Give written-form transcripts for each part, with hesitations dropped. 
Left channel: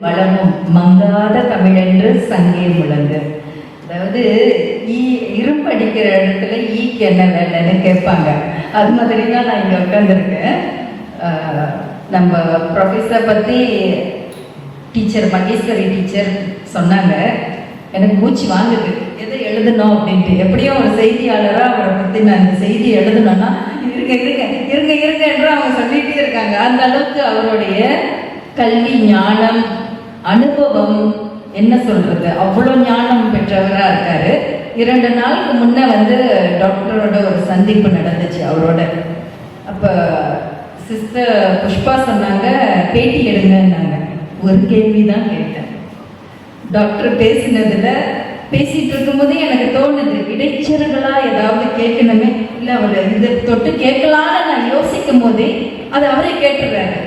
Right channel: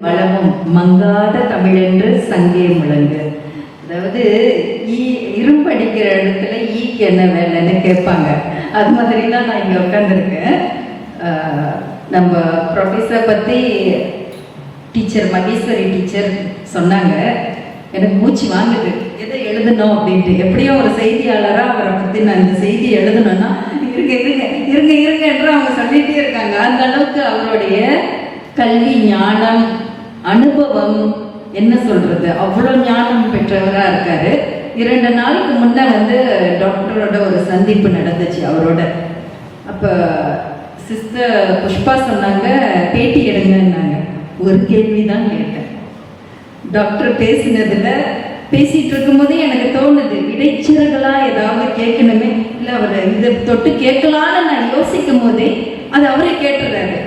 வளமும் மங்காத தமிழென்று சங்கே முழங்கு. அதாவது இரும்பு அடிக்கிற இடத்துல ஈக்கு என்ன வேலைன்னு கேட்பாங்க. அது மாதிரி தான் நான் இங்கே உட்காந்துருக்கேன். நம்ம ப்ரொஃபஸர் பற்றி டீச்சர் மகேஸ்வரி டீச்சர் சொன்னாங்க. எனக்கு மூச்சு வாங்குது எதை எழுதணும் அப்படின்ட்டு. எப்படியும் ஒரு செய்தியாளராக அவரை பற்றி நான் அந்த செய்தி எழுதணும்னா இருங்க இருங்க இருங்க இருங்க என்று அவங்க சொல்லிகிட்டே இருக்காங்க. அந்த அளவுக்கு அவருடைய கல்வி ஞானம் அனுபவம் என்ன சொல்றது, அவ்வளோ ஞானம் பெற்றவராக இருக்காரு. 2 நாளுக்கு முன்னே டாக்டரோட ஒரு சந்திப்பு நடந்துச்சு அவரோட. அப்போ சிஸ்டர் புஷ்பா சொன்னாங்க பேட்டி எடுங்கன்னாங்க. ஒரு கேள்வி தான் கேட்டேன். டாக்டர் பேசிட்டு இருக்கும்போதே எனக்கு தோணுது இடைச்சர்களா ஏதாவது கேட்கணுமே, இல்லை அவரை இதை தொட்டு கேட்கலான்னு நான் யோசிக்கும் போதே அது அவரே கேட்டுறாரு.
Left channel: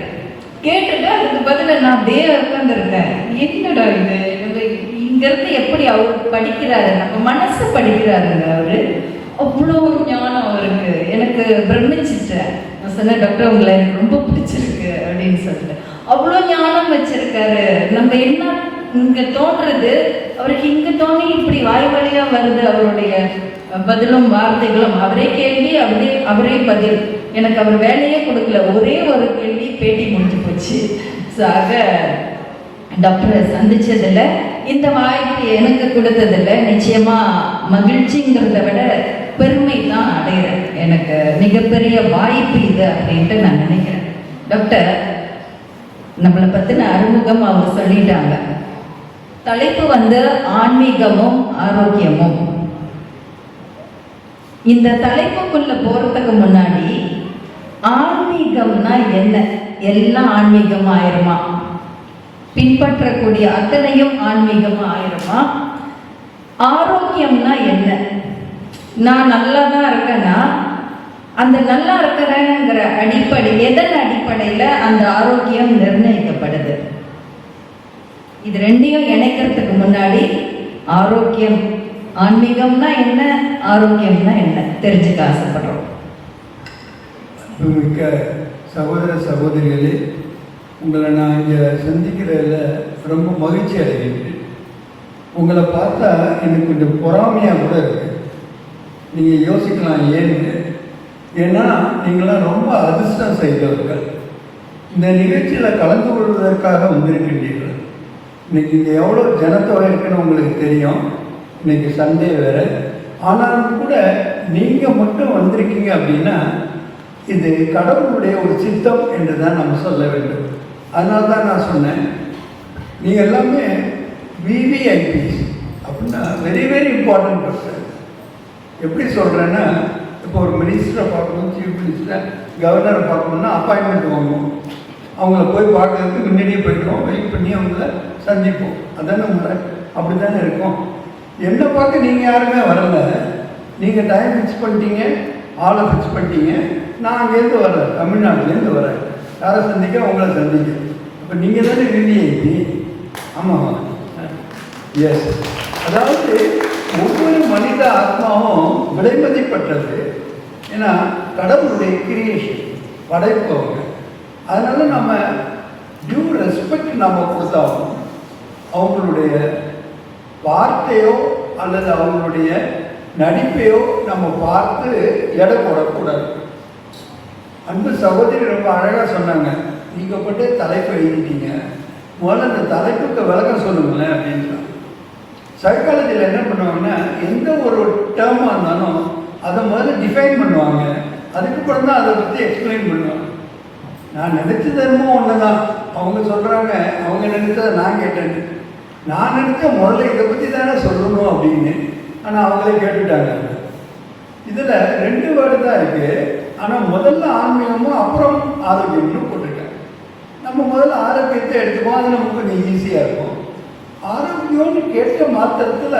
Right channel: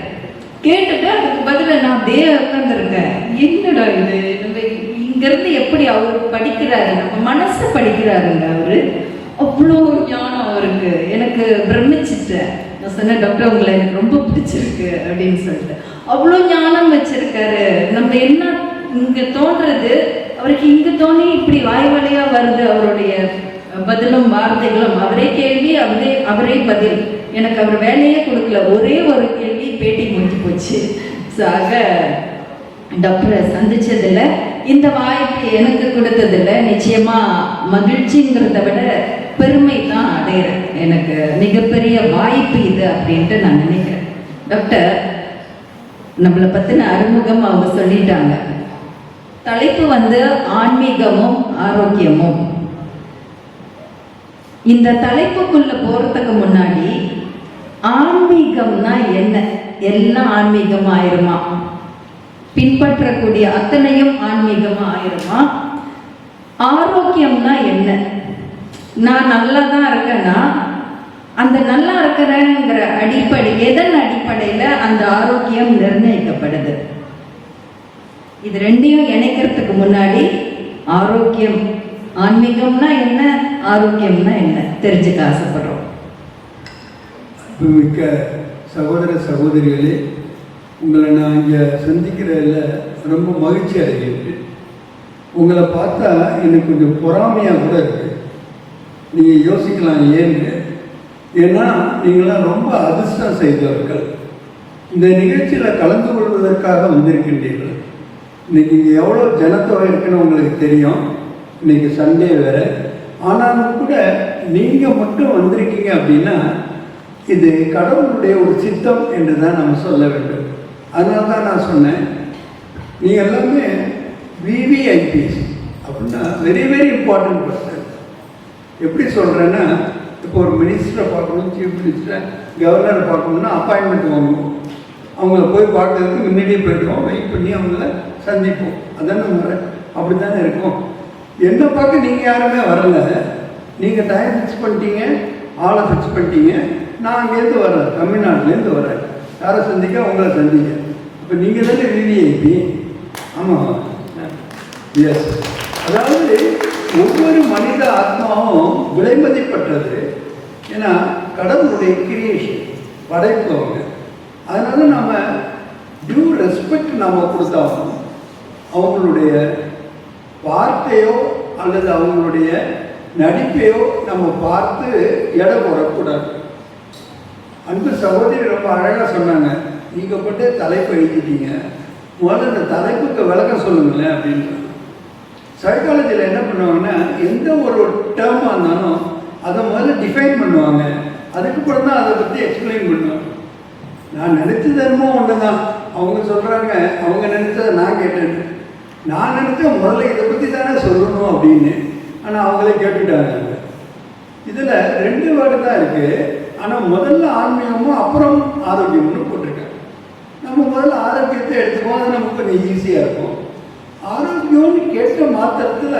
கேட்டுட்டு அதுக்கு பதில் நான் அப்படியே உட்காந்துருக்கேன். என்னடா இது, நம்ம இங்கிருந்து எப்படி அவர் படிக்கிறாரு, நம்ம மனசு படிக்கிறாருங்க அவரு. அவ்வளோ ஞானம் அவருக்கு. எனக்கு பிரமிச்சிட்டேன். நான் சொன்னேன் டாக்டர் உங்களை எனக்கு ரொம்ப பிடிச்சிருக்கு அப்படின்னு சொல்லிட்டு. அவ்வளோ ஞானம் வச்சிருக்காரு. நம்ம என்ன இங்க தோன்றது அவருக்கு இங்க தோணி இப்படி வாய் வழியா வருது. அவருடைய பதிலும் வார்த்தைகளும் அவரே கேள்வி அவரே பதில். எனக்கு அவர் வேலையே கொடுக்கல, ஒரே ஒரு கேள்வி பேட்டி முடிஞ்சு போச்சு. ஸோ ஆக டாக்டரை சந்திச்சதுல இந்த வாய்ப்பு எனக்கு கொடுத்ததில்ல நிச்சயமா மகிழ்ச்சிங்கிறத விட பெருமை தான் அடைகிறேன். எனக்கு மிகப்பெரிய வாய்ப்பு இது அப்படின்ட்டு நான் நினைக்கிறேன். டாக்டர் நம்மளை பத்தின அறிமுகம் அவங்க சொல்லிட்டாங்க. தலைப்பு ஆன்மீகமும் ஆரோக்கியமும். இந்த தலைப்புக்குள்ள போறதுக்கு முன்னாடி ஆன்மீகம்னா என்ன, எல்லாம் ஆன்மீகம் ஆயிருமா, பின்பற்றக்கூடிய அத்தனையும் ஆன்மீகம் ஆயிருமா, ஆரோக்கியம்னா என்ன, நான் நல்லா தான் இருக்கேன்னா அந்த நல்லா இருக்கிறேங்கிற எதன் அடிப்படையில அந்த ஆரோக்கியம் நிர்ணயிக்கப்படுது. இது ரெண்டையும் இணைக்கிறதுக்கு முன்னாடி ஆரோக்கியம் ஆன்மீகம்னா என்ன, ஆரோக்கியம்னா என்ன தெரிஞ்சுக்க ஆசைப்படுறோம். மிக்க சகோதர சகோதரிகளே, உங்களை நான் இங்கே சந்திக்கிறதுல ரொம்ப மகிழ்ச்சி அடைகிறேன். உங்களை பார்த்தா எனக்கு கொஞ்சம் பொறாமையாக கூட இருக்கு. நீங்கள் யோசிக்கலாம் ஏன்னு. ஏன்னா நீங்களாம் ரொம்ப அதிர்ஷ்டம் செய்தவர்கள். இந்த நிகழ்ச்சியில் கலந்து கொள்வதற்காக வந்திருக்கின்றீர்கள். இன்னைக்கு இங்கே எவ்வளோ ஜனத்தொகை இருக்குன்னு உங்களுக்கு தெரியும். இன்னைக்கு சண்டே வேறு. ஆனாலும் கூட நீங்கள் மட்டும் வந்திருக்கீங்க அப்படின்னா இது கடவுளுடைய ஒரு சித்தம் என்று தான் நம்ம சொல்ல வேண்டும். அதனால தான் நான் சொன்னேன், நீங்கள் எல்லாமே விவிஐபிஸ் அப்படின்னா வெரி வெரி இம்பார்ட்டன்ட் பர்சன். எப்படி சொல்கிறேன்னா, இப்போ ஒரு மினிஸ்டரை பார்க்கணும், சீஃப் மினிஸ்டரை, கவர்னரை பார்க்கணுன்னா அப்பாயின்மெண்ட் வாங்கணும். அவங்கள போய் பார்க்கறதுக்கு முன்னாடியே போய்க்கிறோம், வெயிட் பண்ணி அவங்கள சந்திப்போம். அதானே அப்படி தானே இருக்கும். என்னை பார்க்க நீங்கள் யாருமே வரல. நீங்கள் டைம் ஃபிக்ஸ் பண்ணிட்டீங்க, ஆளை ஃபிக்ஸ் பண்ணிட்டீங்க. நான் அங்கேருந்து வரேன், தமிழ்நாட்டிலேருந்து வரேன். யாரை சந்திக்க அவங்கள சந்திக்க. இப்போ நீங்கள் தானே விவிஐபி. ஆமாம், எஸ். அதாவது ஒவ்வொரு மனித ஆத்மாவும் விலைமதிப்பட்டது. ஏன்னா கடவுளுடைய கிரியேஷன், படைப்பு அவங்க. அதனால நம்ம டியூ ரெஸ்பெக்ட் நாம் கொடுத்தாலும் அவங்களுடைய வார்த்தையோ அல்லது அவங்களுடைய நடிப்பையோ நம்ம பார்த்து எடை போடக்கூடாது. அந்த சகோதரி ரொம்ப அழகாக சொன்னாங்க, நீங்கள் போட்டு தலைப்பு எழுதிட்டீங்க, முதல்ல அந்த தலைப்புக்கு விளக்கம் சொல்லுங்களேன் அப்படின்னு. சைக்காலஜியில் என்ன பண்ணுவாங்கன்னா, எந்த ஒரு டேர்மாக இருந்தாலும் அதை முதல்ல டிஃபைன் பண்ணுவாங்க, அதுக்கப்புறம் தான் அதை பற்றி எக்ஸ்பிளைன் பண்ணுவாங்க. நான் நினச்ச தர்மம் ஒன்று தான். அவங்க சொல்கிறாங்க அவங்க நினைச்சதை நான் கேட்டேன். நான் நினைச்ச முதல்ல இதை பற்றி தானே சொல்லணும் அப்படின்னு. ஆனால் அவங்களே கேட்டுட்டாங்க. இதில் 2 வேர்டு தான் இருக்குது. ஆனால் முதல்ல ஆன்மீகமும் அப்புறம் ஆரோக்கியம்னு போட்டிருக்கேன். நம்ம முதல்ல ஆரோக்கியத்தை எடுத்துக்குவோம், அது நமக்கு கொஞ்சம் ஈஸியாக இருக்கும். ஆரோக்கியம்னு கேட்ட மாத்திரத்தில்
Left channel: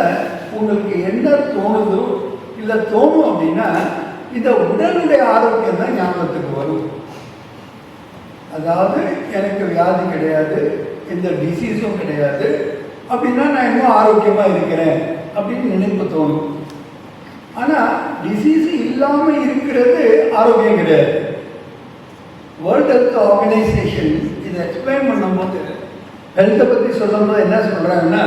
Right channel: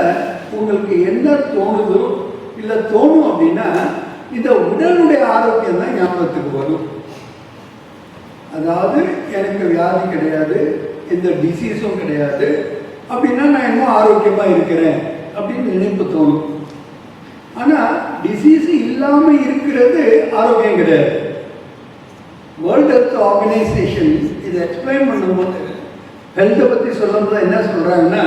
உங்களுக்கு என்ன தோணுதோ இல்லை தோணும் அப்படின்னா இந்த உடலுடைய ஆரோக்கியம் தான் ஞாபகத்துக்கு வரும். அதாவது எனக்கு வியாதி கிடையாது, எந்த டிசீஸும் கிடையாது அப்படின்னா நான் இன்னும் ஆரோக்கியமாக இருக்கிறேன் அப்படின்னு நினைப்பு தோணும். ஆனால் டிசீஸ் இல்லாமல் இருக்கிறது ஆரோக்கியம் கிடையாது. வேர்ல்டு ஹெல்த் ஆர்கனைசேஷன் இதை எக்ஸ்பிளைன் பண்ணும்போது ஹெல்த்தை பற்றி சொல்லும்போது என்ன சொல்கிறாங்கன்னா,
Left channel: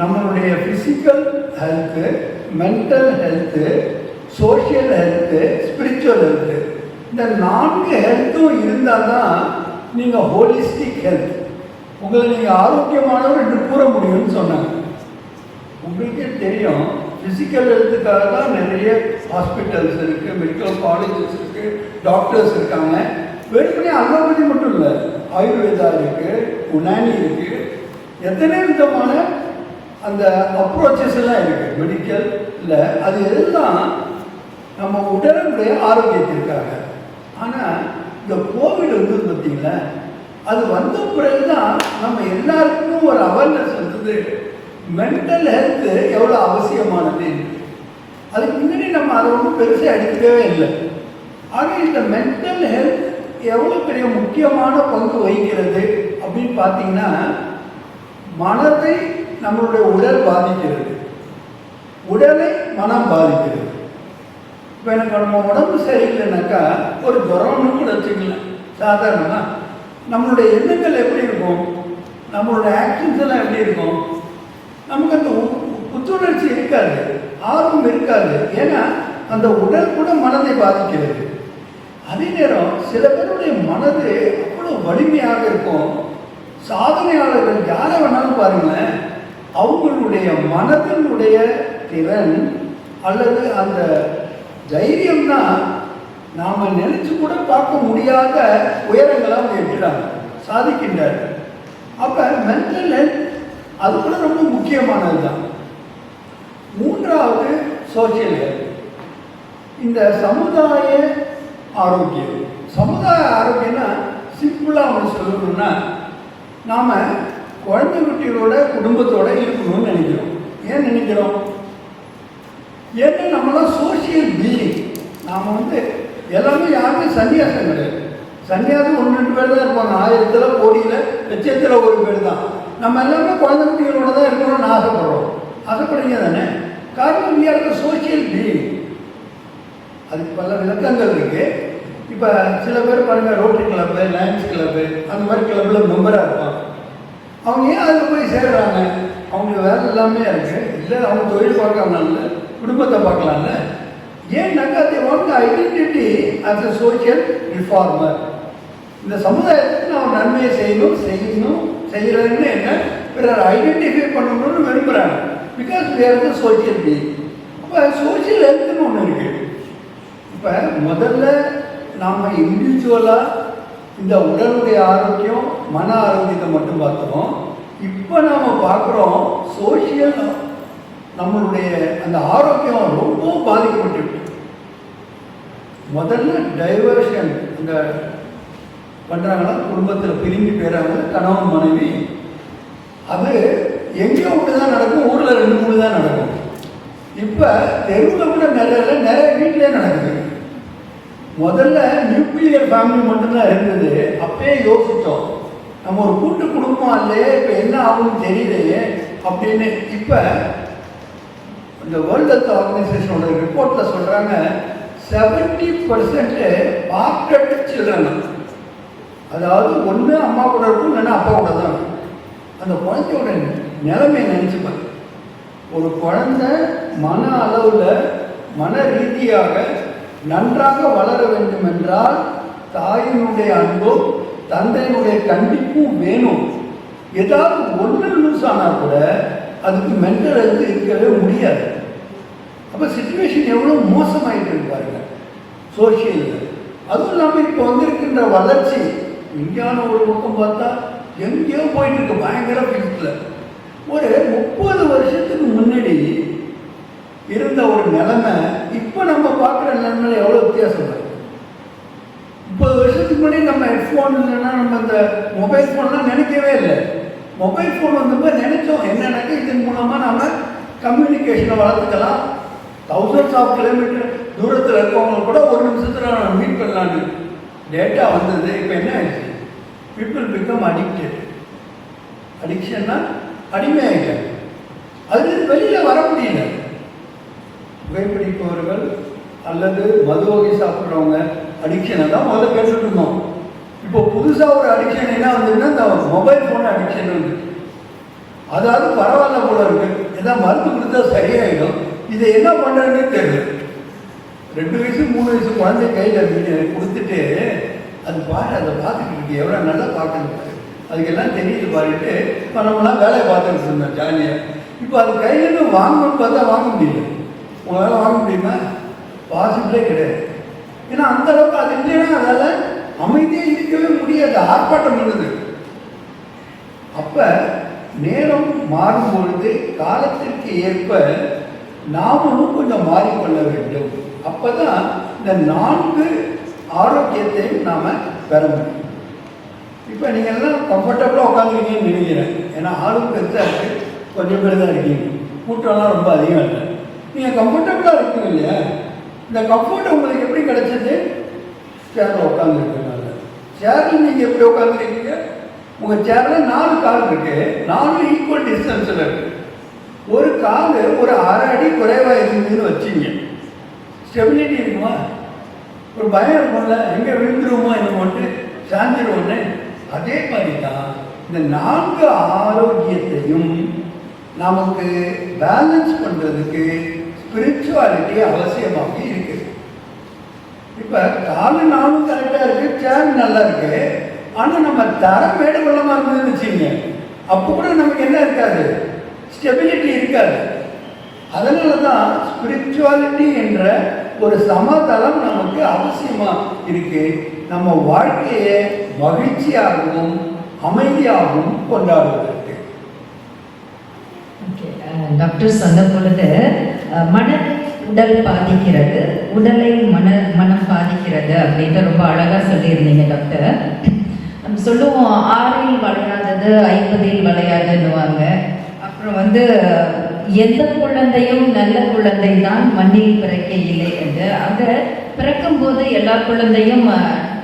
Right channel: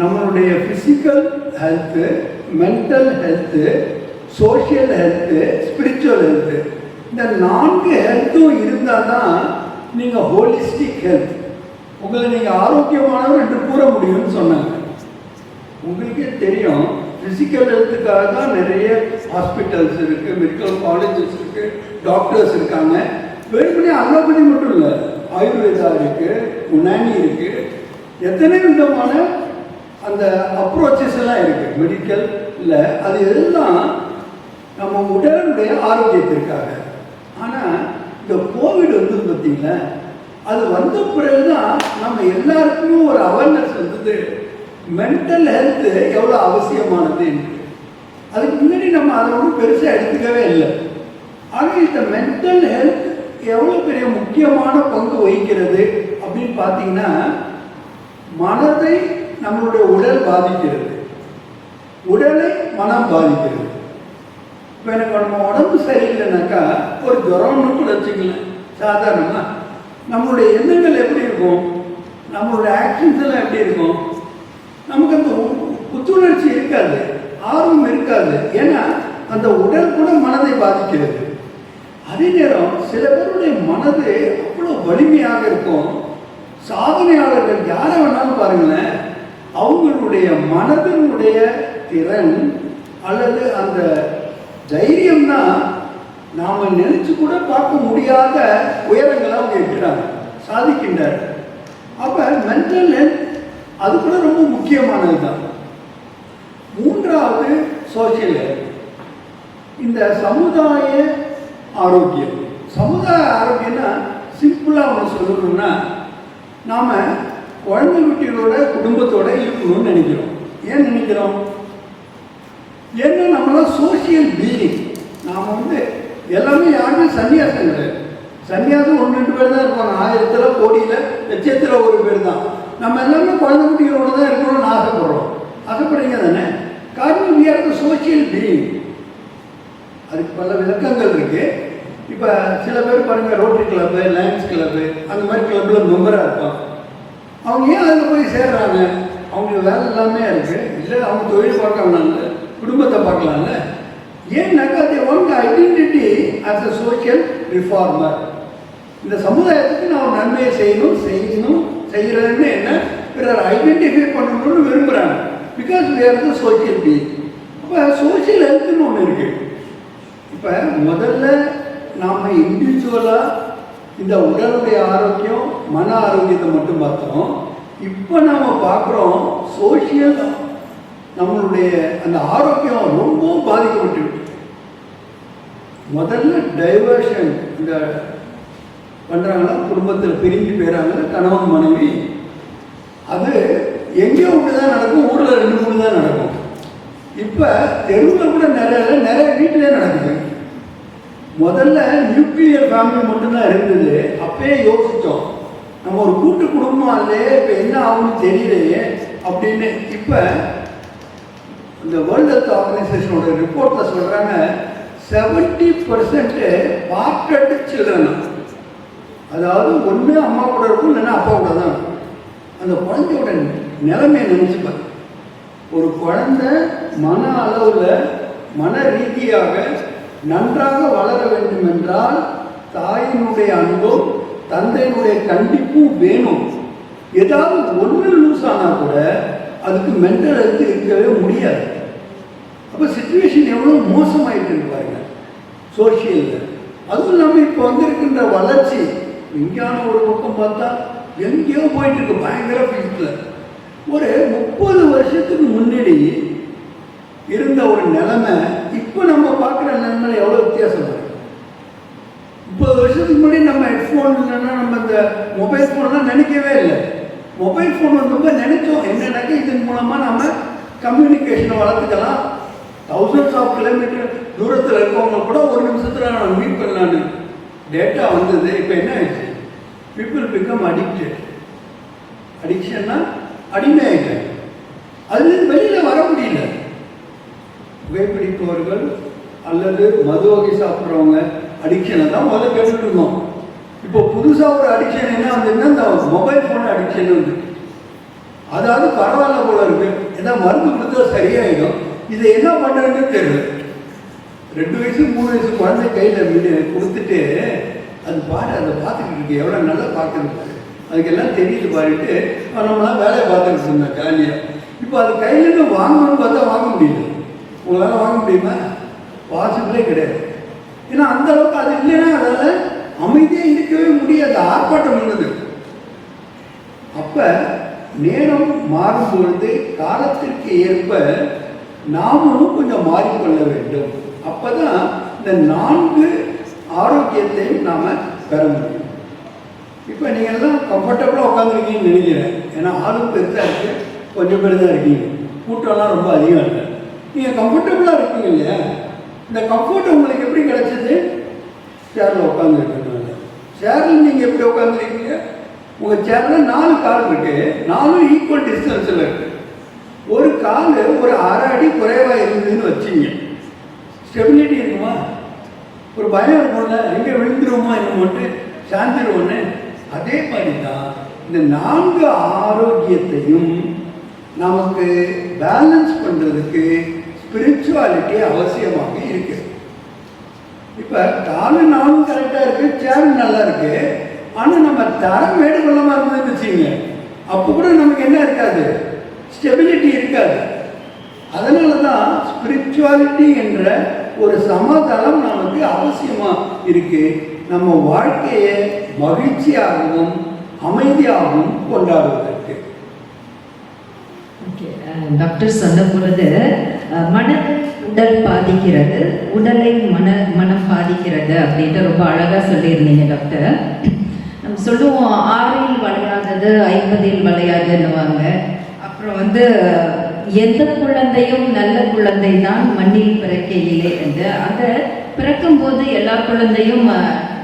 நம்மளுடைய physical health, mental health, social health, spiritual health, இந்த 4 ஹெல்த்தும் இருந்தால் தான் நீங்கள் ஹோலிஸ்டிக் ஹெல்த், உங்களை நீங்கள் ஆரோக்கியமானவர் என்று கூற முடியும்னு சொன்னாங்க. உங்களுக்கே தெரியும், ஃபிசிக்கல் ஹெல்த்துக்காக தான் நிறைய ஹாஸ்பிட்டல்ஸ் இருக்குது, மெடிக்கல் காலேஜஸ் இருக்குது, டாக்டர்ஸ் இருக்காங்க. வெறுமனே அலோபதி மட்டும் இல்லை, ஆயுர்வேதா இருக்குது, யுனானி இருக்குது, எத்தனை விதமான அந்த அப்ரோச்சஸ் எல்லாம் இருக்குது மெடிக்கல் இல்லை. அது எல்லாம் நம்ம உடலுடைய ஆரோக்கியத்திற்காக. ஆனால் இந்த கோவிட் வந்து பார்த்தீங்களா, அது வந்த பிறகுதான் நம்ம எல்லாருக்குமே ஒரு அவேர்னஸ் வந்தது, மென்டல் ஹெல்த்து எவ்வளோ அவசியமானது. அதுக்கு முன்னாடி நம்ம அதை ஒன்றும் பெருசாக எடுத்துக்கவே இல்லை. ஆனால் இந்த மென்டல் ஹெல்த் எவ்வளோ பெரிய முக்கியமான பங்கு வகிக்கிறது அப்படின்னு பார்த்தீங்கன்னா, மனதை நம்மளுடைய உடல் பாதிக்கிறது, உடலை மனம் பாதிக்கிறது. இப்போ எனக்கு நம்ம உடம்பு சரியில்லைனாக்கா ஒரு ஜுரம்னு கூட வச்சுக்கலாம். சாதாரணமாக நம்மளுடைய எண்ணங்கள் எப்படி இருக்கும், நம்மளுடைய ஆக்ஷன்ஸ் எல்லாம் எப்படி இருக்கும், நமக்கு அந்த புத்துணர்ச்சி இருக்காது, ஆர்வம் இருக்காது. ஏன்னா அந்த உடல் கூட மனதை பாதிக்கிறது. அதே நேரம் சில பேருடைய மனது அவ்வளோ வலிமையாக இருக்கும். சாதனையாளர்கள் யாரை வேணாலும் பாருங்களேன், அவங்களுடைய மனதினுடைய திறன் அல்லது அந்த தைரியம் தான் நாம் நினைச்சு கூட பார்க்க முடியாத உயரங்களாக இருக்கிறாங்க, சாதிக்கின்றார்கள். அப்போ மென்டல் ஹெல்த் அது கூட ரொம்ப முக்கியமானது தான். 3வது சோசியல் ஹெல்த், இந்த சமுதாய ஆரோக்கியம். சமுதாய ஆரோக்கியம்னா சிம்பிளாக ஒன்று சொல்லணும்னா, நாம் குழந்தை குட்டிகளோட குடும்பத்தோட இருக்கணும்னு நினைக்கிறோம். ஏன் நினைக்கிறோம்? ஏன்னா நம்மளாம் சோசியல் பீயிங். நாம் வந்து எல்லாமே யாருமே சன்னியாசம் கிடையாது. சன்னியாசம் 1-2 பேர் தான் இருப்பாங்க, 1000 கோடியில் லட்சத்தில் 1 பேர் தான். நம்ம எல்லாமே குழந்தை குட்டிகளோட தான் இருக்கணும்னு ஆசைப்படுறோம். ஆசைப்படுறீங்க தானே? காரணம் we are the social being. அதுக்கு பல விளக்கங்கள் இருக்கு. இப்போ சில பேர் பாருங்க, ரோட்டரி கிளப்பு, லயன்ஸ் கிளப்பு, அந்த மாதிரி கிளப்பில் மெம்பராக இருப்பாங்க. அவங்க ஏன் அதில் போய் சேர்றாங்க? அவங்க வேலை எல்லாமே இருக்கு, இல்லை அவங்க தொழில் பார்க்கலாம்ல, குடும்பத்தை பார்க்கலாம்ல. ஏன்னாக்கா they want the identity as a social reformer. இந்த சமுதாயத்துக்கு நான் நன்மையை செய்யறதுன்னு என்ன, பிறர் ஐடென்டிஃபை பண்ணணும்னு விரும்புகிறாங்க. Because we are the social being. இப்போ சோசியல் ஹெல்த்னு ஒன்று இருக்கு. இப்போ முதல்ல நாம் இண்டிவிஜுவலாக இந்த உடலுடைய ஆரோக்கியம், மன ஆரோக்கியத்தை மட்டும் பார்த்தோம். இப்போ நாம் பார்க்குறோம் சோசியல், நம்மளுடைய அந்த ஆரோக்கியம் ரொம்ப பாதிக்கப்பட்டு. முதல்ல டைவர்ஷன் இந்த பண்ணுறாங்கன்னா, குடும்பத்தில் பிரிஞ்சு போயிடறாங்க கணவன் மனைவி. அது எங்கேயோ ஒன்று தான் நடக்கும், ஊரில் 2-3 தான் நடக்கும். இப்போ தெருவில் கூட நிறைய வீட்டிலே நடக்குது. முதல்ல நியூக்ளியர் ஃபேமிலி மட்டும்தான் இருந்தது. அப்பயே யோசித்தோம், நம்ம ஒரு கூட்டு குடும்பம் இல்லையே, இப்போ என்ன ஆகும்னு தெரியலையே அப்படின்னு. இப்போ இந்த வேர்ல்ட் ஹெல்த் ஆர்கனைசேஷனோட ரிப்போர்ட்டில் சொல்கிறாங்க, 70% பார்க்கட்டு சில்ட்ரன், அதாவது ஒன்று அம்மா கூட இருக்கும், இல்லைன்னா அப்பா கூட தான். அந்த குழந்தையோட நிலைமையை நினைச்சுப்பாங்க. ஒரு குழந்தை மன அளவில், மன ரீதியாக நன்றாக வளர வேண்டும் என்றால் தாயினுடைய அன்பும் தந்தையினுடைய கண்டிப்பும் வேணும். ஏதாவது ஒன்று லூஸ் ஆனால் கூட அதுக்கு மென்டல் ஹெல்த் இருக்கவே முடியாது. அப்போ சிச்சுவேஷன் எவ்வளோ மோசமாயிட்டு இருப்பாருங்க சோசியலில். அதுவும் இல்லாமல் இப்போ வந்திருக்கின்ற வளர்ச்சி, விஞ்ஞான ஒரு பக்கம் பார்த்தா எங்கேயோ போயிட்டு இருக்கு, பயங்கர ஃபீல்டில். ஒரு 30 வருஷத்துக்கு முன்னாடி இருந்த ஒரு நிலைமை இப்போ நம்ம பார்க்குற நிலைமை எவ்வளோ வித்தியாசம் இருக்கு. 30 வருஷத்துக்கு முன்னாடி நம்ம ஹெட்ஃபோன் இல்லைன்னா நம்ம இந்த மொபைல் ஃபோன்லாம் நினைக்கவே இல்லை. மொபைல் ஃபோன் வந்தப்போ நினைச்சோம் என்னன்னாக்கா, இதன் மூலமாக நம்ம கம்யூனிகேஷனை வளர்த்துக்கலாம். thousands of kilometers தூரத்தில் இருக்கவங்க கூட 1 நிமிஷத்தில் நம்ம மீட் பண்ணலான்னு டேட்டா வந்தது. இப்போ என்ன ஆயிடுச்சு? People become addicted. அடிக்ஷன்னா அடிமையாயிட்டாங்க. அதுலேருந்து வெளியில் வர முடியல. புகைப்பிடிப்பவர்கள் அல்லது மது வகை சாப்பிட்றவங்க அடிக்ஷனை தான் முதல்ல கேட்டுட்டு இருந்தோம். இப்போ புதுசாக ஒரு அடிக்ஷன் என்ன வந்ததுன்னா இந்த மொபைல் ஃபோன் அடிக்ஷன் வந்து, அதாவது பரவாயில்ல போல இருக்கு, ஏதாவது மருந்து கொடுத்தா சரியாயிடும், இதை என்ன பண்ணுறதுன்னு தெரியல. 2 வயசு 3 வயசு குழந்தை கையில் கொடுத்துட்டு அது பாரு, அதை பார்த்துக்கிட்டு இருக்கு, எவ்வளோ நல்லா பார்க்குறது, அதுக்கெல்லாம் தெரியுது பாருட்டு நம்மளாம் வேலையை பார்த்துக்கிட்டு இருந்தோம் ஜாலியாக. இப்போ அது கையிலேருந்து வாங்கணும்னு பார்த்தா வாங்க முடியல. உங்களால் வாங்க முடியுமா? பாசிபிளே கிடையாது. ஏன்னா அந்த அளவுக்கு அது இல்லைன்னா அதால் அமைதியாக இருக்கவே முடியாது, ஆர்ப்பாட்டம் பண்ணுது. அப்போ நேரம் மாறும்பொழுது காலத்திற்கு ஏற்ப நாமும் கொஞ்சம் மாறிக்கொள்ள வேண்டும். அப்பதான் இந்த 4 ஆரோக்கியத்தையும் நாம பெற முடியும். இப்போ நீங்கள் எல்லாம் கம்ஃபர்டபுளாக உட்காந்துருக்கீங்கன்னு நினைக்கிறேன். ஏன்னா ஆளும் பெருசாக இருக்கு, கொஞ்சம் பேர் தான் இருக்கீங்க, கூட்டம்லாம் ரொம்ப அதிகம் இல்லை. நீங்கள் கம்ஃபர்டபுளாக இருக்கீங்க இல்லையா? இந்த கம்ஃபர்ட் உங்களுக்கு எப்படி கிடைச்சது? சேரில் உட்காந்துருக்கனால. சேரில் நீங்கள் எப்படி உட்காந்துருக்கீங்க? உங்கள் சேரில் 4 கால் இருக்கு, 4 ஈக்குவல் டிஸ்டன்ஸில் இருக்கு. ஒரு கால் ஒரு 1/2 அடி குறைவாக இருந்ததுன்னு வச்சிங்க, ஸ்டெபிலிட்டி இருக்குமா? ஒரு பயம் இருக்கும்ல, எங்கே விழுந்துருவோமோ என்னமோட்டு சாஞ்சிடுவோன்னு. அதே மாதிரி தான் இந்த 4 ஆரோக்கியத்தையும் நமக்கு பேலன்ஸ் பண்ணுறதுக்கு ஸ்பிரிச்சுவாலிட்டி அவசியமாக இருக்கு. இப்போ காலு 4 கரெக்டாக இருக்கு, சேர் நல்லா இருக்கு, ஆனால் நம்ம தரம் மேடு கொள்ளாமல் இருந்ததுன்னு வச்சுங்க, அப்போ கூட நமக்கு என்ன இருக்காது, ஸ்டெபிலிட்டி இருக்காது. அதனால தான் ஸ்பிரிச்சுவாலிட்டி என்ற ஒரு சமதளம் நமக்கு அவசியமாக இருக்கு. நம்ம வாழ்க்கையை மகிழ்ச்சியாகவும் அமைதியாகவும் கொண்டாடுவதற்கு. டாக்டர் சொன்ன பொழுது மனதை உடல் பாதிக்கிறது, உடலை மனம் பாதிக்கிறது அப்படின்ட்டு ரொம்ப அழகாக சொல்லியிருந்தீங்க டாக்டர். நம்ம சொல்லுவோம் 6இல் வளையாதது 50இல் வளையாதுன்னுவாங்க. அப்புறம் எந்த குழந்தையும் நல்ல குழந்தை தான் மண்ணில் பிறக்கையிலே என்று. அதை பிறக்கும்போது எல்லா குழந்தையும்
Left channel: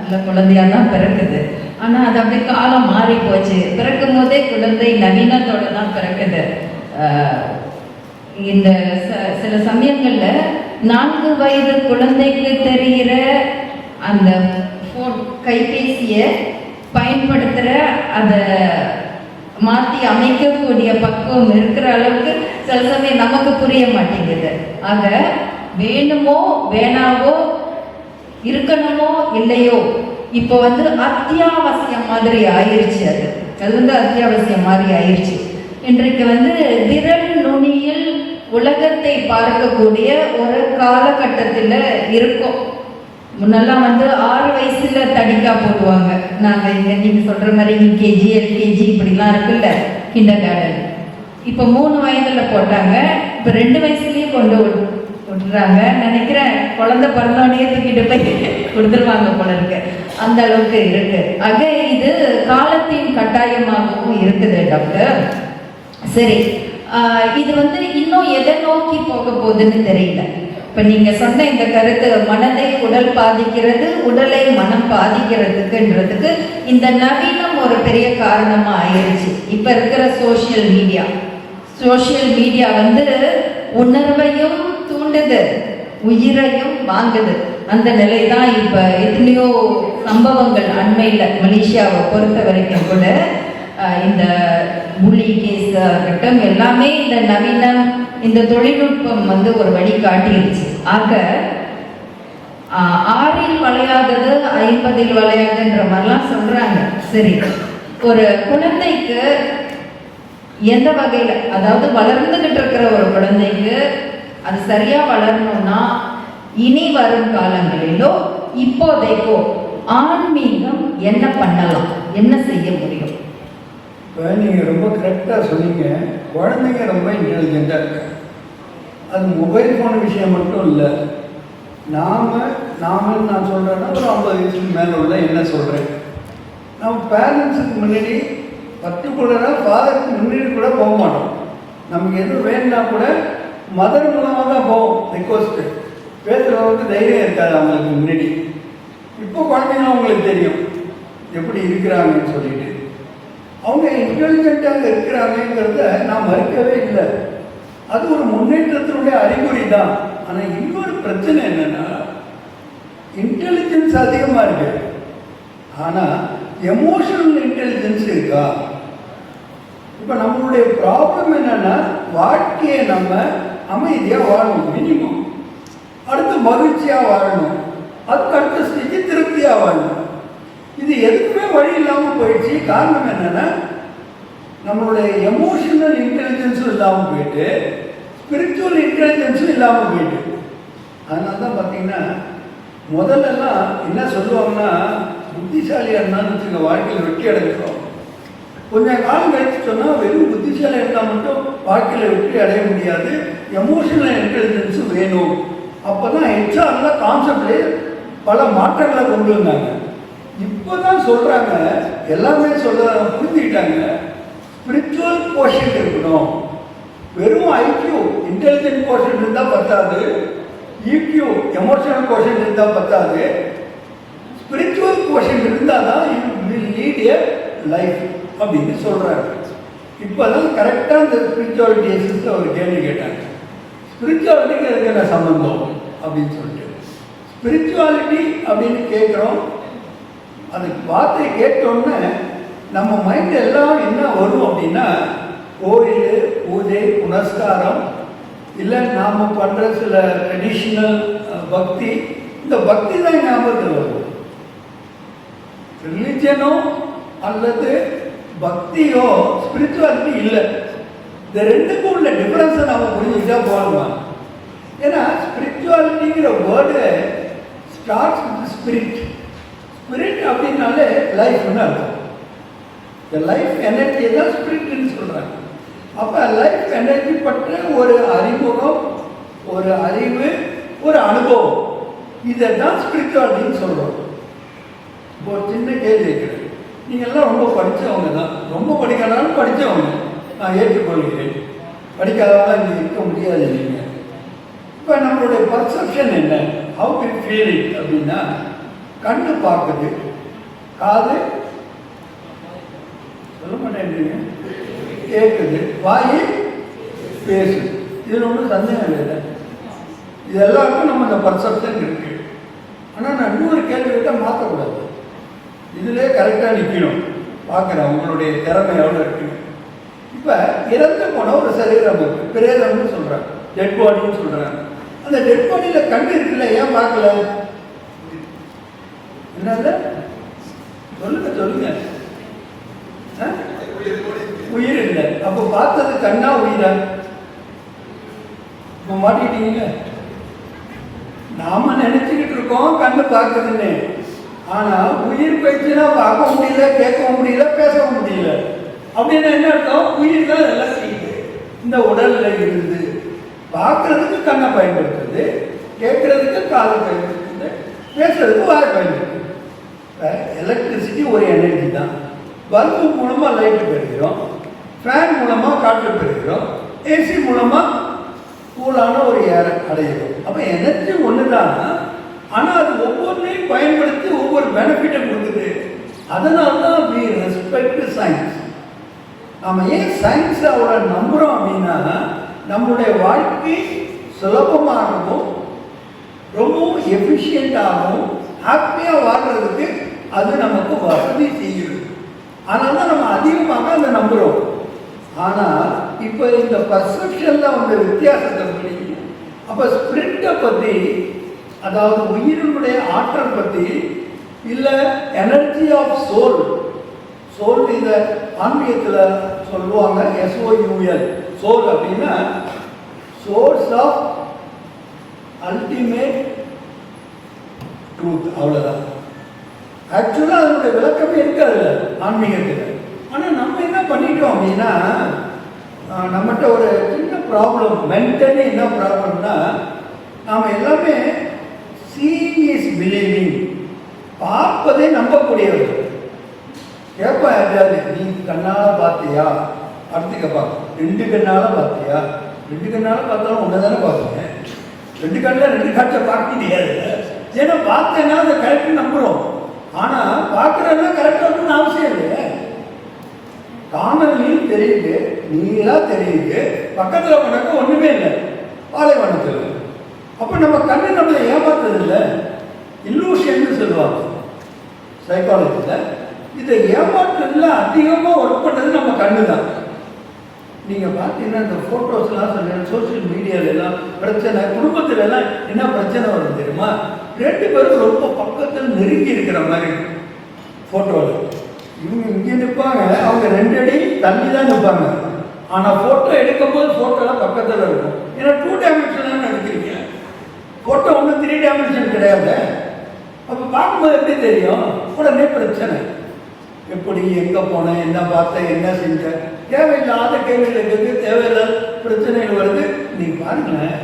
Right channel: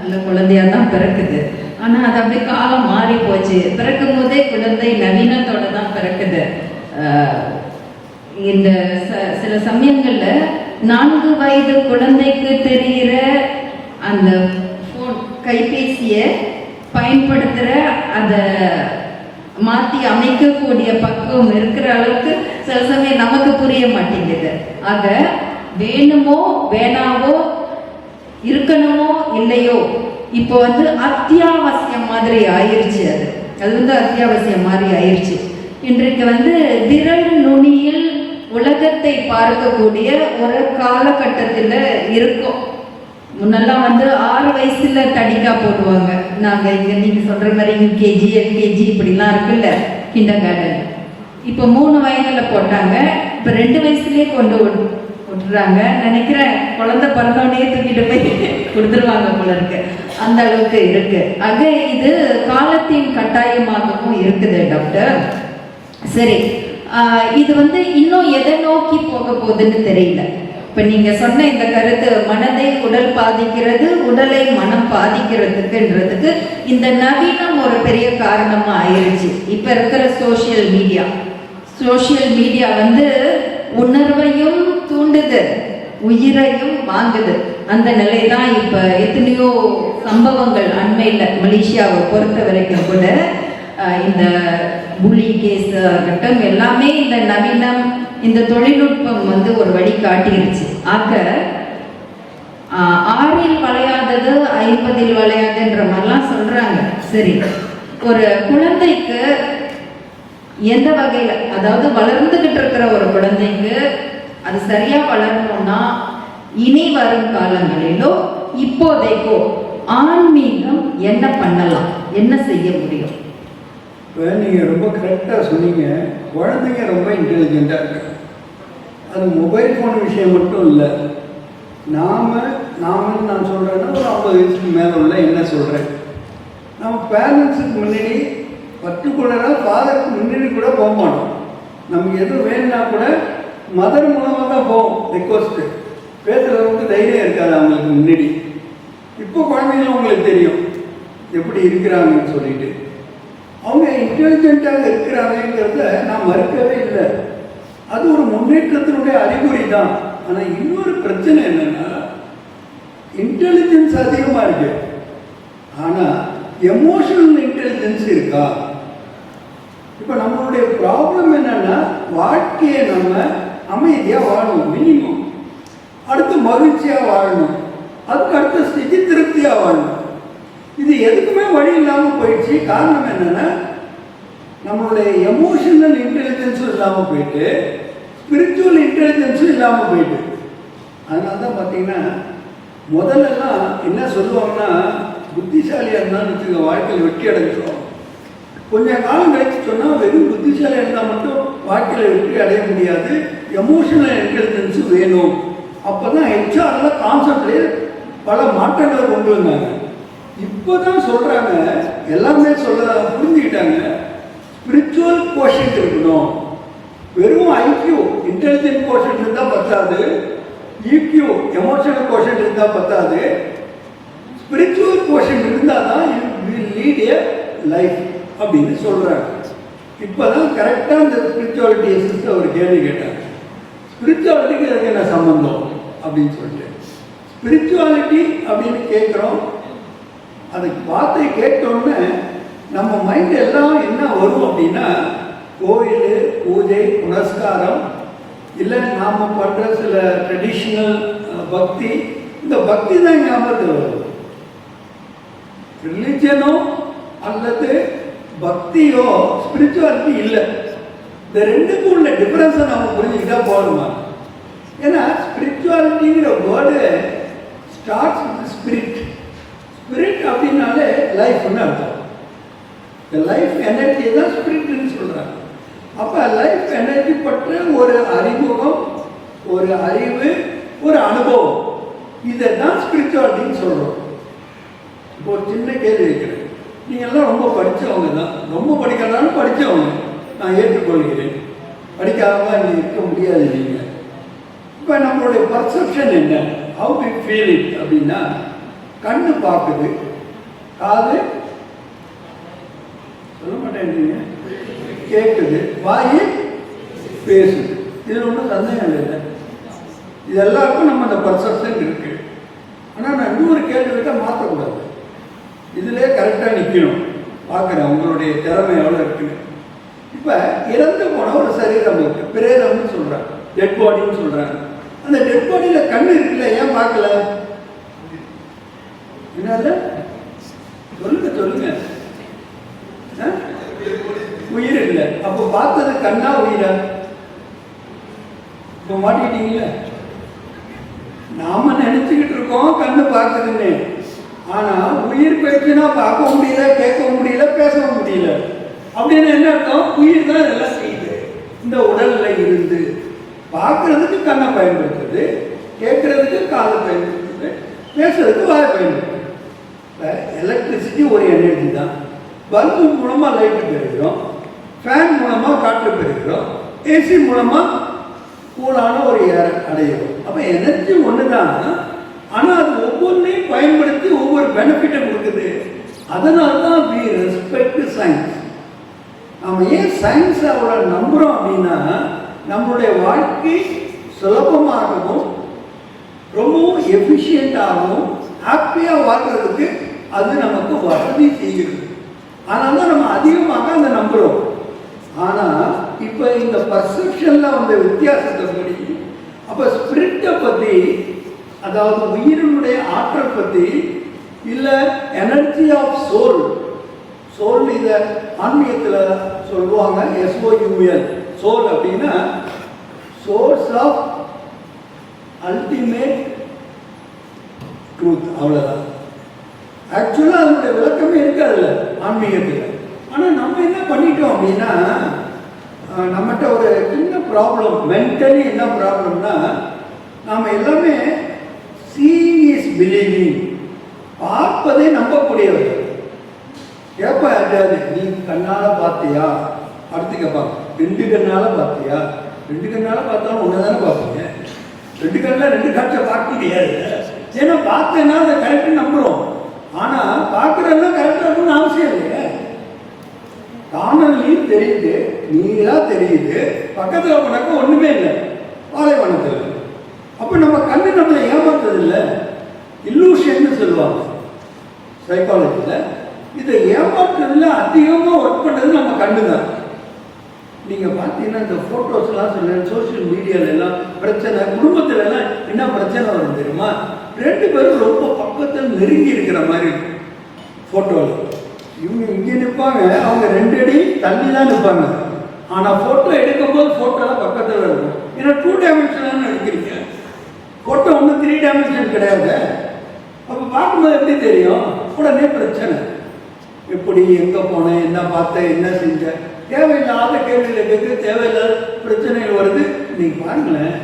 நல்ல குழந்தையாக தான் பிறக்குது. ஆனால் அது அப்படியே காலம் மாறி போச்சு. பிறக்கும் போதே குழந்தை நவீனத்தோட தான் பிறக்குது. இந்த சில சமயங்களில் 4 வயது குழந்தைக்கு தெரிகிற அந்த ஃபோன் கைபேசியை பயன்படுத்துகிற அதை மாற்றி அமைக்கக்கூடிய பக்குவம் இருக்கிற அளவுக்கு சில சமயம் நமக்கு புரிய மாட்டேங்குது. ஆக வேணுமோ வேணாவோ, இருக்கணுமோ இல்லையோ, இப்போ அத்தியாவசியம் மாதிரி ஆயிடுச்சு. அது அத்தியாவசியம் மாதிரி ஆயிடுச்சு. இன்றைக்கு விரல் நுனியில் உலகத்தை பார்க்கக்கூடிய ஒரு காலகட்டத்தில் இருக்கும். முன்னெல்லாம் 6 வயசுல தடிக்கா போடுவாங்க. நாங்க இங்க நீங்க சொல்ற மாதிரி யூகேஜி எல்கேஜி இப்படிலாம் இருக்குல்ல, கிண்டர் கார்டன். இப்போ 3 வயதுல போட்டாங்க, இப்போ 2 வயசுலயே கொண்டு விட்டுறாங்க. நினைக்கிறேன் குழந்தை பிறந்தோடனே தூக்கிட்டு போய் கொடுத்துருவாங்க போல இருக்கு, அந்த அளவுக்கு இருக்கு. ஆக இது காலத்தின் கட்டாயமாகவும் இருக்குது டாக்டர். சரி, இது இன்னும் எதை நோக்கி போக போகுதுன்னு தெரியல. இப்ப நீங்க சொன்ன இந்த கருத்து, மனதை உடல் பாதிக்கிறது, உடலை மனம் பாதிக்கிறதுக்குன்றதுக்கு இந்த நவீனம் ஒரு பெரிய காரணமா ஆயிடுச்சு. இப்ப இருக்கிற சோசியல் மீடியா உணர்வையும் தூண்டுது, உயிரையும் வாங்குது. அந்த நிலை தான் இப்ப எத்தனையோ சம்பவங்கள் அண்மையில மலேசியாவை பொறுத்த வரைக்கும் கூட இந்த புள்ளி கேஸ் ஆகட்டும் எல்லாமே இந்த நவீனம், இந்த தொழில்நுட்பம் ஒரு வழி காட்டிருச்சு. ஆக 6இல் வளையாதது 50இல் வளையாதுன்ற மாதிரிலாம் சொல்றாங்க. சரி, ஒரு குழந்தைக்கு எந்த வகையில, அதாவது வளர்ந்துகிட்டு இருக்கிற ஒரு குழந்தைக்கு அது சரியா வளரணும்னா இனி வரும் காலங்களிலோ இப்போதைக்கோ ஆன்மீகம் என்ன பண்ணலாம், என்ன செய்ய முடியும்? நீங்கள் ரொம்ப கரெக்டாக சொன்னீங்க. குழந்தைங்க ரொம்ப இன்டெலிஜென்ட்டாக இருக்கு. அது மொபைல் ஃபோன் விஷயம் மட்டும் இல்லை. நான் சொல்கிறேன்னா ஒரு 50 வயசுக்கு மேலே உள்ள என்ன சொல்கிறேன், நம்ம பேரண்ட்ஸுக்கு முன்னாடி பர்டிகுலராக ஃபாதருக்கு முன்னாடி கூட போக மாட்டோம். நமக்கு எதுவும் வேணும்னா கூட மதர் மூலமாக தான் போவோம். ரிக்வஸ்ட்டு பேசுகிறவங்களுக்கு தைரியம் இருக்காது அவங்களுக்கு முன்னாடி. இப்போ குழந்தைங்க அவங்களுக்கு தெரியும் எப்படி இருக்கிறாங்கன்னு சொல்லிட்டு. அவங்க இன்டெலிஜென்ட்டாக இருக்கிறாங்கிறத நான் மறுக்கவே இல்லை. அது ஒரு முன்னேற்றத்தினுடைய அறிகுறி தான். ஆனால் இன்னொரு பிரச்சனை என்னன்னா, இன்டெலிஜென்ஸ் அதிகமாக இருக்கு, ஆனால் எமோஷனல் இன்டெலிஜென்ஸ் இருக்கா? இப்போ நம்மளுடைய ப்ராப்ளம் என்னன்னா, வாழ்க்கையை நம்ம அமைதியாக வாழணும் மினிமம், அடுத்து மகிழ்ச்சியாக வாழணும், அதுக்கு அடுத்த ஸ்டேஜ் திருப்தியாக வாழணும். இது எதுக்குமே வழி இல்லாமல் போயிடுச்சு. காரணம் என்னன்னா, நம்மளுடைய எமோஷனல் இன்டெலிஜென்ஸும் இல்லாமல் போயிட்டு, ஸ்பிரிச்சுவல் இன்டெலிஜென்ஸும் இல்லாமல் போயிட்டு. அதனால தான் பார்த்தீங்கன்னா முதல்லலாம் என்ன சொல்லுவாங்கன்னா, புத்திசாலியாக இருந்தாலும் வச்சுக்க வாழ்க்கையில் வெற்றி அடைஞ்சிடும். கொஞ்சம் காலம் கழிச்சு சொன்னால் வெறும் புத்திசாலியாக இருந்தால் மட்டும் வாழ்க்கையில் வெற்றி அடைய முடியாது, எமோஷனல் இன்டெலிஜென்ஸும் வேணும். அப்போ தான் ஹெச்ஆரில் கான்செப்ட்லேயே பல மாற்றங்களை கொண்டு வந்தாங்க. இப்போ தான் சொல்கிறாங்க, எல்லாமே புரிஞ்சுக்கிட்டாங்க, ஸ்பிரிச்சுவல் கோஷன்ட் இருக்கணும். வெறும் ஐக்கியூ இன்டெலிஜென்ட் கோஷன்ட் இருந்தால் பத்தாது, ஈக்யூ எமோஷனல் கோஷன்ட் இருந்தால் பத்தாது, ஸ்பிரிச்சுவல் கோஷன்ட் இருந்தால் தான் you will lead A life அப்படின்னு சொல்கிறாங்க. இப்போ தான் கரெக்டாக இந்த ஸ்பிரிச்சுவாலிட்டி எசிஸ்ட் அவர் கேள்வி கேட்டாங்க. ஸ்பிரிச்சுவாலிட்டிக்கு அதுக்கு என்ன சம்பந்தம் அப்படின்னு சொல்லிட்டு, ஸ்பிரிச்சுவாலிட்டி அப்படின்னு கேட்குறோம். அந்த வார்த்தையை கேட்டோன்னே நம்ம மைண்ட் எல்லாம் என்ன வரும் அப்படின்னா, கோயில், பூஜை, புனஸ்காரம், இல்லை நாம் பண்ணுற சில ட்ரெடிஷ்னல் பக்தி, இந்த பக்தி தான் ஞாபகத்தில் வரும். ரிலிஜனோ அல்லது பக்தியோ ஸ்பிரிச்சுவாலிட்டி இல்லை. இந்த ரெண்டுக்கும் உள்ள டிஃபரன்ஸை நம்ம புரிஞ்சுக்கிட்டா போகலாம். ஏன்னா ஸ்பிரிச்சுவாலிட்டிங்கிற word starts with spirit. Spirit அப்படின்னாலே லைஃப்னு அர்த்தம். இந்த லைஃப் எனர்ஜி தான் ஸ்பிரிட்னு சொல்கிறாங்க. அப்போ லைஃப் எனர்ஜி பற்ற ஒரு அறிமுகம், ஒரு அறிவு, ஒரு அனுபவம், இதை தான் ஸ்பிரிச்சுவாலிட்டின்னு சொல்கிறோம். இப்போ ஒரு சின்ன கேள்வி இருக்கிறது. நீங்கள் எல்லாம் ரொம்ப படித்தவங்க தான், ரொம்ப படிக்காதாலும் படித்தவங்க, நான் ஏற்றுக்கொள்கிறேன். படிக்காதவங்க இங்கே இருக்க முடியாது. நீங்கள் இப்போ நம்மளுடைய பர்செப்ஷன் என்ன, ஹவு வி ஃபீல் இட் அப்படின்னா, கண்ணு பார்க்குது, காது சொல்ல மாட்டேன் கேட்குது, வாய் பேசுது. இதில் ஒன்றும் சந்தேகம் இல்லை. இது எல்லாருக்கும் நம்ம அந்த பர்செப்ஷன் இருக்கு. ஆனால் நான் இன்னொரு கேள்வி கேட்டால் மாற்றக்கூடாது, இதிலே கரெக்டாக நிற்கணும். பார்க்குறேன் உங்களுடைய திறமை எவ்வளோ இருக்குன்னு. இப்போ இறந்து போன ஒரு சரீரம் இருக்கு, பிரேதம்னு சொல்கிறாங்க, டெட் பாடின்னு சொல்கிறாங்க. அந்த டெட் பாடியில் கண் இருக்குல்ல, ஏன் பார்க்கல? என்னது சொல்லுங்க சொல்லுங்க. உயிர் இல்லை, அப்போ பார்த்தது கண்ணா உயிரா? இப்போ மாட்டிக்கிட்டீங்கள. நாம நினைச்சுக்கிட்டு இருக்கோம் கண்ணு பார்க்குதுன்னு, ஆனா உயிர் போயிடுச்சுன்னா பார்க்க முடியல, கேட்க முடியல, பேசவும் முடியல. அப்படின்னு என்ன அர்த்தம்? உயிர் தான் இதெல்லாம் செய்யுது. இந்த உடல்ல இருந்து பார்க்கறதுக்கு கண்ணை பயன்படுத்துது, கேட்கறதுக்கு காதை பயன்படுத்துது, பேசுறதுக்கு வாயை பயன்படுத்துது. எலக்ட்ரிசிட்டி ஒரு எனர்ஜி தான். பல்பு மூலமா லைட் பெறுகிறோம், ஃபேன் மூலமா காற்று பெறுகிறோம், ஏசி மூலமா கூலான ஒரு ஏர் அடைகிறோம். அப்போ எனர்ஜி ஒன்று தான், ஆனால் அது ஒவ்வொன்றையும் பயன்படுத்தி ஒவ்வொரு பெனிஃபிட்டை கொடுக்குது. அதனால தான் வி ரெஸ்பெக்ட் சயின்ஸ். நம்ம ஏன் சயின்ஸை அவ்வளோ நம்புகிறோம் அப்படின்னா, நம்மளுடைய வாழ்க்கை சுலபமாகவும் ரொம்பவும் எஃபிஷியண்டாகவும் ஹாப்பியாக வாழ்கிறதுக்கு அது நமக்கு வசதி செய்யுது. அதனால தான் நம்ம அதிகமாக அதை நம்புகிறோம். ஆனால் இப்போ இந்த பர்செப்ஷனில் வந்து வித்தியாசத்தை படி, அப்போ ஸ்பிரிட்டை பற்றி, அதாவது உயிரினுடைய ஆற்றல் பற்றி, இல்லை எனர்ஜி ஆஃப் சோல், சோல் இதை ஆன்மீகத்தில் சொல்லுவாங்க SOUL, சோல் அப்படின்னா சோர்ஸ் ஆஃப் அல்டிமேட் ட்ரூத், அவ்வளோதான். ஆக்சுவலாக அதனுடைய விளக்கமே இருக்காதுல்ல ஆன்மீகத்தில். ஆனால் நம்ம என்ன பண்ணிட்டோம் அப்படின்னா, நம்மகிட்ட ஒரு சின்ன ப்ராப்ளம், மென்டலி என்ன ப்ராப்ளம்னா, நாம் எல்லாமே சீயிங் இஸ் பிலீவிங், பார்ப்பதை நம்பக்கூடியவர். கேட்பா யாரு, நீ கண்ணால் பார்த்தியா? அடுத்து கேட்பா, 2 கண்ணால் பார்த்தியா? 2 கண்ணால் பார்த்தாலும் ஒன்று தானே பார்ப்பீங்க. 2 கண்ணில் 2 காற்றை பார்க்க முடியாது. ஏன்னா பார்த்தேன்னா அதை கரெக்டாக நம்புகிறோம். ஆனால் பார்க்குறதுனா கரெக்டாக இருக்குன்னு அவசியம் இல்லை. காணொலியும் தெரியுது, நீங்களாக தெரியுது, பக்கத்தில் போனாக்க ஒன்றுமே இல்லை, பாலைவனத்தில். அப்போ நம்ம கண்ணு நம்மளை ஏமாத்துறது இல்லை, இல்லூஷன்னு சொல்லுவாங்க சைக்காலஜியில். இதை ஏமாற்றுறதுல அதிகமாக ஒர்க் பண்ணுறது நம்ம கண்ணு தான். நீங்கள் பார்த்தீங்கன்னா இந்த ஃபோட்டோஸ்லாம் சொல்லுங்கள், சோஷியல் மீடியால எல்லாம் பிரச்சனை, குடும்பத்துல எல்லாம் என்ன பிரச்சனை வரும் தெரியுமா? 2 பேரும் ரொம்ப பக்கத்தில் நெருங்கி இருக்கிற மாதிரி ஃபோட்டோவில். இவங்க இங்கே நிற்பாங்க, அவங்க 2 அடி தள்ளி தான் நிற்பாங்க. ஆனால் ஃபோட்டோ எடுக்கும்போது ஃபோட்டோலாம் பக்கத்தில் இருக்கும். ஏன்னா 2 டைமென்ஷனாக எடுக்கிறீங்க. ஃபோட்டோ ஒன்றும் 3 டைமென்ஷன் கிடையாது. அப்போ பார்க்கும்போது எப்படி தெரியும்? உடனே பிரச்சனை. எப்படி, எங்கே போனேன், என்ன பார்த்தேன், என்ன செஞ்சேன், தேவையில்லாத கேள்விகள் இருக்குது, தேவையில்லாத பிரச்சனைகள் வருது. நீங்கள் பாருங்களேன்,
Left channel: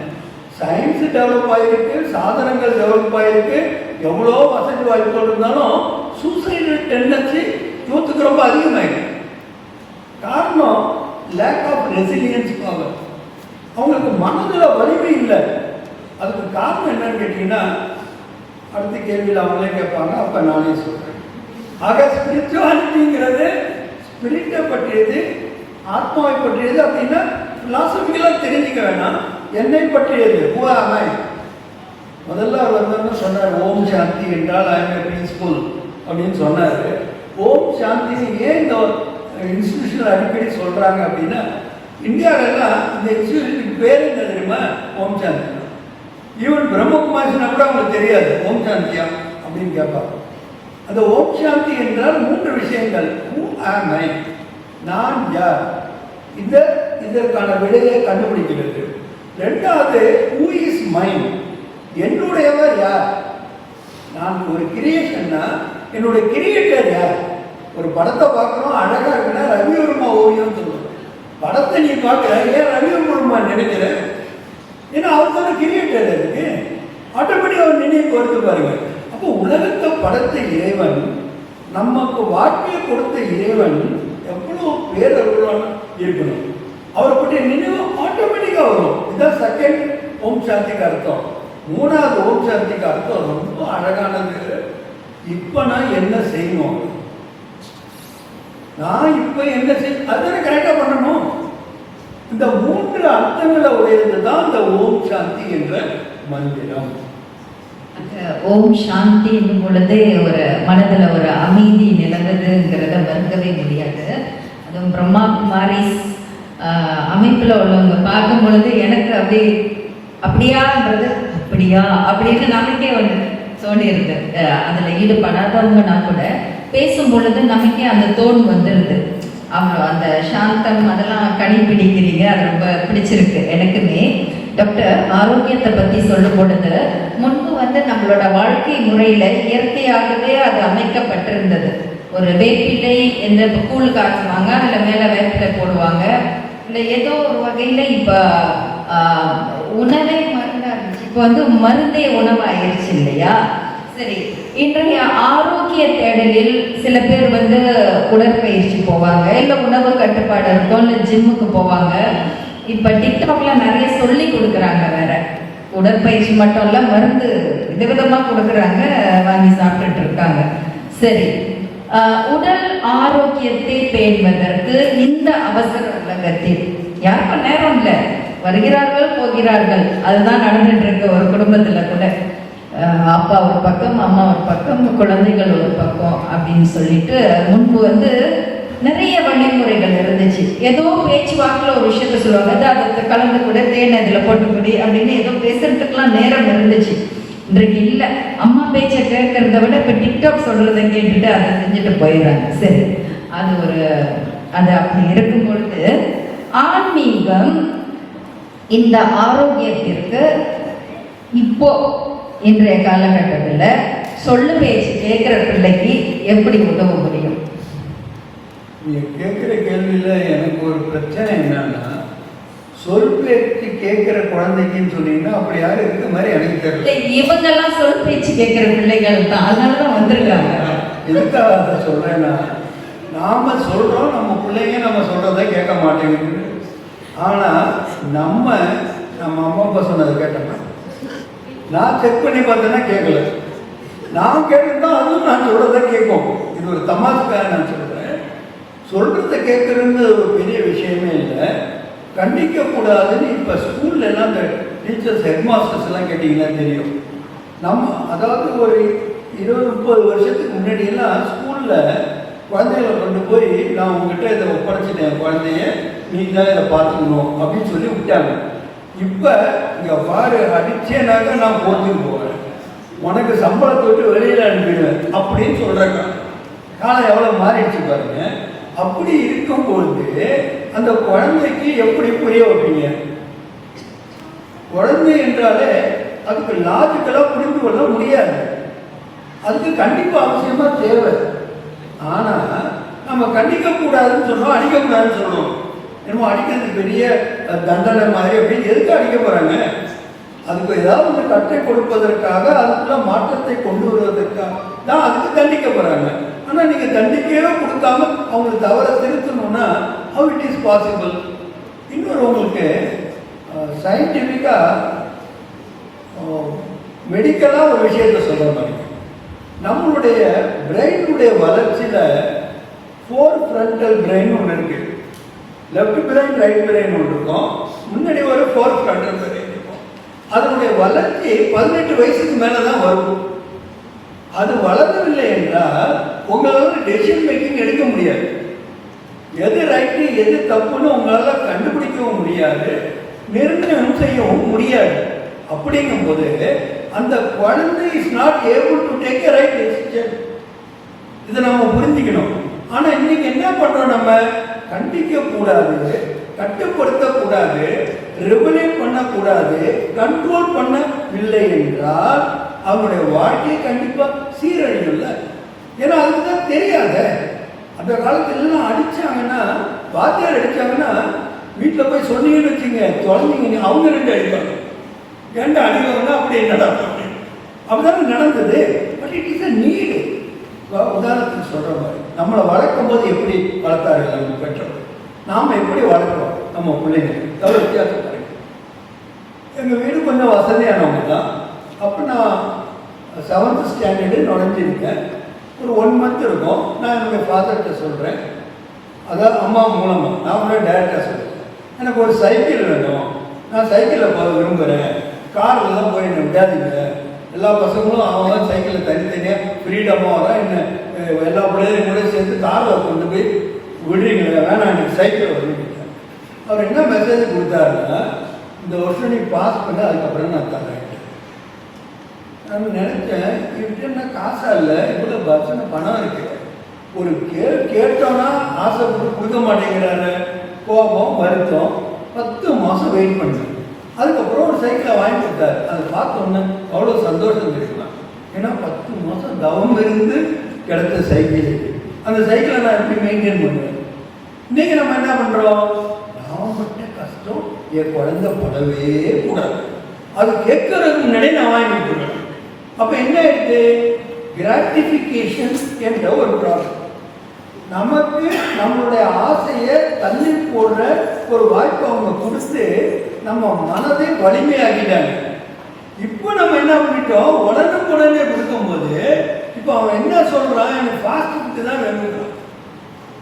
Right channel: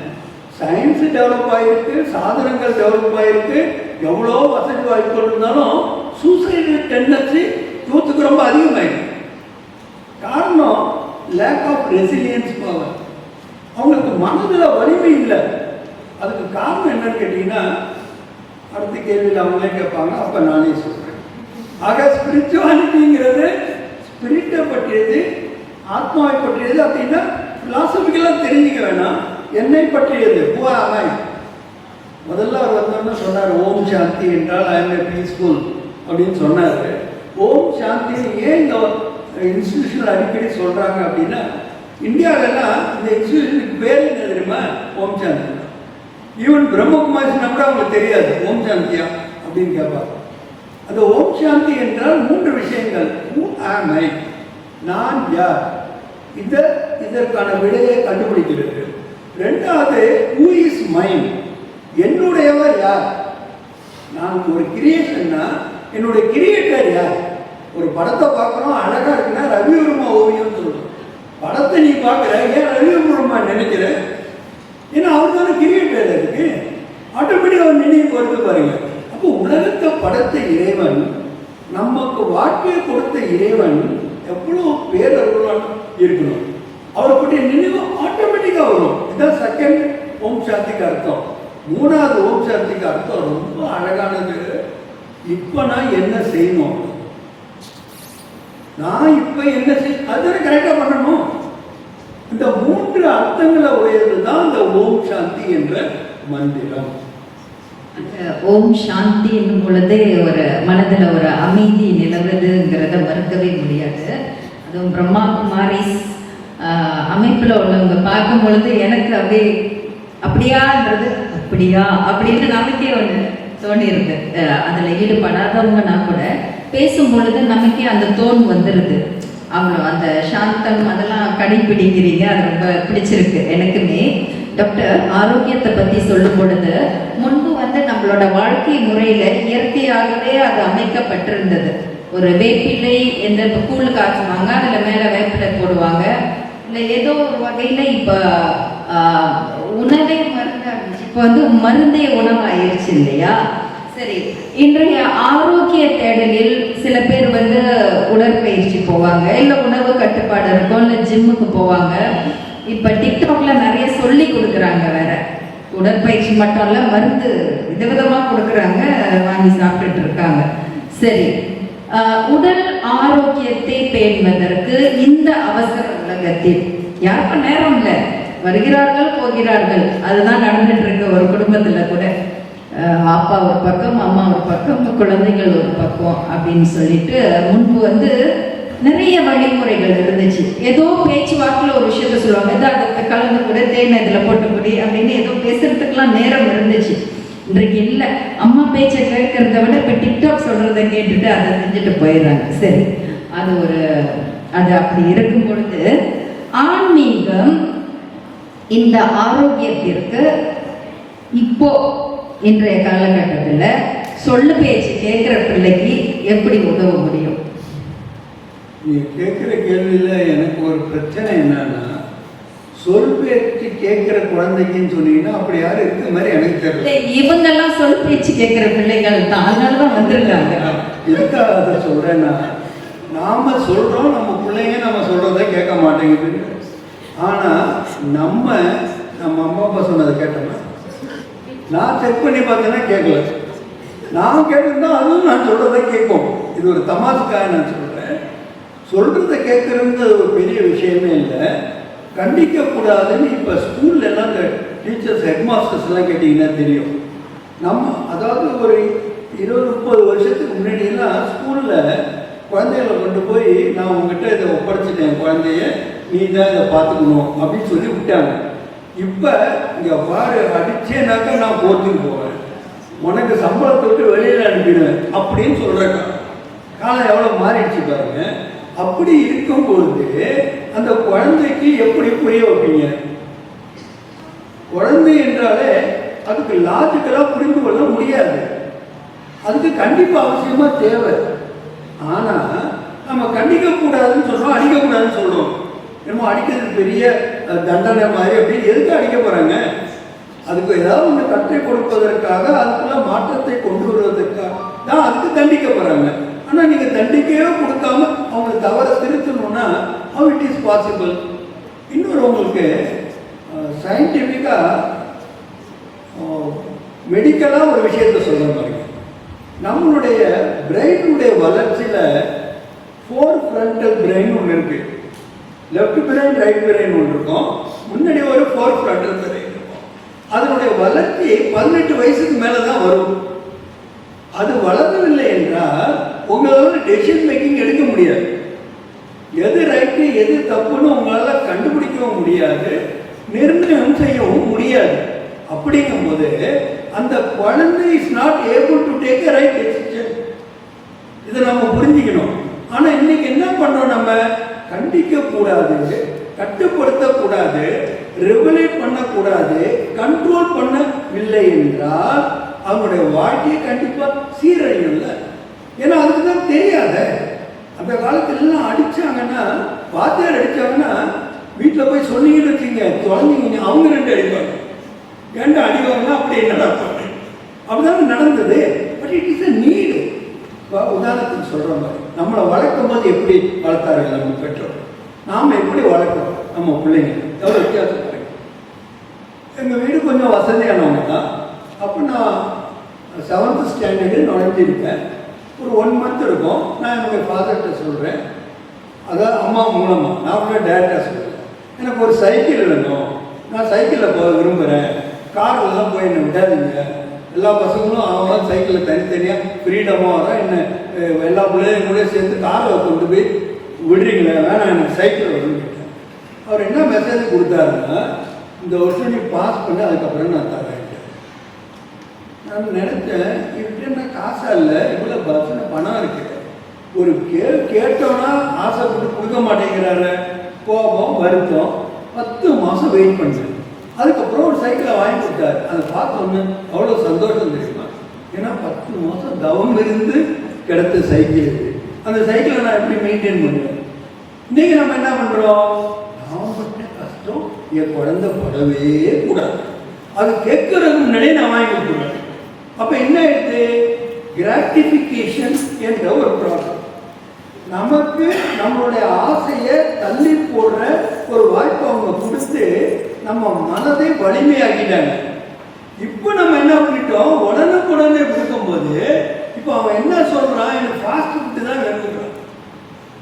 சயின்ஸு டெவலப் ஆகிருக்கு, சாதனங்கள் டெவலப் ஆகிருக்கு, எவ்வளோ வசதி வாய்ப்புகள் இருந்தாலும் சூசைடல் டெண்டன்சி யூத்துக்கு ரொம்ப அதிகமாகிருக்கு. காரணம் லேக் ஆஃப் ரெசிலியன்ஸ் பவர். அவங்களுக்கு மனதில் வலிமை இல்லை. அதுக்கு காரணம் என்னன்னு கேட்டிங்கன்னா, அடுத்த கேள்வியில் அவங்களே கேட்பாங்க, அப்போ நானே சொல்கிறேன். ஆக ஸ்பிரிச்சுவாலிட்டிங்கிறது ஸ்பிரிட்டை பற்றியது, ஆத்மாவை பற்றியது. அப்படின்னா பிலாசபிக்கலாக தெரிஞ்சுக்க வேணாம், என்னை பற்றியது. முதல்ல அவர் வந்தோம்னு சொன்னார், ஓம் சாந்தி என்றால் ஐ எம் ஏ பீஸ்ஃபுல் அப்படின்னு சொன்னார். ஓம் சாந்தி ஏன் இந்த இன்ஸ்டியூஷன் அடிக்கடி சொல்கிறாங்க அப்படின்னா, இந்தியாவிலலாம் இந்த இன்ஸ்டியூஷனுக்கு பேர் என்ன தெரியுமா? ஓம் சாந்தி. ஈவன் பிரம்மகுமாரினா கூட அவங்களுக்கு தெரியாது ஓம் சாந்தியா அப்படின்னு கேட்பாங்க. அந்த ஓம் சாந்தி என்றால் 3 விஷயங்கள். ஹூ ஆம் ஐ, நான் யார், இதற்கான விடையை கண்டுபிடிக்கிறது. 2வது ஹூ இஸ் மைண்ட், என்னுடையவர் யார். நான் ஒரு கிரியேஷன்னா என்னுடைய கிரியேட்டர் யார். ஒரு படத்தை பார்க்குறோம், அழகாக இருக்குன்னா ரவிவர்மா ஓவியம் சொல்லுவோம். படத்தை நீ பார்க்குற, ஏன் ரவிவர்மா நினைக்கிற? ஏன்னா அவருக்கு கிரியேட்டர் இருக்கு, ஆட்டோமேட்டிக் அவர் நினைவு வருது பாருங்க. அப்போ உலகத்தை படைத்த இறைவன், நமக்கு வாழ்க்கையை கொடுத்த இறைவன் எவ்வளோ பேரருளான் இருக்கணும். அவரை பற்றி நினைவு ஆட்டோமேட்டிக்காக வரும். இதுதான் செகண்ட் ஓம் சாந்திக்கு அர்த்தம். 3வது ஓம் சாந்திக்கு அர்த்தம் ரொம்ப அழகானது. இப்போ நான் என்ன செய்யணும், நான் இப்போ என்ன செய்ய, அதை கரெக்டாக பண்ணணும். இந்த 3 அர்த்தங்களை உடையது தான் இந்த ஓம் சாந்தி என்ற மந்திரம். ஓம் சாந்தி என்னும் பொழுதே ஒரு மனதில் ஒரு அமைதி நிலவுதுங்கிறத மறுக்கவே முடியாது. அதுவும் பிரம்மா குமாரிஸ் அமைப்பில் உள்ளவங்க பார்க்கும் பொழுது எனக்கு அப்படியான்றது அப்படியா அப்படின்னு நமக்கே ஒன்று தோணிருக்கு. அதில் ஈடுபடாதவங்கன்னா கூட பேசும் பொழுது நமக்கே அந்த தோன் வந்துடுது. அவ்வளோ அந்த சாந்தம் அதெல்லாம் கடைப்பிடிக்கிறீங்க, அது ரொம்ப பிடிச்சிருக்கு எனக்குமே. டாக்டர் ஆரோக்கியத்தை பற்றி சொல்லும் பொழுது முன்பு நம்மளோட வாழ்க்கை முறையில் இயற்கையாகவே அது அமைக்கப்பட்டிருந்தது. ஒரு வேப்பிலை எந்த கூழ் காய்ச்சுவாங்க, அதில் மேலே வேப்பிலை போடுவாங்க, இல்லை ஏதோ ஒரு வகையில் இப்போ உணவே மருந்தாக இருந்துச்சு, இப்போ மருந்தே உணவாயிருச்சு இல்லையா? சரி, இன்றைய ஆரோக்கிய தேடலில் சில பேர் உடற்பயிற்சி போவாங்க, இல்லை உணவு கட்டுப்பாடு இருக்கும், இல்லை ஜிம்முக்கு போவாங்க. இப்போ டிக்டாக்ல நிறைய சொல்லி கொடுக்குறாங்க, வேற உடற்பயிற்சி மட்டும் இல்லை மருந்து விதவிதமாக கொடுக்குறாங்க, வாங்கி சாப்பிட்டுட்டு இருக்காங்க. சரி, உடல் ஆரோக்கியத்தை பேணுவதற்கு இந்த அவசர உலகத்தில் யாருக்கும் நேரம் இல்லை, வருகிறார்கள் போகிறார்கள், அதுதான் நடந்துட்டு இருக்கு. ஒரு குடும்பத்தில் கூட அப்பா ஒரு பக்கம், அம்மா ஒரு பக்கம், குழந்தைகள் ஒரு பக்கம் அப்படின்னு சொல்லிட்டு முன்பு நிறைய வழிமுறைகள் இருந்துச்சு. ஏதோ பேச்சுவாக்கில் ஒரு விஷயத்த சொல்லுவாங்க, அதை கலந்து கூட தேன் இதில் போட்டு முடி அப்படின்னு ஏதோ பேசுறதுக்கெல்லாம் நேரம் இருந்துச்சு. இன்றைக்கு இல்லை, அம்மா பேச்சை கேட்கறத விட இப்போ டிக்டாக் சொல்றதை கேட்டுட்டு அதை செஞ்சுட்டு போயிடுறாங்க. சரி, அது அப்படி இருக்கும் பொழுது ஆன்மீகம் இந்த ஆரோக்கியத்திற்கு இப்போ இன்றைய காலகட்டத்தில் சொல்லு பேச்சு கேட்கிற பிள்ளைக்கு எப்படி உதவ முடியும்? நீங்க கேட்குற கேள்வியில் எனக்கு ஒரு பிரச்சனை என்னன்னா, சொல் பேச்சு கேட்குற குழந்தைக்குன்னு சொன்னீங்கன்னா அப்படி யாரும் இருக்கிற மாதிரி எனக்கு தெரியல. இவங்கெல்லாம் சொல் பேச்சு கேட்குற பிள்ளைகள் தான், அதனால தான் வந்திருக்காங்க. எதுக்காக அதை சொல்றேன்னா, நாம சொல்றோம் நம்ம பிள்ளைங்க நம்ம சொல்றதை கேட்க மாட்டேங்குது. ஆனா நம்ம அம்மா அப்பா சொன்னதை கேட்டோம்னா, நான் செக் பண்ணி பார்த்தேன்னா கேட்கல, நான் கேட்டிருந்தா அதுவும் நான் சொல்றதை கேட்கும். இது ஒரு தமாசுக்காக நான் சொல்றேன். சொல்றதை கேட்கறது ஒரு பெரிய விஷயமே இல்லை, கண்டிக்கக்கூடாதுன்னு இப்போ ஸ்கூல்ல எல்லாம் இந்த டீச்சர்ஸ் ஹெட் மாஸ்டர்ஸ் எல்லாம் கேட்டிங்கன்னா தெரியும். நம்ம அதாவது ஒரு 20-30 வருஷத்துக்கு முன்னாடியெல்லாம் ஸ்கூலில் நான் உங்ககிட்ட இதை ஒப்படைச்சிட்டேன் குழந்தைய, நீ தான் இதை பார்த்துக்கணும் அப்படின்னு சொல்லி விட்டாங்க. இப்போ இங்கே பாரு, அடிச்சேனாக்கா நான் போர்த்துக்கு போவேன், உனக்கு சம்பளத்தை விட்டு வெளியில் அனுப்பிடுவேன் அப்படின்னு சொல்கிறாங்க. காலம் எவ்வளோ மாறிடுச்சு பாருங்க. அப்படி இருக்கும்பொழுது அந்த குழந்தைக்கு எப்படி புரிய வைப்பீங்க? குழந்தை என்றாலே அதுக்கு லாஜிக்கலாக புரிந்து கொள்ள முடியாது. அதுக்கு கண்டிப்பாக அவசியமாக தேவை. ஆனால் நம்ம கண்டிக்கக்கூடாதுன்னு சொல்கிறோம், அடிக்கக்கூடாதுன்னு சொல்கிறோம். என்னமோ அடிக்கிறது பெரிய தண்டனை மாதிரி அப்படின்னு எதுக்கு அடிக்க போகிறாங்க? அதுக்கு ஏதாவது ஒன்று கட்டை கொடுப்பதற்காக, அதுக்குள்ள மாற்றத்தை கொண்டு வருவதற்காக தான் அதுக்கு தண்டிக்க போகிறாங்க. ஆனால் நீங்கள் தண்டிக்கவே கொடுக்காம அவங்களை தவற திருத்தணும்னா how it is possible? இன்னொரு உங்களுக்கு சயின்டிஃபிக்காக மெடிக்கலாக ஒரு விஷயத்தை சொல்கிற மாதிரி, நம்மளுடைய பிரெயினுடைய வளர்ச்சியில் 4 frontal பிரெயின் ஒன்று இருக்கு. லெஃப்ட் பிரெயின், ரைட் பிரெயின் ஒன்று இருக்கும். முன்னாடி ஒரு 4 frontal பிரெயின் இருக்கும். அதனுடைய வளர்ச்சி 18 வயசுக்கு மேலே தான் வரும். அது வளரவில்லை என்றால் உங்களால் டெசிஷன் மேக்கிங் எடுக்க முடியாது. எது ரைட்டு எது தப்புன்னு உங்களால் கண்டுபிடிக்கவும் முடியாது, நிர்ணயம் செய்யவும் முடியாது. அப்படிங்கும்போது அந்த குழந்தை is not able to take a right decision. இதை நம்ம புரிஞ்சுக்கணும். ஆனால் இன்னைக்கு என்ன பண்ணுறோம்? நம்ம கண்டிக்க கூடாது, கட்டுப்படுத்தக்கூடாது, ரெகுலேட் பண்ணக்கூடாது, கண்ட்ரோல் பண்ணவில்லை என்றால் அவனுடைய வாழ்க்கையை கண்டிப்பாக சீரழியும்ல. ஏன்னா அதுக்கு தான் தெரியாத. அந்த காலத்துலலாம் அடித்தாங்கன்னா, வாத்தியார் அடித்தாங்கன்னா வீட்டில் போய் சொன்னீங்கன்னு வச்சுங்க, குழந்தைங்க அவங்க 2 அடிப்பாங்க. 2 அடிவாங்கன்னா அப்படி நடப்பாங்க. அப்படிதானே நடந்தது. But it is a need. உதாரணத்துக்கு சொல்கிற மாதிரி நம்மளை வளர்க்கும் போது எப்படி வளர்த்தார்கள் நம்ம பெற்றோர், நாம் எப்படி வளர்க்குறோம் நம்ம பிள்ளைங்க, அது வித்தியாசம் கிடைக்கும். எங்கள் வீடு கொஞ்சம் வசதியானவங்க தான். அப்போ நான் 7th ஸ்டாண்டர்டு நுழைஞ்சிருக்கேன். ஒரு 1 மந்த் இருக்கும். நான் என்னுடைய ஃபாதர்கிட்ட சொல்கிறேன், அதான் அம்மா மூலமாக, நான் கூட டேரெக்டாக சொல்கிறேன், எனக்கு ஒரு சைக்கிள் வேணும், நான் சைக்கிளில் போக விரும்புகிறேன், காரில் தான் போய் என்ன விடாதீங்க. எல்லா பசங்களும் அவங்க சைக்கிளில் தனித்தனியாக ஃப்ரீடமாக தான் என்ன எல்லா பிள்ளையும் கூட சேர்த்து காரில் கொண்டு போய் விடுறீங்களே, வேணாம் எனக்கு சைக்கிள் வரும்னு கேட்டேன். அவர் என்ன மெசேஜ் கொடுத்தாருன்னா, இந்த வருஷம் நீ பாஸ் பண்ண, அதுக்கப்புறம் நான் தரேன். நான் நினைச்சேன், இப்படின்னா காசா இல்லை, இவ்வளோ பஸ்ஸுன்னு பணம் இருக்கு, ஒரு கேட்டோன்னா ஆசைப்பட்டு கொடுக்க மாட்டேங்கிறாரு. கோபம், வருத்தம். 10 மாதம் வெயிட் பண்ணேன். அதுக்கப்புறம் ஒரு சைக்கிளை வாங்கி கொடுத்தாரு. அதை பார்த்தோன்னு அவ்வளோ சந்தோஷம் தெரியுமா. ஏன்னா 10 மாதம் தவம் இருந்து கிடைத்த சைக்கிள். அந்த சைக்கிளை நான் எப்படி மெயின்டைன் பண்ணுவேன்? இன்னைக்கு நம்ம என்ன பண்ணுறோம்? நான் பட்ட கஷ்டம் என் குழந்தை படவே கூடாது, அது கேட்கறதுக்கு முன்னாடியே நான் வாங்கி கொடுக்குறேன். அப்போ என்ன ஆயிடுது? கிராட்டிஃபிகேஷன் என்ற ஒரு ப்ராப்ளம். நமக்கு நம்மளுடைய ஆசையை தள்ளி போடுற ஒரு வாய்ப்பை அவங்க கொடுத்து நம்ம மனதை வலிமையாக்கிட்டாங்க. இப்போ நம்ம என்ன பண்ணிட்டோம்? உடனுக்குடனே கொடுக்கும்போது இப்போ அவன் என்ன சொல்றான்? எனக்கு ஃபாஸ்ட் ஃபுட்டு தான் வேணும்.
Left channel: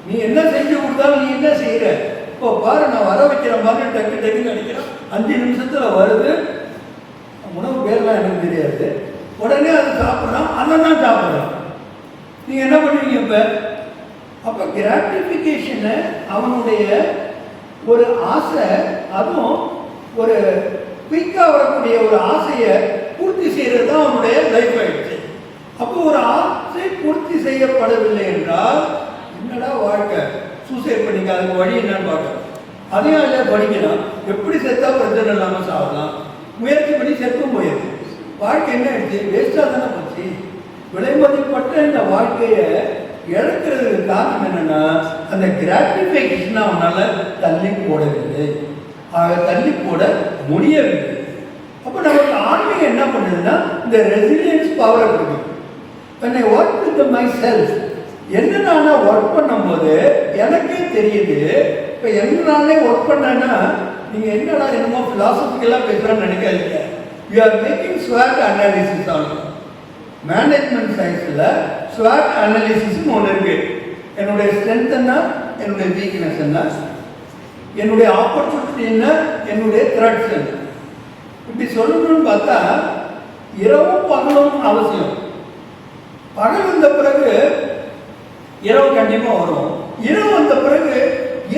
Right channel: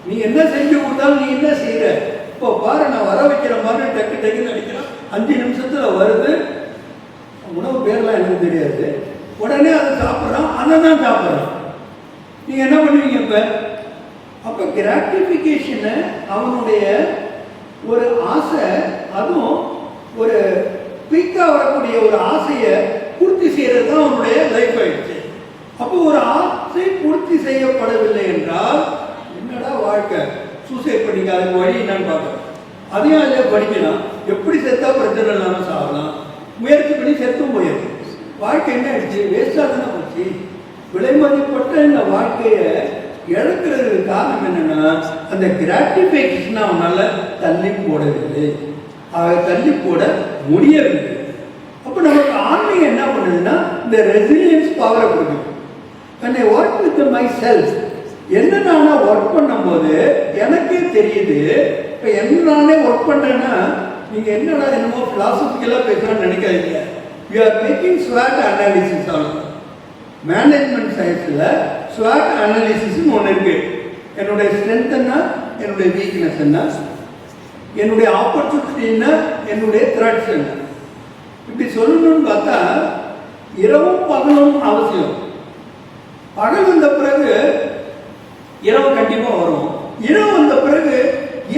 நீ என்ன செஞ்சு கொடுத்தாலும் நீ என்ன செய்யற? இப்போ பாரு, நான் வர வைக்கிற மாதிரி டக்கு டக்குன்னு அடிக்கிறேன், 5 நிமிஷத்துல வருது. உணவு பேர்லாம் எனக்கு தெரியாது, உடனே அதை சாப்பிட்றான், அதை தான் சாப்பிட்றான். நீங்கள் என்ன பண்ணுவீங்க இப்போ? அப்போ கிராட்டிஃபிகேஷனை, அவனுடைய ஒரு ஆசை, அதுவும் ஒரு குயிக்காக வரக்கூடிய ஒரு ஆசையை பூர்த்தி செய்கிறது தான் அவனுடைய லைஃப் ஆயிடுச்சு. அப்போ ஒரு ஆசை பூர்த்தி செய்யப்படவில்லை என்றால் என்னடா வாழ்க்கை? சூசைட் பண்ணிக்க, அதுக்கு வழி என்னன்னு பார்க்கலாம். அதையும் அதில் படிக்கலாம், எப்படி செத்தா பிரச்சனை இல்லாமல் சாப்பிடலாம், முயற்சி பண்ணி செத்தும் போயிடுது. வாழ்க்கை என்ன ஆயிடுச்சு? வேஸ்டாக தானே போச்சு. விலைமதிப்பட்ட இந்த வாழ்க்கையை இழக்கிறதுக்கு காரணம் என்னன்னா, அந்த கிராட்டிஃபிகேஷன் அவனால தள்ளி போடவில்லை, தள்ளி போட முடியவில்லை. அப்போ நமக்கு ஆன்மீகம் என்ன பண்ணுதுன்னா, இந்த ரெசிலியன்ஸ் பவர் கொடுக்கும். என்னை ஒர்க் வித் மை செல்ஃப், என்ன நானே ஒர்க் பண்ணும்போது எனக்கே தெரியுது. இப்போ என்னாலே ஒர்க் பண்ணேன்னா, நீங்கள் என்னடா என்னமோ ஃபிலாசபிக்கலாக பேசுகிறேன்னு நினைக்காதீங்க. யூ ஆர் மேக்கிங் ஸ்வாட் அனாலிசிஸ் ஆகும். மேனேஜ்மெண்ட் சயின்ஸில் ஸ்வாட் அனாலிசிஸ்னு ஒன்று இருக்கு. என்னுடைய ஸ்ட்ரென்த் என்ன, என்னுடைய வீக்னஸ் என்ன, என்னுடைய ஆப்பர்ச்சுனிட்டி என்ன, என்னுடைய த்ரெட்ஸ் என்ன. இப்படி சொல்லணும்னு பார்த்தா இரவும் பகலும் அவசியம். பகல் வந்த பிறகு இரவு கண்டிப்பாக வரும், இரவு வந்த பிறகு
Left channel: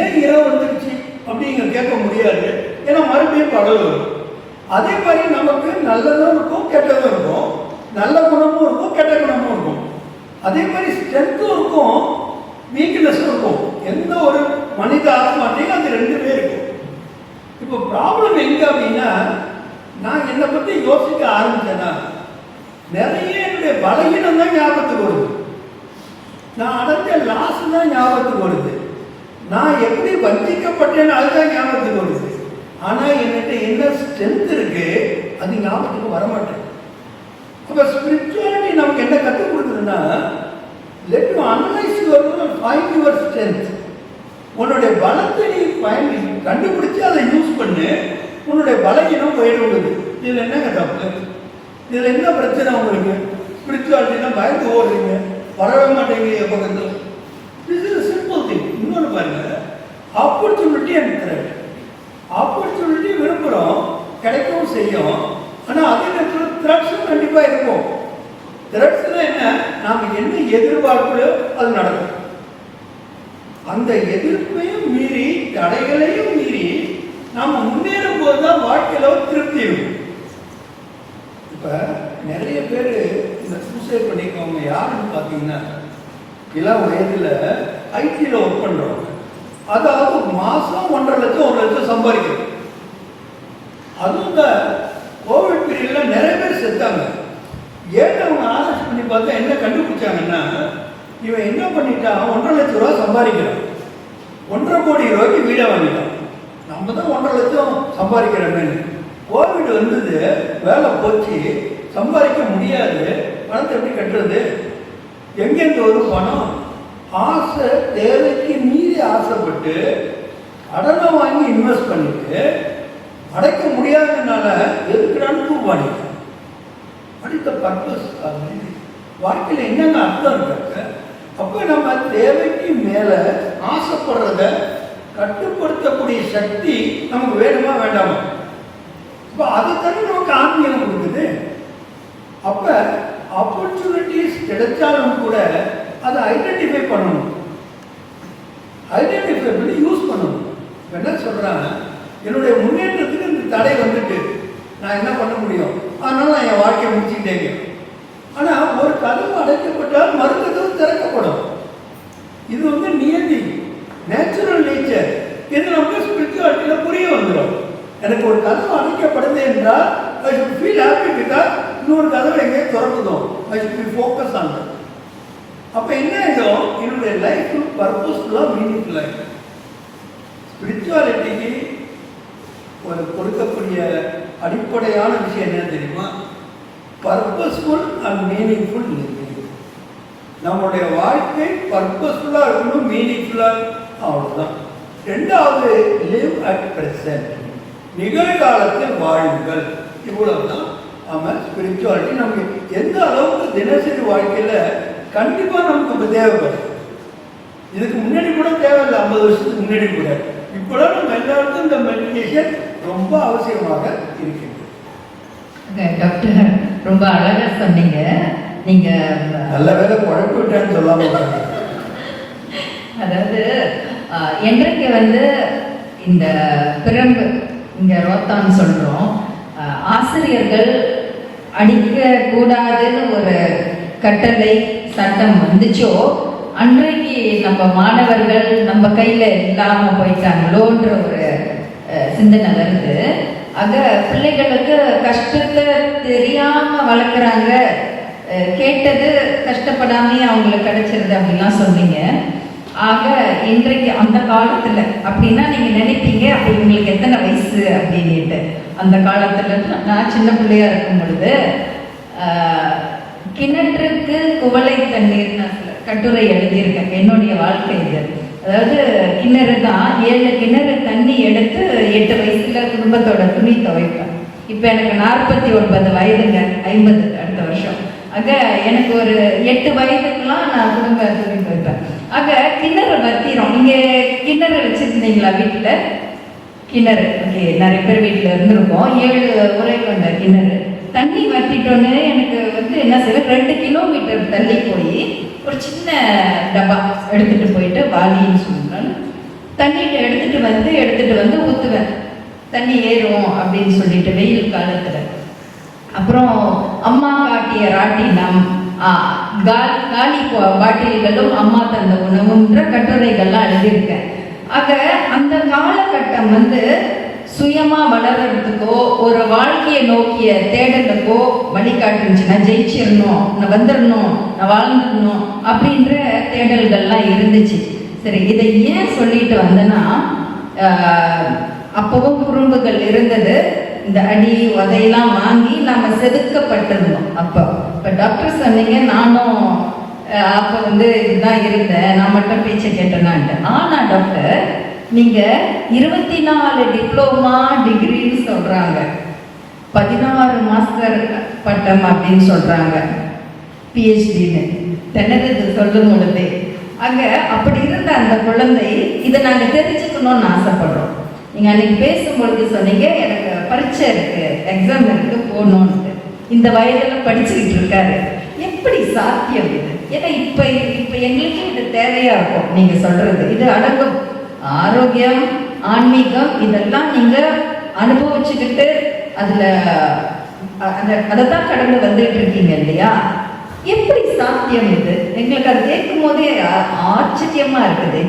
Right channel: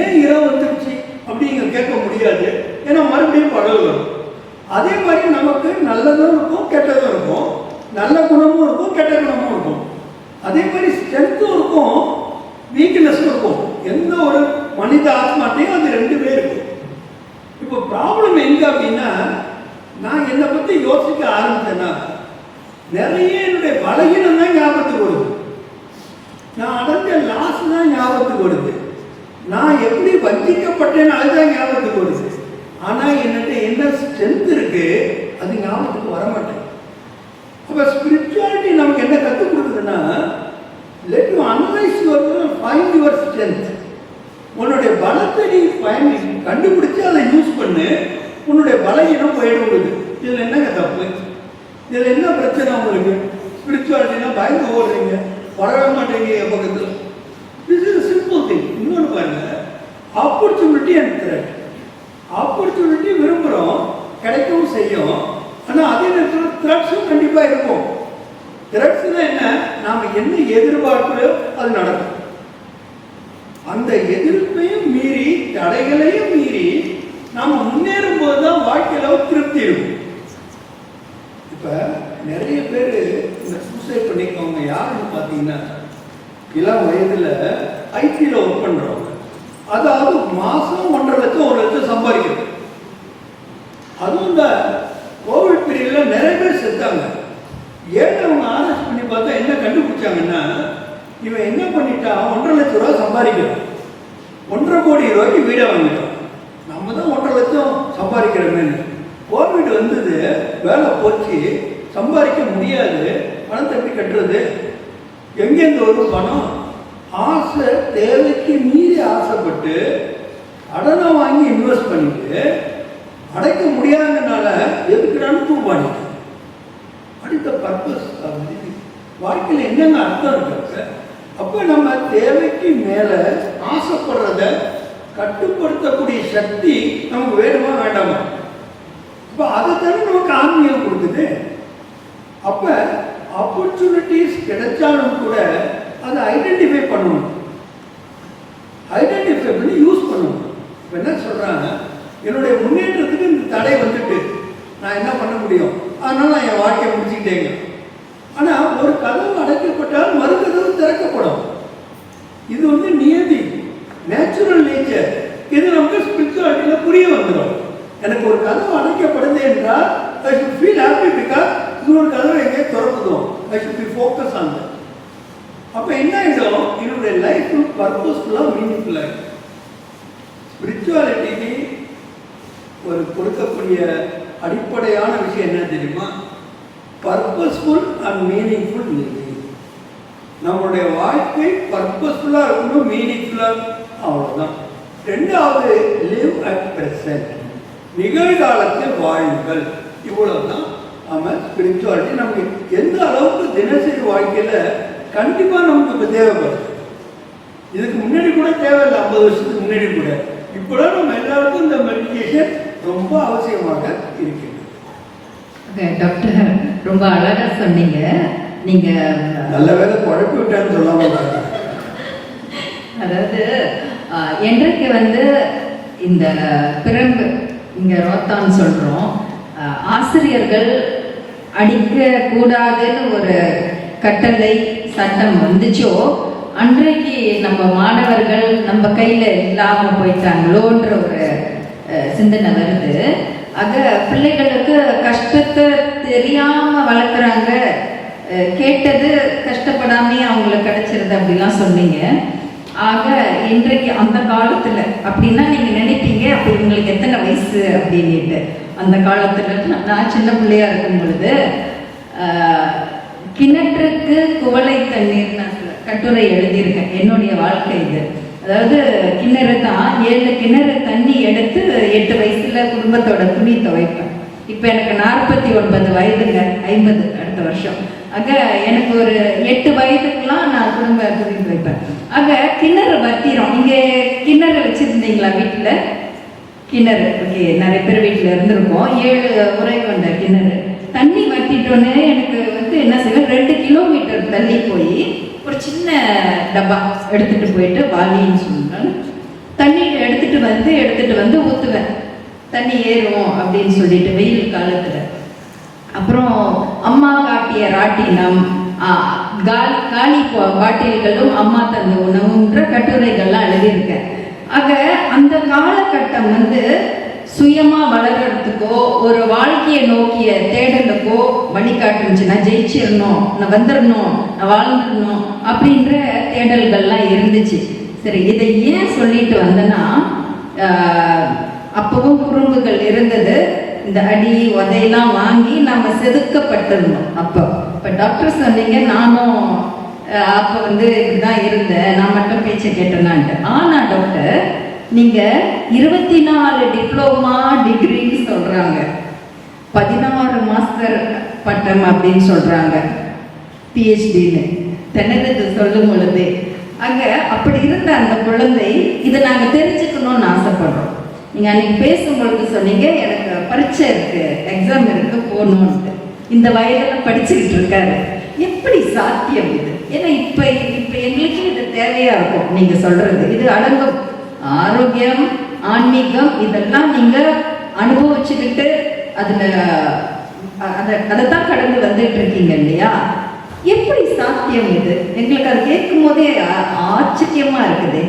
ஏன் இரவு வந்துருச்சு அப்படிங்க கேட்க முடியாது. ஏன்னா மறுபடியும் பகல் வரும். அதே மாதிரி நமக்கு நல்லதும் இருக்கும் கெட்டதும் இருக்கும், நல்ல குணமும் இருக்கும் கெட்ட குணமும் இருக்கும். அதே மாதிரி ஸ்ட்ரென்த்தும் இருக்கும் வீக்னஸும் இருக்கும். எந்த ஒரு மனித ஆத்மாட்டையும் அது ரெண்டுமே இருக்கும். இப்போ ப்ராப்ளம் எங்க அப்படின்னா, நான் என்னை பற்றி யோசிக்க ஆரம்பிச்சேன்னா நிறைய என்னுடைய பலகீனம் தான் ஞாபகத்துக்கு வருது, நான் அடைஞ்ச லாஸ் தான் ஞாபகத்துக்கு வருது, நான் எப்படி வஞ்சிக்கப்பட்டேன்னு அதுதான் ஞாபகத்துக்கு வருது. ஆனால் என்கிட்ட என்ன ஸ்ட்ரென்த் இருக்கு அது ஞாபகத்துக்கு வரமாட்டேன். அப்போ ஸ்பிரிச்சுவாலிட்டி நமக்கு என்ன கற்றுக் கொடுக்குதுன்னா, let you analyze your find your strength. உன்னுடைய பலத்தை நீ கண்டுபிடிச்சு அதை யூஸ் பண்ணு, உன்னுடைய பலகீனம் போயிடுவது. இதில் என்னங்க தப்பு? இதில் என்ன பிரச்சனை உங்களுக்கு? ஸ்பிரிச்சுவாலிட்டினா பயந்து ஓடுறீங்க, வரவே மாட்டேங்க பக்கத்தில். This is simple thing. இன்னொன்று பாருங்க, ஆப்பர்ச்சுனிட்டி அண்ட் த்ரெட். ஆப்பர்ச்சுனிட்டி விரும்புகிறோம், கிடைக்கவும் செய்யும். ஆனால் அதே நேரத்தில் த்ரெட்ஸும் கண்டிப்பாக இருக்கும். த்ரெட்ஸில் என்ன, நாம் என்ன எதிர்பார்க்கிறோ அது நடக்கும். அந்த எதிர்ப்பையும் மீறி தடைகளையும் மீறி நாம் முன்னேறும் போது தான் வாழ்க்கையில் திருப்தி இருக்கும். இப்போ நிறைய பேர் இந்த சூசைட் பண்ணிக்கவங்க யாருன்னு பார்த்தீங்கன்னா, இளம் வயதில் ஐடியில் ஒர்க் பண்ணுறவங்க. அதாவது மாதம் 1.5 லட்சம் 1 லட்சம் சம்பாதிக்கிறது. அதுவும் இந்த கோவிட் பீரியடில் நிறைய பேர் செத்தாங்க. ஏன் அவங்க ஆராய்ச்சி பண்ணி பார்த்தா என்ன கண்டுபிடிச்சாங்கன்னா, இவன் என்ன பண்ணிட்டான், 1.5 லட்சம் ரூபா சம்பாதிக்கிறான், 1.5 கோடி ரூபாய்க்கு வீடை வாங்கிட்டான். நம்ம தான் 1.5 லட்சம் சம்பாதிக்கிறோமே. கோவிட் வந்தது, வேலை போச்சு, சம்பாதிக்க முடியாது, பணத்தை எப்படி கட்டுறது? எங்கேருந்து வரும் பணம்? ஆசை, தேவைக்கு மீறி ஆசைப்பட்டு கடனை வாங்கி இன்வெஸ்ட் பண்ணிட்டு அடைக்க முடியாததுனால எதுக்குறான்னு தூப்பாடிட்டு அடுத்த பர்பஸ் வாழ்க்கையில் என்னென்ன அர்த்தம் இருக்கு? அப்போ நம்ம தேவைக்கு மேலே ஆசைப்படுறத கட்டுப்படுத்தக்கூடிய சக்தி நமக்கு வேணுமா வேண்டாமா? இப்போ அதை தான் நமக்கு ஆன்மீகம் கொடுக்குது. அப்போ ஆப்பர்ச்சுனிட்டிஸ் கிடைச்சாலும் கூட அதை ஐடென்டிஃபை பண்ணணும், ஐடென்டிஃபை பண்ணி யூஸ் பண்ணணும். என்ன சொல்கிறாங்க, என்னுடைய முன்னேற்றத்துக்கு இந்த தடை வந்துட்டு நான் என்ன பண்ண முடியும், அதனால நான் என் வாழ்க்கையை முடிச்சுக்கிட்டேங்க. ஆனால் ஒரு கதவு அடைக்கப்பட்டால் மறு கதவு திறக்கப்படும். இது நியதி, நேச்சுரல் நேச்சர். இது நமக்கு ஸ்பிரிச்சுவாலிட்டியில் புரிய வந்துடும். எனக்கு ஒரு கதவு அடைக்கப்படுது என்றால் I should feel happy because இன்னொரு கதவை எங்கே திறக்குதோம். I should be focus on that. அப்போ என்ன ஆகிடும், என்னுடைய லைஃப் பர்பஸ்ஃபுல்லாக மீனிங்ஃபுல்லாக. ஸ்பிரிச்சுவாலிட்டிக்கு ஒரு கொடுக்கக்கூடிய அடிப்படையான விஷயம் என்ன தெரியுமா? Purposeful and meaningful living. நம்முடைய வாழ்க்கை பர்பஸ்ஃபுல்லாக இருக்கணும், மீனிங்ஃபுல்லாக. அவ்வளோதான். ரெண்டாவது, லிவ் அட் பிரசன்ட், நிகழ்காலத்தில் வாழுங்கள். இவ்வளோதான் நம்ம ஸ்பிரிச்சுவாலிட்டி. நமக்கு எந்த அளவுக்கு தினசரி வாழ்க்கையில் கண்டிப்பாக நமக்கு இப்போ தேவைப்படும். இதுக்கு முன்னாடி கூட தேவையில்லை, 50 வருஷத்துக்கு முன்னாடி கூட. இப்போதான் நம்ம எல்லாருக்கும் இந்த மெடிடேஷன் ரொம்ப அவசியமாக இருக்கிறது. டாக்டர் ரொம்ப அழகாக சொன்னீங்க. நீங்கள் நல்ல வேலை குழப்பி விட்டான்னு சொல்லாமல், அதாவது என்றைக்கு இந்த பிறகு இங்கே ரோத்தான் சொல்கிறோம், ஆசிரியர்கள் அடிக்க கூடாதுன்னு ஒரு கட்டளை சட்டம் வந்துச்சோ அன்றைக்கு நம்ம மாணவர்கள் நம்ம கையில் இல்லாமல் போயிட்டாங்களோன்ற ஒரு சிந்தனை வருது. ஆக பிள்ளைகளுக்கு கஷ்டத்தை தெரியாமல் வளர்க்குறாங்க, கேட்டது கஷ்டப்படாமையே அவங்களுக்கு கிடைச்சிருது அப்படின்லாம் சொன்னீங்க. ஆக இன்றைக்கு அந்த காலத்தில் அப்படின்னா நீங்கள் நினைப்பீங்க, அப்போ உங்களுக்கு எத்தனை வயசு அப்படின்ட்டு. அந்த காலத்தில் நான் சின்ன பிள்ளையா இருக்கும் பொழுது கிணற்றுக்கு குவளை தண்ணீர் நான் கட்டுரை எழுதியிருக்கேன். என்னுடைய வாழ்க்கை இது. அதாவது கிணறு தான், 7 கிணறு தண்ணி எடுத்து 8 வயசுல குடும்பத்தோட துணி துவைப்பேன். இப்போ எனக்கு 49 வயதுங்க, 50 அடுத்த வருஷம். ஆக எனக்கு ஒரு 8 வயதுக்கெல்லாம் நான் குடும்ப துணி துவைப்பேன். ஆக கிணறு வத்திரும். நீங்க கிணறு வச்சிருந்தீங்களா வீட்டில்? கிணறு ஓகே, நிறைய பேர் வீட்டில் இருந்திருக்கோம். 7 உரை கொண்ட கிணறு. தண்ணி வத்திட்டோன்னு எனக்கு என்ன செய்வேன், 2 கிலோமீட்டர் தள்ளி போய் ஒரு சின்ன டப்பா எடுத்துட்டு போயிட்டு வாலின்னு சொன்னாங்க. தண்ணி எடுத்துட்டு வந்து ஊற்றுவேன். தண்ணி ஏறும் அப்படின்னு சொல்லிட்டு வெயில் காலத்துல. அப்புறம் அம்மா காட்டிய ராட்டினம், காலி பாட்டில்களும் அம்மா தந்த உணவுன்ற கட்டுரைகள்லாம் எழுதியிருக்கேன். ஆக அந்த காலகட்டம் வந்து சுயமா வளர்றதுக்கோ ஒரு வாழ்க்கையை நோக்கிய தேடலுக்கோ வழிகாட்டுச்சு. நான் ஜெயிச்சிடணும், நான் வந்துடணும், நான் வாழ்ந்துடணும் அப்படின்ற தேடல்கள்லாம் இருந்துச்சு. சரி, இதை ஏன் சொல்லிட்டு வந்தேன்னா, அப்பவும் குறும்புகள் இருந்தது. இந்த அடி உதையெல்லாம் வாங்கி நாம செதுக்கப்பட்டிருந்தோம். அப்போ டாக்டர் சொன்னீங்க, நானும் அப்போ வந்து இதுதான் இருந்தேன், நான் மட்டும் பேச்சை கேட்டேனான்ட்டு. ஆனா டாக்டர், நீங்க 24 டிப்ளோமா டிகிரின்னு சொல்றாங்க, 16 மாஸ்டர் பட்டம் அப்படின்னு சொல்றாங்க, பிஹெச்டின்னு தென்னது சொல்லும் பொழுது அங்க அப்படி இருந்த அந்த குழந்தை இதை நாங்க தெரிஞ்சுக்கணும்னு ஆசைப்படுறோம். நீங்க அன்னைக்கு பேசும்பொழுது சொன்னீங்க, எனக்கு பரீட்சை இருக்கு, எக்ஸாம் இருக்கு, போகணும்னு. இந்த வயதுல படிச்சுக்கிட்டு இருக்காரு. எப்படி சாத்தியம் இது? ஏன்னா இப்ப எங்களுக்கு இது தேவையா இருக்கும். நீங்க சொல்றது இது அடங்கும். ஆரோக்கியம், ஆன்மீகம் இதெல்லாம் நீங்க அனுபவிச்சுக்கிட்டு அதுல அதைத்தான் கடந்து வந்துட்டு இருக்கீங்க இல்லையா? எப்படி சாத்தியம் இது? எங்களுக்கு அது கேட்கும் போதே ஆச்சரியமா இருக்குது.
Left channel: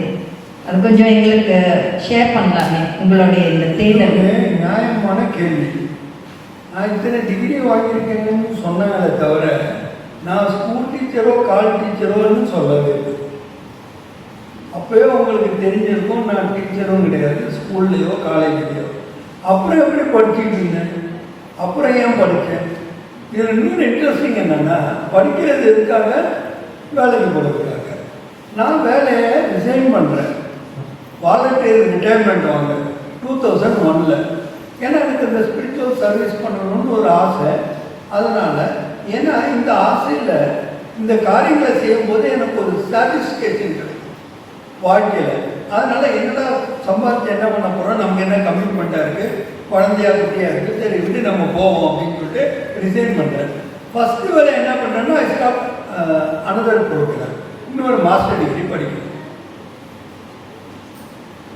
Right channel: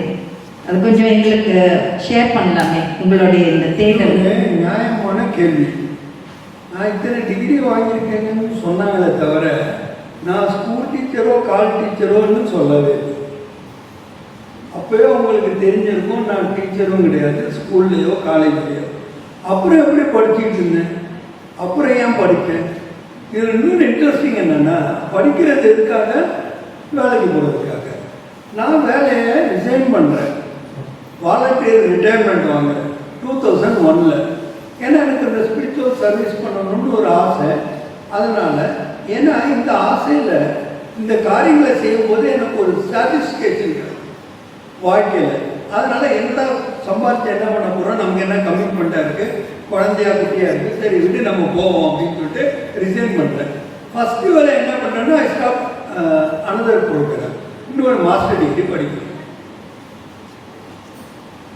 அது கொஞ்சம் எங்களுக்கு ஷேர் பண்ணலாமே, உங்களுடைய இந்த தேடல். நியாயமான கேள்வி. நான் இத்தனை டிகிரி வாங்கியிருக்கேன்னு சொன்னாங்களே தவிர நான் ஸ்கூல் டீச்சரோ கால் டீச்சரோன்னு சொல்லவே. அப்போயே உங்களுக்கு தெரிஞ்சிருக்கும் நான் டீச்சரும் கிடையாது, ஸ்கூல்லையோ காலேஜ்லையோ. அப்புறம் எப்படி படிச்சுட்டு இருந்தேன், அப்புறம் ஏன் படித்தேன்? இதில் இன்னொரு இன்ட்ரெஸ்டிங் என்னென்னா, படிக்கிறது எதுக்காக? வேலைக்கு போகிறதுக்காக. நான் வேலையை ரிசைன் பண்ணுறேன், வாலண்டியர் ரிட்டையர்மெண்ட் வாங்க 2001. ஏன்னா எனக்கு இந்த ஸ்பிரிச்சுவல் சர்வீஸ் பண்ணணும்னு ஒரு ஆசை. அதனால் ஏன்னா இந்த ஆசையில் இந்த காரியங்களை செய்யும்போது எனக்கு ஒரு சாட்டிஸ்ஃபேக்ஷன் கிடைக்கும் வாழ்க்கையில். அதனால் என்னடா சம்பாதிச்சு என்ன பண்ண போகிறோம், நமக்கு என்ன கமிட்மெண்ட்டாக இருக்குது, குழந்தையா குட்டியாக இருக்குது, சரி விட்டு நம்ம போவோம் அப்படின்னு சொல்லிட்டு ரிசைன் பண்ணுறேன். ஃபஸ்ட்டு வேலை என்ன பண்ணேன்னா, ஐ ஸ்டாப் அனதர் ப்ரோக்ராம், இன்னொரு மாஸ்டர் டிகிரி படிக்கணும்.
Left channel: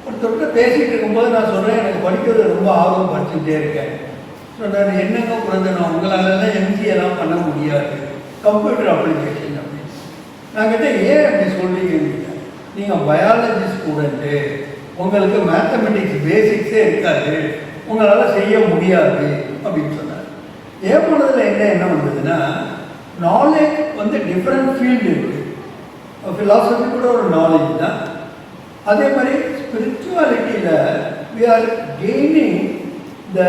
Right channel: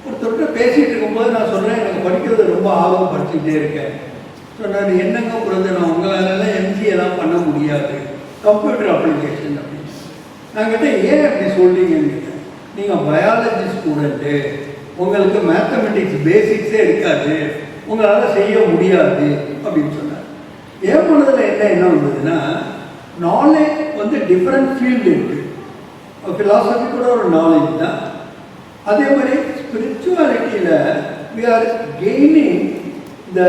ஒருத்தர்கிட்ட பேசிகிட்டு இருக்கும்போது நான் சொல்கிறேன், எனக்கு படிக்கிறது ரொம்ப ஆர்வம், படிச்சுக்கிட்டே இருக்கேன். சொன்னார், என்னங்க பிறந்த நான் உங்களாலெல்லாம் எம்சிஏலாம் பண்ண முடியாது, கம்ப்யூட்டர் அப்ளிகேஷன் அப்படின்னு. நான் கிட்ட ஏன் அப்படி சொல்கிறீங்க? நீங்கள் பயாலஜி ஸ்டூடெண்ட்டு, உங்களுக்கு மேத்தமெட்டிக்ஸ் பேசிக்ஸே இருக்காது, உங்களால் செய்ய முடியாது அப்படின்னு சொன்னார். ஏன் பண்ணதில் என்ன வந்ததுன்னா, நாலேஜ் வந்து டிஃப்ரெண்ட் ஃபீல்டு இருக்குது. ஃபிலாசபி கூட ஒரு நாலேஜ் தான். அதே மாதிரி ஸ்பிரிச்சுவாலிட்டியில் we are gaining the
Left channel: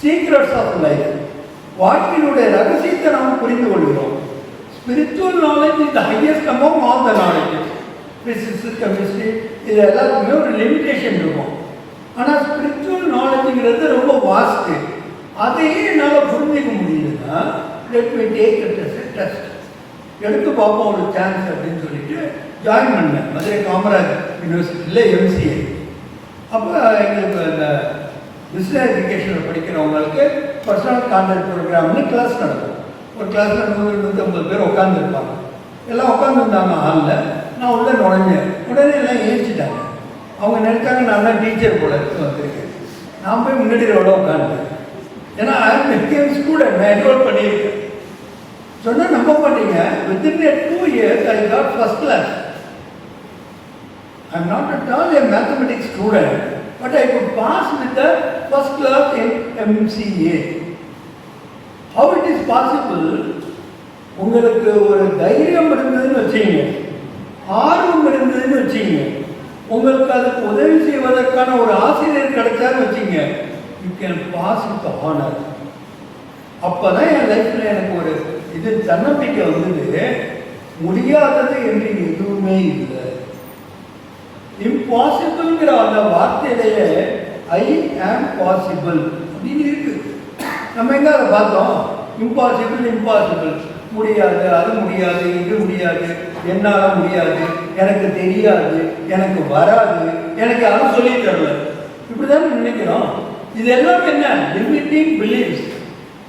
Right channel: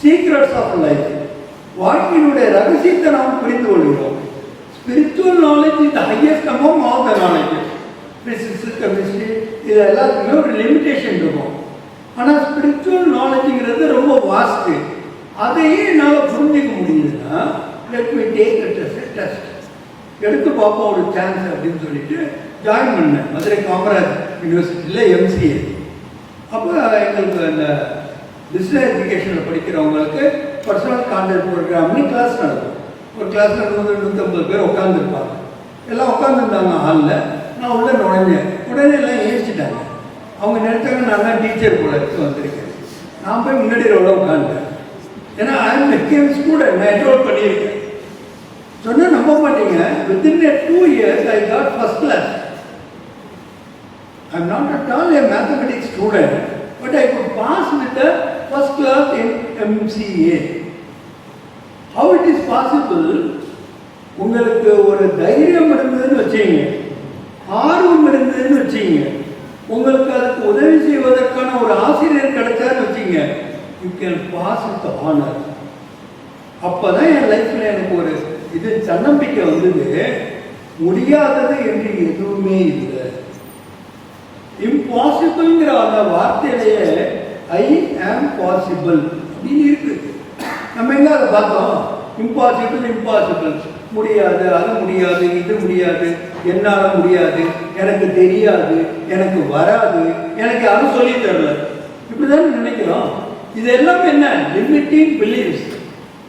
secrets of life. வாழ்க்கையினுடைய ரகசியத்தை நாம் புரிந்து கொள்கிறோம். Spiritual knowledge is the highest among all the knowledge. Physics, chemistry இது எல்லாத்துக்குமே ஒரு லிமிட்டேஷன் இருக்கும். ஆனால் ஸ்பிரிச்சுவல் நாலேஜுங்கிறது ரொம்ப வாஸ்ட்டு. அதையே என்னால் புரிஞ்சிக்க முடியுதுன்னா, லெட் மீ டேக் டெஸ்ட் எடுத்து பார்ப்போம் ஒரு சான்ஸ் அப்படின்னு சொல்லிட்டு ஜாயின் பண்ணேன் மதுரை காமராஜ் யூனிவர்சிட்டியில் எம்சிஏ. அப்போ எங்களுக்கு அந்த பிஸ்னஸ் எஜுகேஷனில் படிக்கிறவங்களுக்கு பர்சனல் கான்டாக்ட் ப்ரோக்ராம்னு கிளாஸ் நடக்கும். ஒரு கிளாஸில் 100-150 பேர் உட்காந்துருப்பாங்க. எல்லாம் உட்காந்துருந்தாங்க ஹாலில். நான் உள்ள நுழைஞ்சேன். உடனே எல்லாம் ஏசிட்டாங்க. அவங்க நினைச்சாங்க நான் தான் டீச்சர் கூட எடுத்து வந்திருக்கேன். நான் போய் முன்னாடி எவ்வளோ உட்காந்தேன். ஏன்னா ஐ ஸ்டூடெண்ட் நான் என்ரோல் பண்ணியிருக்கேன். சொன்னால் நம்ப மாட்டீங்க, within 2 years I got first class. I am not at all a mathematics student, but I could pass with the first class in MCA. How it is possible? உங்களுக்கு ஒரு தைரியம் இருந்ததுன்னு வச்சீங்க, ஆர்வம் இருந்ததுன்னு வச்சீங்க, உங்களுக்கு அதுக்கு உதவி செய்வதற்கான ஒரு ஆசிரியர் கிடைச்சான்னு வச்சீங்க, you can pass with honor. அப்போதான் என் லைஃப்பில் எனக்கு ஒரு இது தன்னம்பிக்கை வந்தது. முடியாதது என்று எதுவுமே இல்லை. இம்பாசிபிள்ங்கிற அந்த வார்த்தையிலேயே ஐ ஆம் பாசிபிள் அப்படின்னு இருக்கு. நம்ம எங்க அதை பார்த்தோம்? இம்பாசிபிள், முடியாது, அது முடியாது, இது முடியாது, என்னால் முடியாது, எனக்கு தெரியாது, எனக்கு வராது, எனக்கு அதை சொல்லி தரல, இப்படிதான் நினைக்கிறோம். இதெல்லாம் என்ன? Limiting beliefs.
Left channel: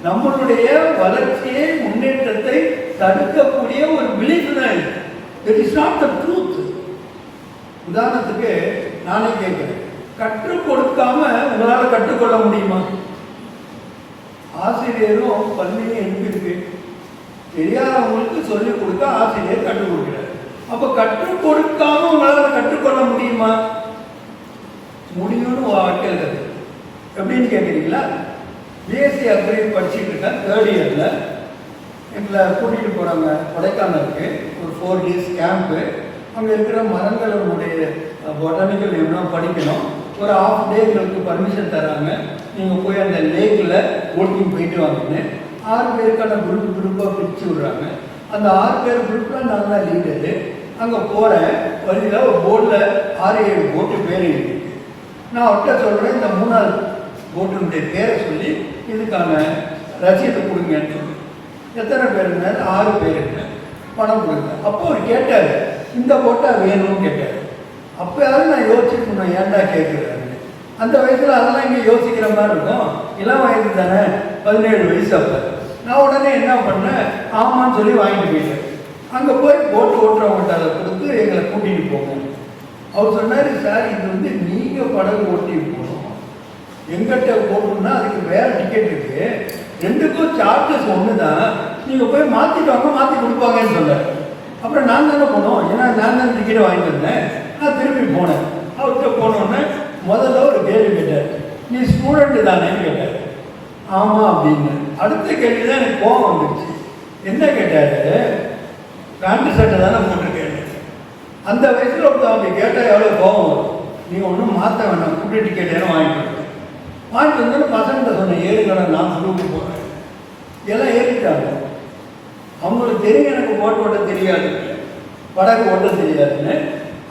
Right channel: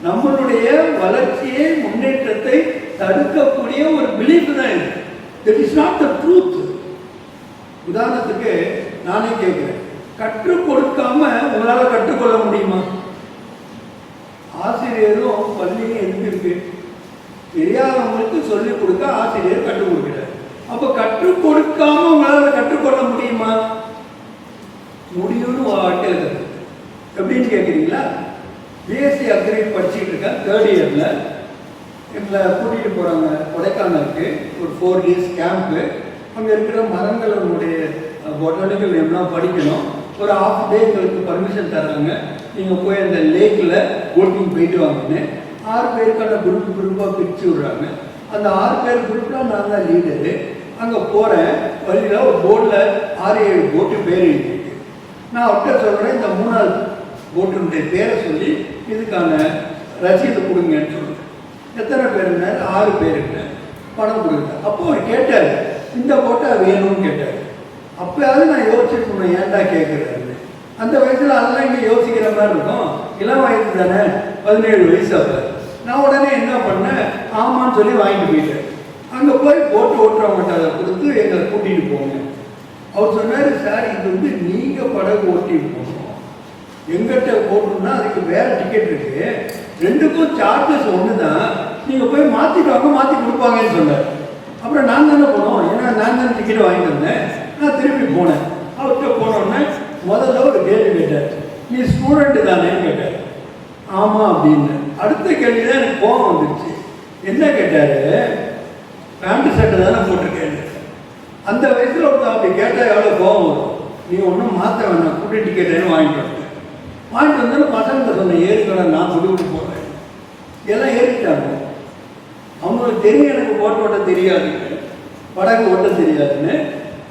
நம்மளுடைய வளர்ச்சியை, முன்னேற்றத்தை தடுக்கக்கூடிய ஒரு பிலீஃப் தான் இருக்கு. That is not the truth. உதாரணத்துக்கு நானே கேட்கிறேன், கற்றுக் கொடுக்காம உங்களால் கற்றுக்கொள்ள முடியுமா? ஆசிரியரும் பள்ளியும் இருக்கு, தெரியாதவங்களுக்கு சொல்லிக் கொடுக்க ஆசிரியர் கற்றுக் கொடுக்கிறார். அப்ப கற்றுக் கொடுக்காம உங்களால் கற்றுக்கொள்ள முடியுமா? முடியும்னு வாழ்க்கையில் கற்று எப்படின்னு கேட்குறீங்களா? பிஎஸ்சி அக்ரி படிச்சுட்டு இருக்கேன், 3rd இயரில். எங்களை கூட்டிகிட்டு போகிறாங்க கொடைக்கானலுக்கு, ஒரு 4 days கேம்ப்பு. அங்கே இருக்கிற மரங்களுடைய பொட்டானிக்கல் என்ன படிக்கணும். ஒரு ½ day எங்களுக்கு பர்மிஷன் தராங்க, நீங்கள் போய் அந்த லேக்கில் போட்டிங் போயிட்டு வாங்கினு. 6 பேருக்கான குரூப்பாக பிரித்து விட்றாங்க. அந்த 6 பேர் குரூப்பாக நான் தான் லீடரு. அங்கே போகிறேன், வழியில் ஒரு போட்டில் 6-7 போட்டு பேர் எழுதிருக்கு. நான் அவர்கிட்ட சொல்கிறேன், இந்த 3வது போட்டுடைய பேரை சொல்லி இதுக்கான ரசீது கொடுங்கன்னு சொல்லி. எத்தனை பேருங்க? 6 பேருங்க. பணம் கொடுங்க. அப்போ அவர் கேட்டார், இந்த போட்டா வேணும்னு கேட்டார். அப்போயாவது நான் யோசிச்சுட்டு ஏன்டா கேட்குறாரு. அந்த வயசில் அதெல்லாம் இங்கே யோசிக்கிற மாதிரி இருக்கும். இளம் வயசு தானே, 17 வயசு. அப்போ நான் உடனே என்ன பண்ணேன், ஆமான்னு சொல்லி வாங்கிட்டு போயிட்டேன். அங்கே போய் போட்டு ஓட்டுறவங்கள்ட்ட அதை கொடுத்து எங்களை கூட்டிகிட்டு போங்க. அவர் சொன்னார், சார் இது வந்து நீங்கள் படகு ஓட்டி போகணும், எங்கிட்ட போகணுன்னா அதுக்கு வேறு டிக்கெட் இருக்குது, 2க்கும் சார்ஜஸ் ஒன்று தான், நீங்கள் போய் மாற்றிட்டு வாங்க, மாற்றி கொடுப்பாங்கன்னு சொன்னார். அப்புறம் நான் தானே போனோம், ஏன்னா நான் தானே டிக்கெட் வாங்கிட்டு வந்தேன். நான் திருப்பி போனேன். அவர்கிட்ட போனோடனே முதல்ல ஒரு கேள்வி கேட்டார், நீ ஸ்டூடெண்ட்டு தானேன்னு கேட்டார். ஆமாம் அப்படின்னு. அடுத்த கேள்வி தான் எனக்கு கோபம் வந்துடுச்சு. என்ன கேட்டார், பேண்ட் சட்டை தானே போட்டிருக்கேன். அந்த வயசில் ஒரு அப்படி கேட்டால் எவ்வளோ கோபம் வரும். நீங்கள் ஒன்றும் மாற்ற வேணாம், கூட்டி டிக்கெட்டுன்னு வாங்கிட்டு வந்து பசங்க சொன்ன ஏறிக்கடை நான் கொடுக்க போகிறேன். எல்லாம் ஏறிட்டாங்க. அவங்களுக்கு தெரியும் எனக்கு ஓட்ட தெரியாது, படகு ஓட்ட தெரியாதுன்னு.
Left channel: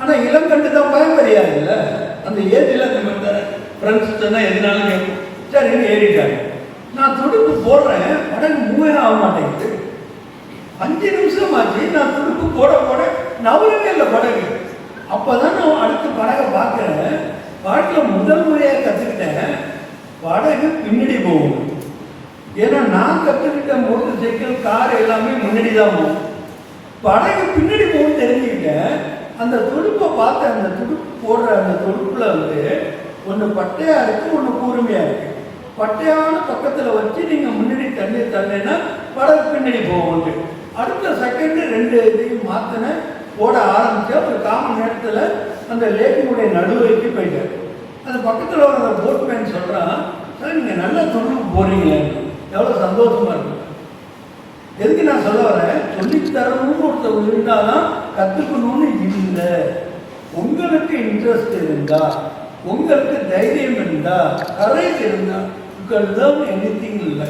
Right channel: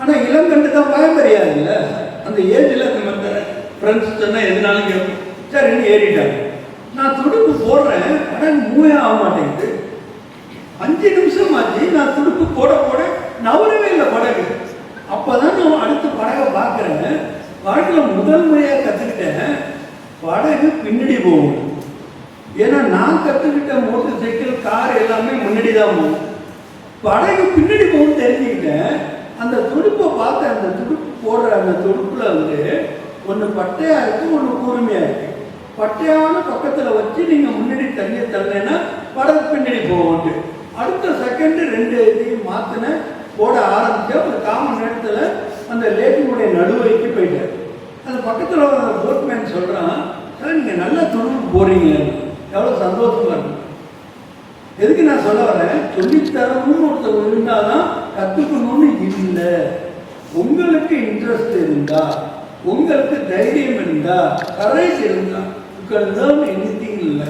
ஆனால் இளங்கண்டு தான் பயம் தெரியாதுல்ல. அந்த ஏஜில் அந்த ஃப்ரெண்ட்ஸ் சொன்னால் எதுனாலும் கேட்கும். சரின்னு ஏறிட்டாங்க. நான் துடுப்பு போடுறேன், படகு மூவே ஆக மாட்டேங்குது. 5 நிமிஷம் ஆச்சு. நான் துடுப்பு போட நவரவே இல்லை படகு. அப்போ தான் நான் அடுத்த படகை பார்க்குறேன். வாழ்க்கையில் முதல் முறையாக கற்றுக்கிட்டேன், படகு பின்னாடி போகும். ஏன்னா நான் கற்றுக்கிட்ட மோட்டர் சைக்கிள், கார் எல்லாமே முன்னாடி தான் போகும். படகு பின்னாடி போகும் தெரிஞ்சுக்கிட்டேன். அந்த துடுப்பை பார்த்து, அந்த துடுப்பு போடுற அந்த துடுப்பில் வந்து ஒன்று பட்டையாக இருக்குது, ஒன்று கூர்மையாக இருக்குது. பட்டையான பக்கத்தில் வச்சு நீங்கள் முன்னாடி தண்ணி தள்ளினா படகு பின்னாடி போவோம். அடுத்த செகண்டு 2 இதையும் மாற்றினேன், போட ஆரம்பித்தேன். ஒரு 1/4 மணி நேரத்தில் அந்த லேக்கினுடைய நடுவரைக்கு போயிட்டேன். அந்த பக்கத்தில் ஒரு போட்மேன் சொல்கிறான், சார் நீங்கள் நல்லா துடுப்பு போகிறீங்க, எவ்வளோ சந்தோஷமாக இருக்கும். எதுக்கு நான் சொல்ல வரேன், சொல்லித்தரணும்னு ஒருத்தர் இருந்தால் தான் கற்றுக்கணும்னு இல்லை. உங்களுக்கு இன்ட்ரெஸ்ட் இருந்தால், உங்களுக்கு தைரியம் இருந்தால், கரேஜ் இருந்தால், லேர்ன் எனிதிங் இல்லை.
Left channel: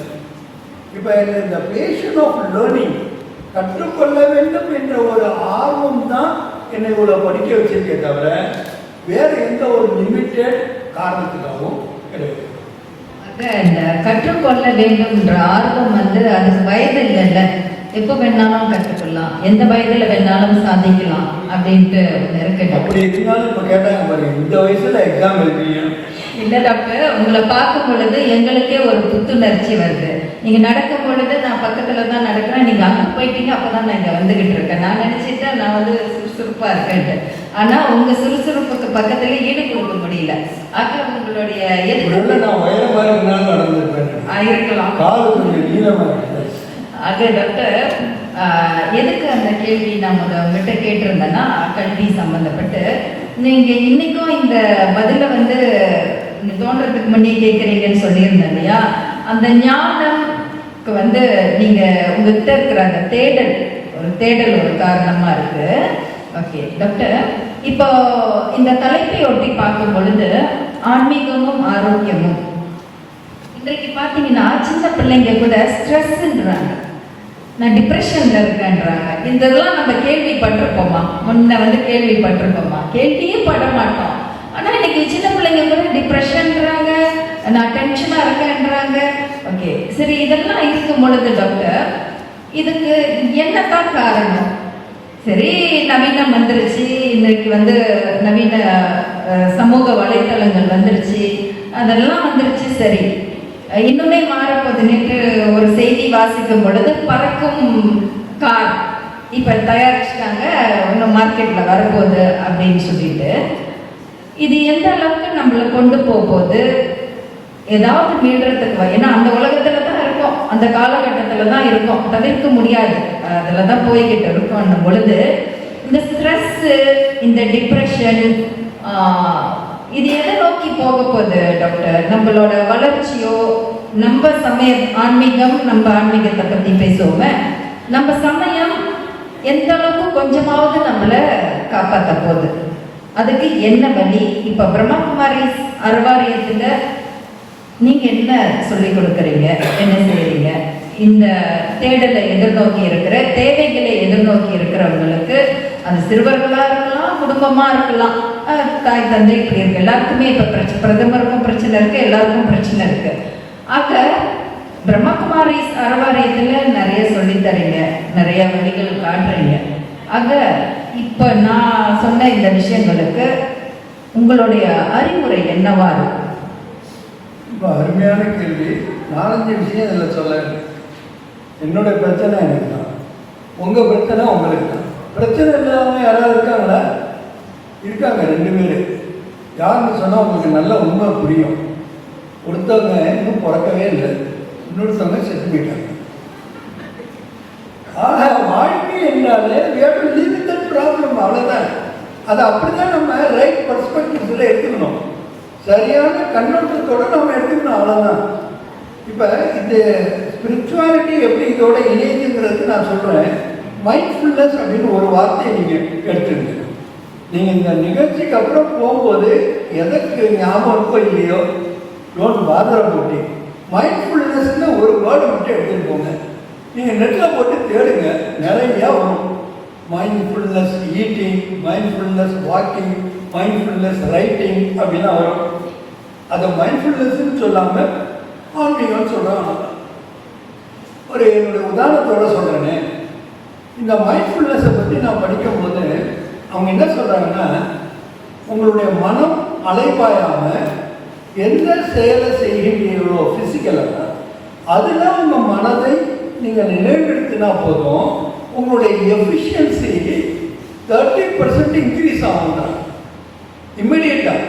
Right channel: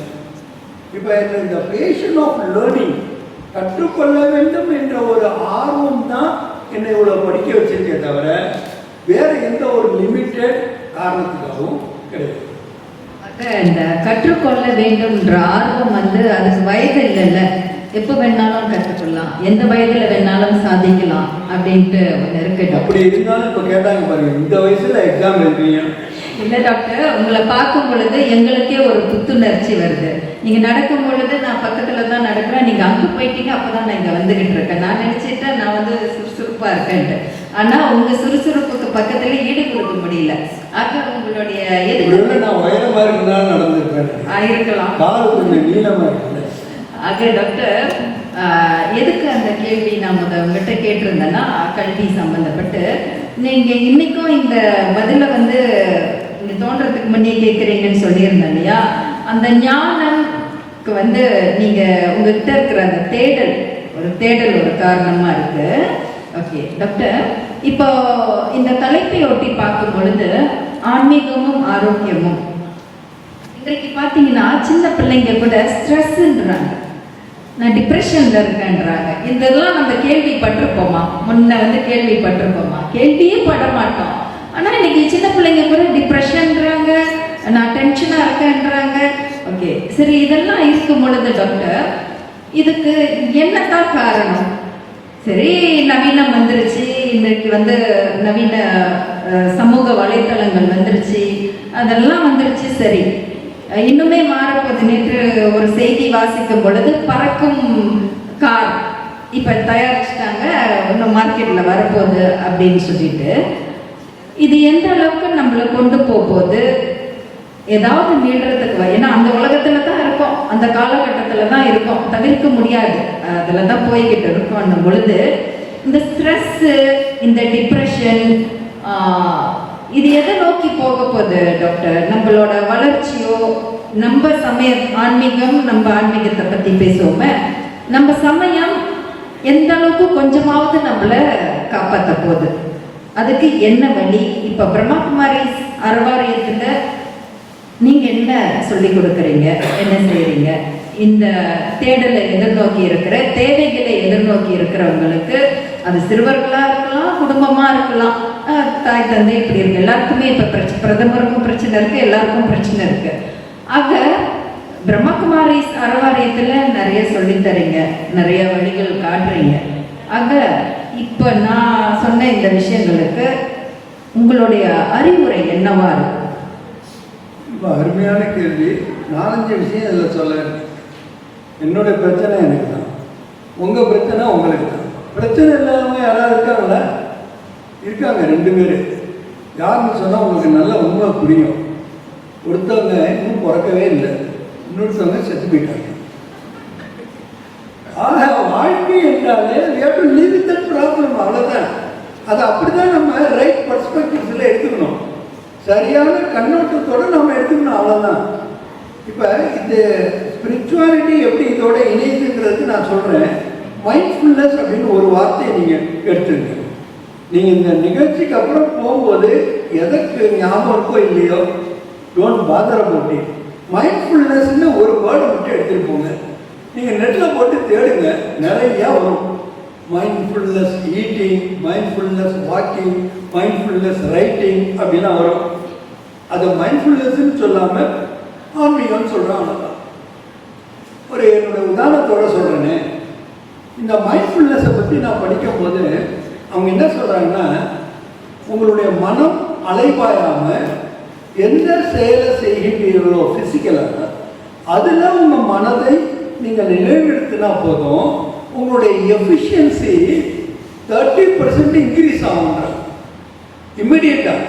இப்போ இந்த பேஷன் ஆஃப் லேர்னிங், கற்றுக்கொள்ள வேண்டும் என்ற ஒரு ஆர்வம் தான் என்னை இவ்வளோ படிக்க வச்சிருக்கே தவிர வேறு எந்த ஒரு லிமிட்டட் காரணத்துக்காகவும் கிடையாது. இந்த கற்றுக்கொள்ள வேண்டும்ன்ற ஆர்வம் வந்து அதுக்கு வயது இல்லைல்ல, எப்போ வேணாலும் கற்றுக்கொள்ளலாம், எந்த வயதில் வேணாலும் சாதிக்கலாம் அப்படின்ட்டு ஒன்று இருக்குது. அப்படி இருந்தாலும் இப்போ கேட்டாங்க பாருங்க, இந்த வயசுல எக்ஸாம் எழுதுறீங்க. இல்லை டாக்டர், உங்களை பார்க்கும் பொழுது எங்களுக்கே ஒரு புத்துணர்ச்சி வருது. நீங்கள் நடக்கும் பொழுது நான் பக்கத்தில் தான் நடக்கிறேன், நீங்கள் அங்கே போயிட்டீங்க, அப்போ தான் நான் இங்கே வந்துக்கிட்டு இருக்கேன். நான் நினச்சிட்டேன் நான் வந்து சுறுசுறுப்பாக இருக்கேன்ட்டு. ஆனால் உங்கள் சுறுசுறுப்புக்கு பக்கத்துலேயே ஈடு கொடுக்க முடியல. ஆக உங்களுடைய எதுக்கு நான் உயரமாக இருந்தாலும் நடந்துருக்கேன் இருக்கலாம். ஆக டாக்டர், எதுக்கு அந்த கேள்வி நான் உங்கள்கிட்ட கேட்டிருந்தேன்னா, கல்வி சம்மந்தப்பட்டு நீங்கள் இன்னைக்கும் இந்த பதிலை வந்து தோன்றதுக்கு முன்னே கேட்குறீங்கன்னு சொல்லியிருந்தேன் இல்லையா? அந்த ஞானம்க்கு வந்து நீங்கள் உங்கள்கிட்ட இருக்கிற அந்த தேடல் ஒரு காரணமாக இருக்கு. ஓகே டாக்டர், இப்போ இந்த தலைப்பை ஒட்டி பார்க்கும் பொழுது ஆன்மீகமும் ஆரோக்கியமும், இன்றைக்கு பார்த்தீங்கன்னா சின்ன பிள்ளைங்க கூட ஸ்ட்ரெஸ்ன்றாங்க, நான் டிப்ரெஷன்ல இருக்கேன்றாங்க. இதெல்லாம் நம்ம கேள்விப்பட்டிருப்போமா? முன்ன வந்து கேள்விப்பட்டிருப்போமா? கேள்வியே பட மாட்டோம். ஆனால் இன்னைக்கு சின்ன பிள்ளைங்க கூட டிப்ரெஷன்றாங்க, நான் டென்ஷனாக இருக்கேன்றாங்க. ஓகே சரி, இதெல்லாம் இருக்கும் பொழுது டாக்டர், இதுக்கு என்னதான் காரணம்? சரி, நவீனம் வந்துருச்சு, இன்னைக்கு வந்து நவீன சமூக வலைத்தளங்கள் வந்துருச்சு, அதெல்லாம் வந்துருச்சு. சரி, இன்னுமே மாறப்போது. நேற்று ஒரு செய்தி வாசிக்கும் பொழுது பறக்கும் கார் இப்ப தயாரிச்சுட்டாங்க, ஒன்று மார்க்கெட்டில் வரப்போகுது அப்படின்னு சொல்லிட்டு இது எந்த அளவுக்கு நம்மளை கொண்டு போகுது, ஏதாவது மீள்றதுக்கு ஏன்னா அந்த உலகத்துல தான் இருக்கோம், அந்த காலகட்டத்தில் தான் இருக்கோம், தவிர்க்க முடியாது, அதில் தான் போய்கிட்டு இருக்கோம். அந்த பொழுது இந்த ஸ்ட்ரெஸ்ஸு, இந்த டிப்ரெஷன், இது எதை நோக்கி போக போகுது டாக்டர்? நம்மளோட வளர்ச்சியோ, நம்ம சமயம் ஆன்மீகம், நம்ம ஆன்மீகத்தை பற்றி பேசுவோமே, நம்ம சமயம் எந்த அளவுக்கு கொஞ்சமாவது நம்மளை காப்பாற்ற போகுது, அதுக்கு என்ன வழி? இப்போ பிரம்மாகுமாரி அறவாரியத்துல நீங்க என்ன சொல்லி கொடுக்குறீங்க, என்ன செய்யறீங்க? இந்த தேடலை எதிர்நோக்கி இருக்கிற, தேவைகளை எதிர்நோக்கி இருக்கிறவங்களுக்கு, அது சிறுவர்களா இருக்கலாம், குடும்பமா இருக்கலாம், தாய் தந்தை இப்படி இருக்கு, எல்லாருக்குமே இப்ப பிரதமருக்கும் பிரச்சனை இருக்கு, எல்லாருக்கும் பிரச்சனை இருக்கு. ஆக பிரம்மகுமாரி அறவாரியத்துல நிறைய சொல்லித்தரீங்க, நிறைய வழிகள் காட்டுறீங்க. ஆக இப்ப நான் சொன்ன இந்த விஷயங்களுக்கு உங்களுடைய அறிவுரை என்னவா இருக்கு? இப்போ அருமையான கேள்வி. 4-5 விஷயம் இதில் சொல்ல. என்னோட பிரச்சனை எனக்கு தான், உங்கள் பிரச்சனை உங்களுக்கு தான். பிரச்சனை இல்லாதவங்க யாராவது இருக்காங்களா? இருக்காங்க, 2 பேர். யாருன்னு சொன்னால் உங்களுக்கு நல்ல உண்மை புரியும். ஒருத்தவங்க இன்னும் பிறக்கவே இல்லை, இன்னொருத்தவங்க செத்து போயிட்டாங்க. ஆக வாழ்க்கை என்றாலே லிமிட்டட் ப்ராப்ளம், அவ்வளோதான். அதை அப்படிதான் நம்ம ரைட் பர்ஸ்பெக்டிவ்ஸில் எடுத்துக்கணும், சரியான கண்ணோட்டத்தோடு நம்ம எடுத்துக்கணும், அவ்வளோதான். இப்போ இந்த ஸ்பிரிச்சுவாலிட்டி எப்படி இதோட இணைந்துங்கிறது நான் சொல்கிறேன். மைண்ட்ஃபுல்னஸ் அப்படின்னு ஒரு வார்த்தையை நீங்கள் எடுத்துங்க. நீங்கள் இந்த நிகழ்ச்சிக்கு அப்புறம் போகும்போது எதற்கு ஞாபகம் இருக்கோ இல்லையோ, டோன்ட் பாதர் போட்டி மைண்ட்ஃபுல்னஸ்ன்னு ஒரு வேர்டை மட்டும் எடுத்துகிட்டு போங்க. நீங்கள் நெட்டில் போட்டு தேடுங்க, நிறையா வரும். Mindfulness eating, mindfulness walking, mindfulness writing அப்படிலாம் வரும். அதை மைண்ட்ஃபுல்னஸ்ன்னு சொல்லாமல் ஆன்மீகம்னு சொல்கிறாங்க. ஒரு என்னோட உதாரணத்தோட சொல்கிறேனே, இந்த மைண்ட்ஃபுல்னஸை பற்றி நான் படிக்கும்போது அவங்க என்ன சொல்கிறாங்கன்னா, உங்களுடைய மனம் அலைபாயாமல் எந்த செயலை செய்கின்றீர்களோ ஃபிசிக்கலாக, அதில் உங்கள் மனதை நீங்கள் நினைவுறுத்தினா போதும், உங்களுடைய எஃபிஷியன்சி 30% இன்க்ரீஸ் ஆகும். இம்மிடியட்டாக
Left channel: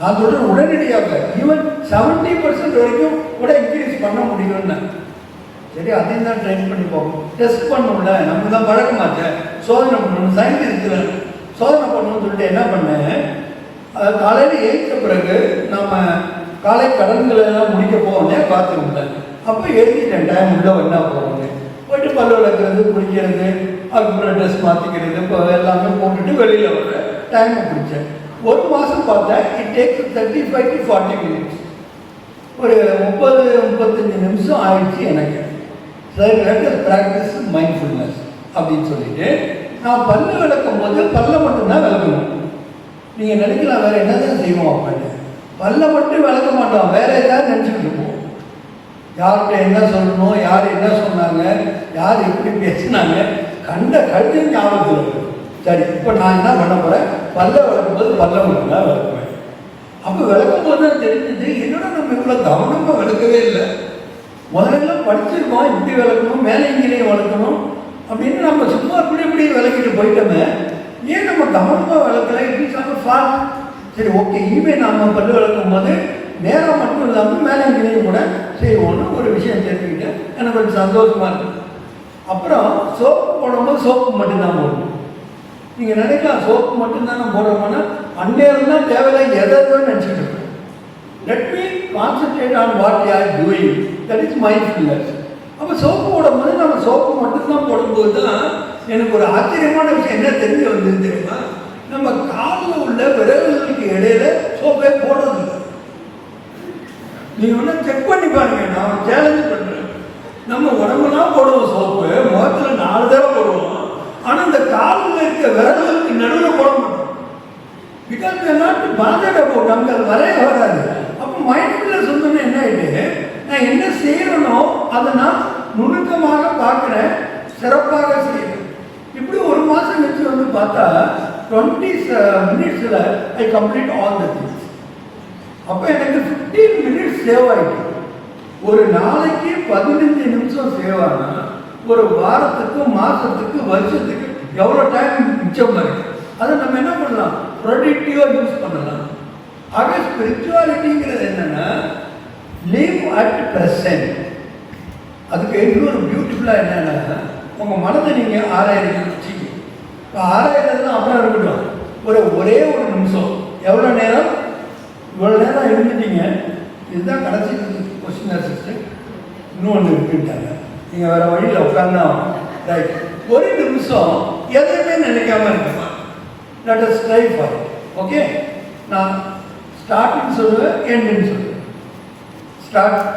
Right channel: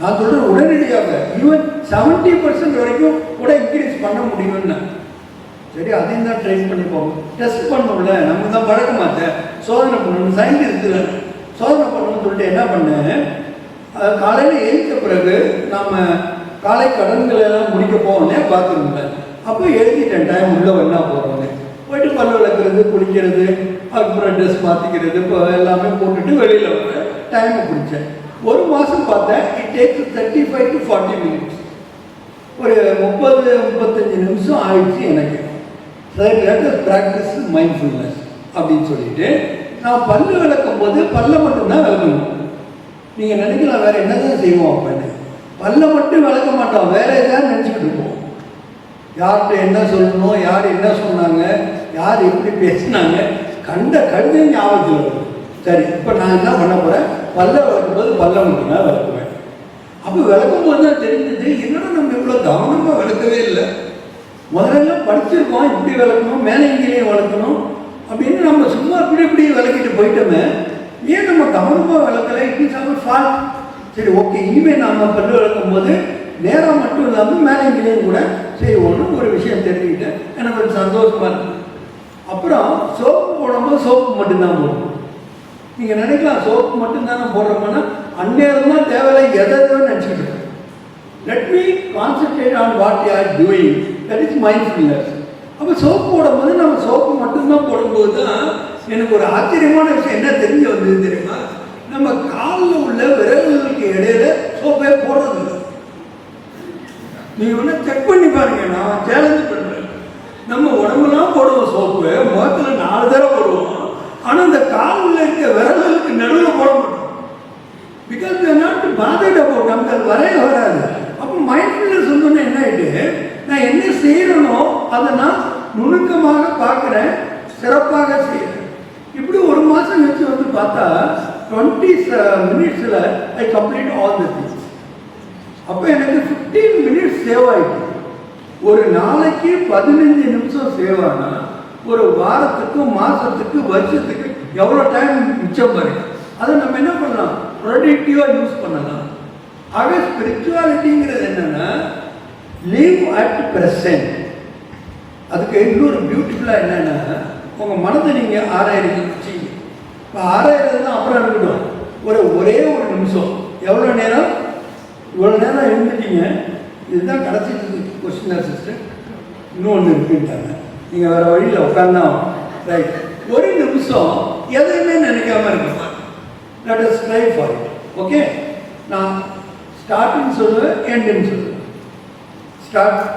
நான் சொல்கிறேன், உடனடியாக ஈவன் 70% வரைக்கும் கூட இன்க்ரீஸ் பண்ண முடியும்னா. சரி, அதையும் தான் ட்ரை பண்ணி போகும். டெஸ்ட் பண்ணணும்ல, நம்ம தான் பழக்க மாட்டேன், சோதனை பண்ணணும், சயின்ஸ் இருக்கிறேன், சோதனை பண்ணணும்னு சொல்லிட்டு என்ன பண்ணேன், காலையில் எழுந்த பிறகு நம்ம காலை கடன்களை எல்லாம் முடிக்க போவோன்னே பார்த்துக்கிட்டேன். அப்போ எழுதிட்டேன் டைம் உள்ள என்ன போகிறோன்னு. போயிட்டு பல்ல விளக்குறது, குளிக்கிறது, அதுக்கப்புறம் ட்ரெஸ் மாற்றிக்கிறது, இப்போ எல்லாமே போட்டுட்டு வெளியில் வர டைமை பிடிச்சேன். ஒரு மாதம் பார்த்தேன், இட் டேக்ஸ் 35 to 40 minutes. ஒரு 30-35 நிமிஷம் ஆயிடுச்சு எனக்கு. ப்ராக்டிஸ் மைண்ட்ஃபுல்னஸ் அப்படின்னு சொல்லிட்டு நான் பல்லு விளக்கும் போது பல்ல மட்டும்தான் விளக்கணும். நீங்கள் நினைக்கலாம் வேறு என்னதான் செய்வோம் அப்படின்னு. பல்ல மட்டும் விளக்க மாட்டோம், வேற ஏதாவது நினச்சிட்டு இருப்போம். யார்கிட்ட என்ன சொல்லணும், யார் என்ன சொன்னாங்க, யார் எப்படி பேசினாங்க, கண்ட கழுதை ஞாபகத்தில் இருக்கும். சரி, இப்போ நான் என்ன பண்ண போகிறேன், பல்ல விளக்கும் போது பல்ல மட்டும்தான் விளக்குவேன். அப்போ விளக்கும் போது தான் தெரிஞ்சது, என்னோட நம்ம இவ்வளோ கவனமாக விளக்கவே இல்லை. முதல்ல படிச்சிருக்கோம், இப்படி விளக்கணும், மேலே இங்கேயும் விளக்கணும் அப்படின்னு நம்ம சும்மா இப்படி விளக்கிட்டு போயிட்டோமே, ஏன் நம்ம கவனமாக விளக்கலை? இப்படி சாம ஃபால்ட். சரி, ஓகே, இனிமேல் நாம் பல்லு விளக்கும் போது நேரம் மட்டும் இல்லாமல் மேலே இங்கேயும் கூட செய்வோம்னு ஒரு விஷயம் தெரிஞ்சுக்கிட்டேன். எனக்கு கொஞ்சம் சந்தோஷமாக இருக்கு. அப்புறம் சோப்பு போடும்போது சோப்பு மட்டும்தான் போடணும். நீங்கள் நினைக்கலாம் சோப்பு மட்டும்தானே போடுறோம்னா, அந்நேரம் தான் தேவையில்லை எதோ நினச்சிட்டு இருக்கேன். Let me concentrate on what I are doing, that is mindfulness. அப்போ சோப்பு போடும்போது நம்ம சோப்பு மட்டும்தான் போடும்போது தான் எனக்கு ஒரு ஆச்சரியமான விஷயம் என்ன தெரிஞ்சு வந்தது தெரியுமா, நம்ம காலில் உள்ள விரல்களுக்கு இடையில சோப்பே போடுறது இல்லை. நீ ஒன்று செக் பண்ணி பாருங்க, நான் சேலஞ்ச் பண்ணுறேன். நம்ம உடம்புலாம் போடுவோம் சோப்பு, முகத்தில் 4 தடவை போடுவோம், ஆனால் இந்த காலில் இருக்க விரல்களுக்கு நடுவில் போட மாட்டோம். பிகாஸ் நாட்டு பாதையிட போட்டு நம்ம வரைய வராது. அப்போ மைண்ட்ஃபுல்னஸ் சொன்னோன்னு என்ன ஆகிட்டு, நான் என்ன செய்யறனோ அதை நான் நுணுக்கமாக பார்க்குறேன், சிறப்பாக செய்யறேன். இப்படி ஒரு மாதம் வச்சு வந்து பார்த்தா 20 minutes I complete all the things. அப்போ எனக்கு 15 minutes சேவ் ஆகிட்டு. ஒரு நாளைக்கு 15 நிமிஷம் சேவ் ஆனால் ஒரு வாரத்துக்கு, மாதத்துக்கு, வருஷத்துக்கு எவ்வளோ டைம் மிச்சம் பாருங்க. அதை நம்ம என்ன பண்ணலாம், ப்ரொடக்டிவாக யூஸ் பண்ணலாம். ஆக ஸ்பிரிச்சுவாலிட்டிங்கிறது என்னன்னா லிவ் அட் ப்ரெசன்ட். அதுக்கு இன்னொரு பியூட்டிஃபுல்லாக என்னன்னா, உங்கள் மனதை நீங்கள் ஆராயிறது வச்சுக்கி. இப்போ ஆராயிறது தான் அப்புறம் இருக்கட்டும், ஒரே ஒரு நிமிஷம், எவ்வளோ நேரம், இவ்வளோ நேரம் இருந்துட்டீங்க, இதுதான் கடைசி கொஸ்டின் சிஸ்டர், இன்னொன்று இருக்குட்டாங்க, நீங்கள் வேறு வழியில் உட்காந்தா ரைட். ஒரு நிமிஷம் எதையுமே நினைக்காம இருக்க, நாட் அ ஸ்ட்ரை ஃபார். ஓகே, நான் ஸ்டார்ட்னு சொல்லுவேன், எண்டுன்னு சொல்லுவேன். ஸ்டார்ட்.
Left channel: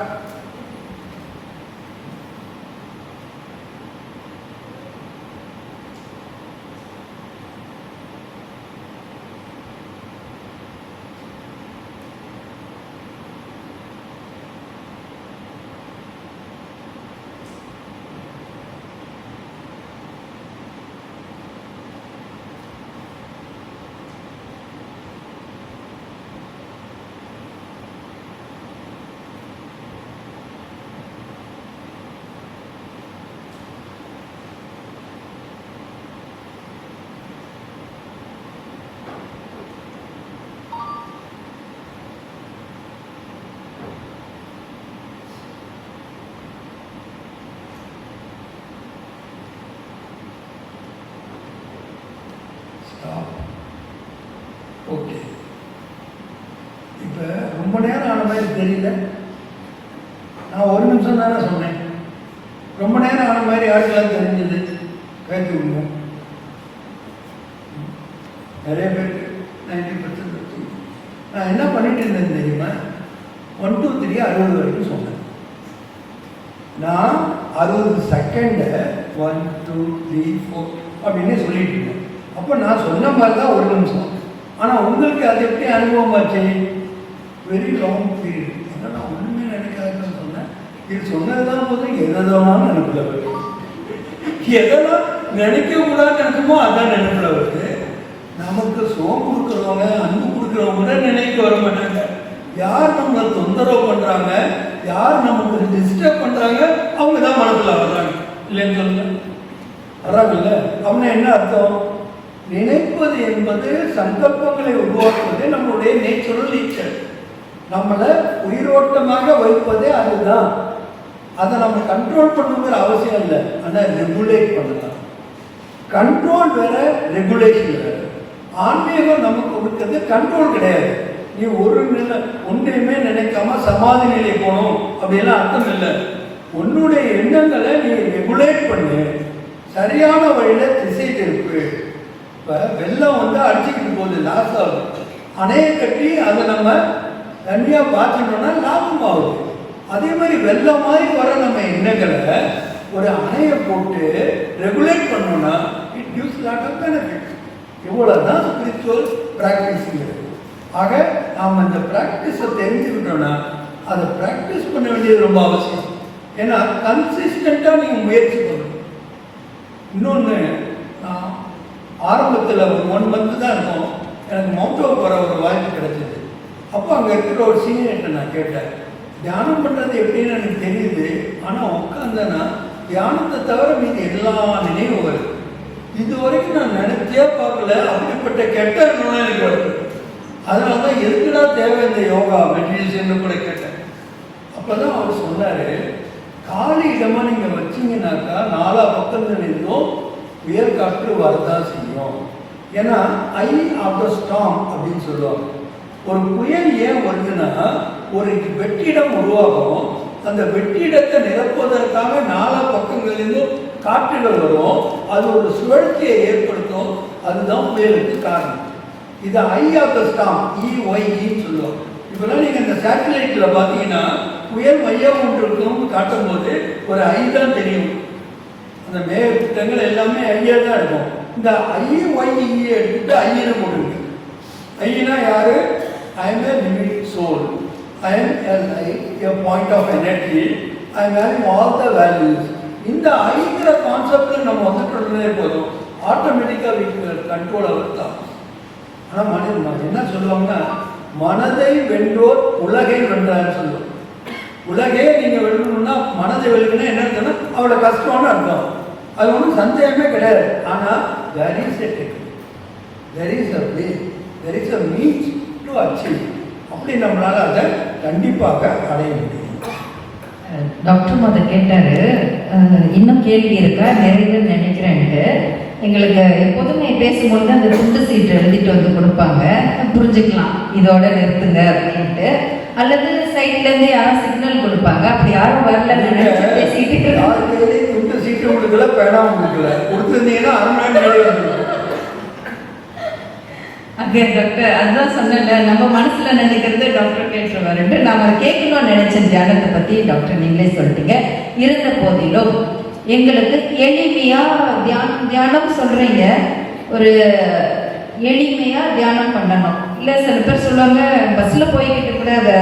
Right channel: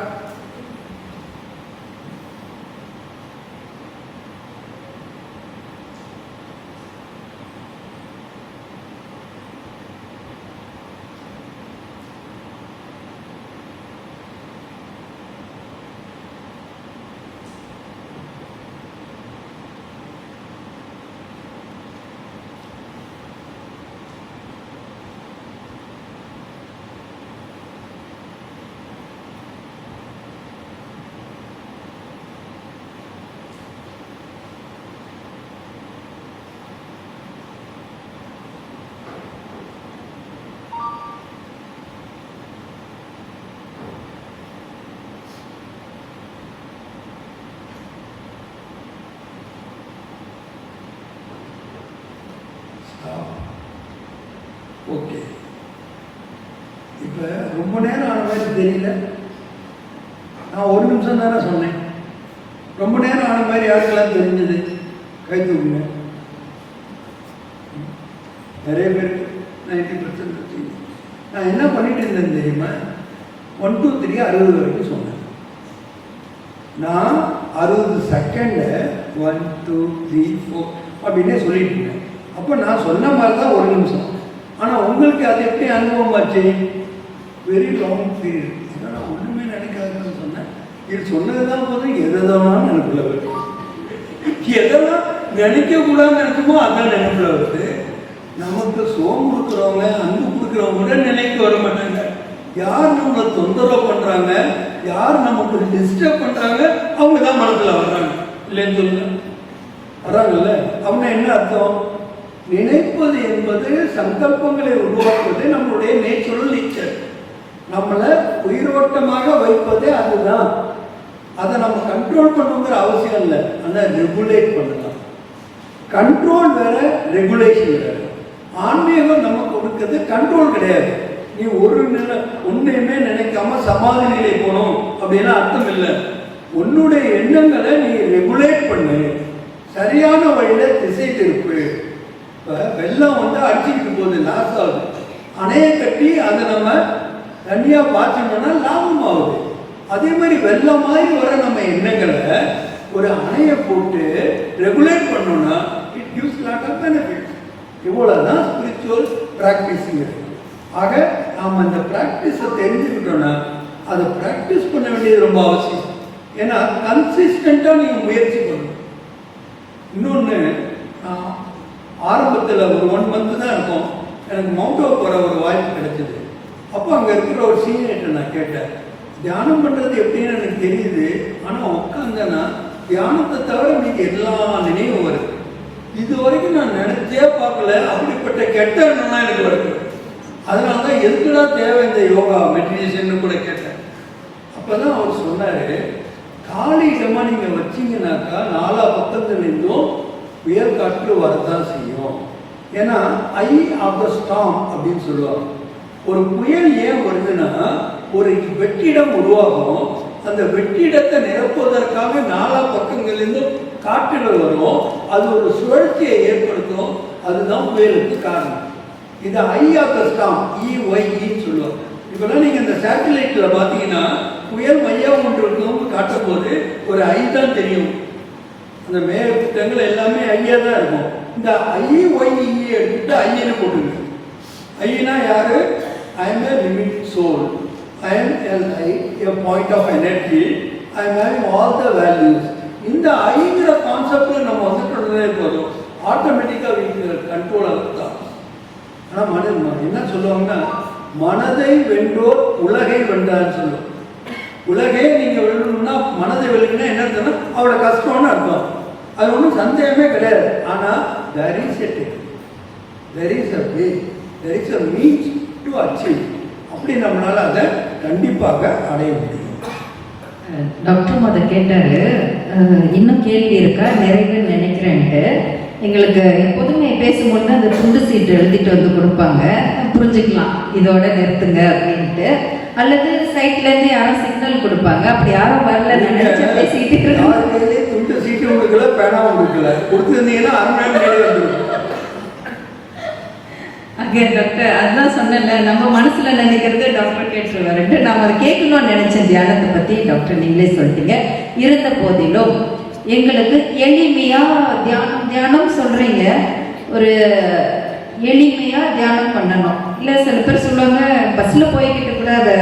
ஓகே, இப்போ ரொம்ப நேரம் ஆன மாதிரி தெரியல. நான் ஒரு நிமிஷம் தானே சொன்னேன். ரொம்ப நேரம் ஆன மாதிரி யாருக்கெல்லாம் தெரிஞ்சது கை தூக்குங்க. நிறைய பேருக்கு 90% நான் என்ன பண்ணிட்டு இருந்தேன் தெரியுமா, 1 2 3 60 வரைக்கும் சொன்னேன். நான் 60 செகண்டை 1 2 3 4 அப்படின்னே சொல்லிட்டு இருந்தேன். அப்போ நான் சொன்ன மாதிரி தான் ஒரு நிமிஷம். ஆனால் உங்களுக்கு அது எப்படி அனுபவம் ஆச்சு, வெரி லாங் பீரியட். அதனால் நான் ஒன்றுமே நினைக்காதுன்னு சொன்னேன். இது சொன்னது தான் போது எதெல்லாம் நினைப்பில் வருது, எதெல்லாம் நினைக்கக்கூடாதுன்னு நினைக்குமோ அதான் நினைப்பில் வருது. நமக்கு சோம் கொடுக்குறவங்க, அன்பு கொடுக்குறவங்க கூட நினைக்க வர மாட்டாங்க. யார் நம்மளை தொந்தரவு பண்ணுறாங்க, யார் நமக்கு டிஸ்டர்ப் பண்ணுறாங்க, அவங்க தான் மனசில் வர்றாங்க. இல்லைன்னு சொல்லுங்க, வர்றாங்கல்ல. அப்படின்னா என்ன அர்த்தம், நினைப்பது என்பது சங்கல்பங்களை உருவாக்குவது நம்முடைய நேச்சுரல் நேச்சர். நம்மளை உயிரோட்டமாக வைப்பதே அதுதான். அதை நம்ம கண்ட்ரோல் பண்ணுங்கிற அவசியம் இல்லை, ஆனால் ரெகுலேட் பண்ணலாம். கண்ட்ரோல் வேற, ரெகுலேஷன் வேற. ஆன்மீகம் நமக்கு கொடுக்கிறது கண்ட்ரோல் கிடையாது. நீ ஒரு நிலை ஒன்றையுமே நினைக்காம சமாதி நிலை போகணும் அப்படின்னா அர்த்தம் இல்லை. உன்னுடைய எண்ணங்களை நீ ரெகுலேட் பண்ணு, சரியான வழியில திசை திருப்பு. இப்போ வெள்ளம் வந்து அடிச்சுக்கிட்டு போகுது, லாஸ் ஆகுது. அணையை கட்டி அதை நம்ம தனியாக பார்த்தோம்னா லாபம் ஆகுது. அதே மாதிரி வெள்ளம் மாதிரி வர நம்ம எண்ணங்களை ஒரு அணையை போட்டு ரெகுலேட் பண்ணோம்னா it gives lot of benefit. இவ்வளோதான் ஸ்பிரிச்சுவல் ப்ராக்டிஸுங்கிறது. ஆக நாம் அந்த ப்ராக்டிஸை தெரிஞ்சுக்கிட்டோம்னா அதை ப்ராக்டிஸ் பண்ண வேண்டியது ரொம்ப அவசியம். ஏன்னா கன்சிஸ்டண்ட்டாக நீங்கள் முயற்சி பண்ணணும். இன்னொன்று, ஆரம்பத்தில் ஒரு 1 month தான் இருக்கும், எனக்கு மவுண்டோ போகிற ஒரு வாய்ப்பு கிடைச்சிது. அப்போ அங்கே இருக்கிற ஒரு சீனியர்கிட்ட நான் கேட்டேன், தியானம் பண்ணுறது எப்படின்னு எனக்கு தெரியுது, ஆனால் உட்காந்தேன்னா தியானத்தை தவிர மீது எல்லா நினைவும் வருது. இது வரைக்கும் நான் நினைச்சே பார்க்கல, அப்படிப்பட்ட கெட்ட எண்ணம்லாம் எனக்கு வருது. அதனால தான் எதுக்குடா தேவை இந்த யோகா மெடிடேஷன் கூட கேட்டேன். அப்போ தான் அவர் சொன்னார், காலி இடமா நீங்கள் வச்சிங்கனாக்கா 4 பக்கத்துலேருந்தும் புயல் காற்று வரதான் செய்யும். ஏன்னா ஐ ஆஃப்டர் ஸ்டார்ம் அப்படின்னு சொல்லுவாங்க. ஒரு புயல் ஏன் வருதுன்னா ஒரு வெற்றிடம் உருவாகும். அந்த வெற்றிடத்தை நிரப்புவதற்காக 4 பக்கங்களிலிருந்தும் காற்றுகள் வரும். அது ஒரு சுழற்சியை ஏற்படுத்தும். அதுதான் புயலுக்கு காரணம். இது ஐ ஆஃப் த ஸ்டார்ம், EYEன்னு சொல்லுவோம். இப்போலாம் நீங்கள் இந்த சேட்டலைட்டில் பார்த்தீங்கன்னா புயல் மையம் ஒன்று இருக்கும் காட்டும் போது ஒரு ஐ தான் தெரியும். அந்த மேகங்கள் எல்லாமே ஐயா தான் இருக்கும். இந்த IYE எடுத்துட்டு ஐயனை போட்டுருக்கு. ஐயனா யாரு, I am a living soul, I am a point of energy, I am having all the values. இந்த ஐங்கிற கான்செப்டில் நம்ம வந்துட்டு போதும், ஆட்டோமேட்டிக்காக வீட்டு கண்ட்ரோல் ஆகும். ஆனால் மனிதன் என்ன சொல்லுவாங்கன்னா, மனதை வென்றோர் உலகை வென்றான்னு சொல்லுவோம். உலகே நீங்கள் வெல்லணும்னா மனதை வெல்லுன்னா என்ன அர்த்தம்னா அவரோட கஷ்டம்னு அர்த்தம். அது ஒன்றும் சந்தேகமே கிடையாது. ஆனால் there is a technique, there is a way, there is a means to achieve. அப்படி நம்மளால அதை கண்டிப்பாக அடைய முடியும். டாக்டர் முத கேட்டாரு, இன்னும் கேள்வி இருக்கா, நிறைவுன்னு நினைக்கிறேன்ட்டு. எங்களுக்கு எப்போதுமே பேசும்போது அந்த துண்டு சீட்டு எழுதிட்டு வந்து கொடுப்பாங்க, புரிஞ்சுக்கலாம் இதோட நிறுத்துங்க அப்படின்ட்டு. அல்லது சைட்லேருந்து யாரும் சிக்னல் கொடுப்பாங்க, அப்படி யாரும் வரலன்னு நினைச்சு பேசிக்கிட்டு யாருமே துண்டு சீட்டு கொடுக்கல, பேனா கொடுக்கல, கொடுத்துருந்தீங்கன்னா மேலே வந்துடும். அங்கே டாக்டர் அதான் சொன்னல, நம்ம மனசுல நினைக்கிறது டாக்டர் கேட்டுருவாருன்ட்டு நாம அதை கேட்கணும்னு நினைச்ச தியானத்தை பத்தி டாக்டர் நீங்களே சொல்லிட்டீங்க. இருந்த போதிலும் எங்களுக்கு எளிமையா தியானம் சொல்றீங்க, ஒரு எளிமையா தியானம் பண்ணணும். இல்ல சில பேர் சொல்லுவாங்க பஸ்ல போய்கிட்டு கூட அதை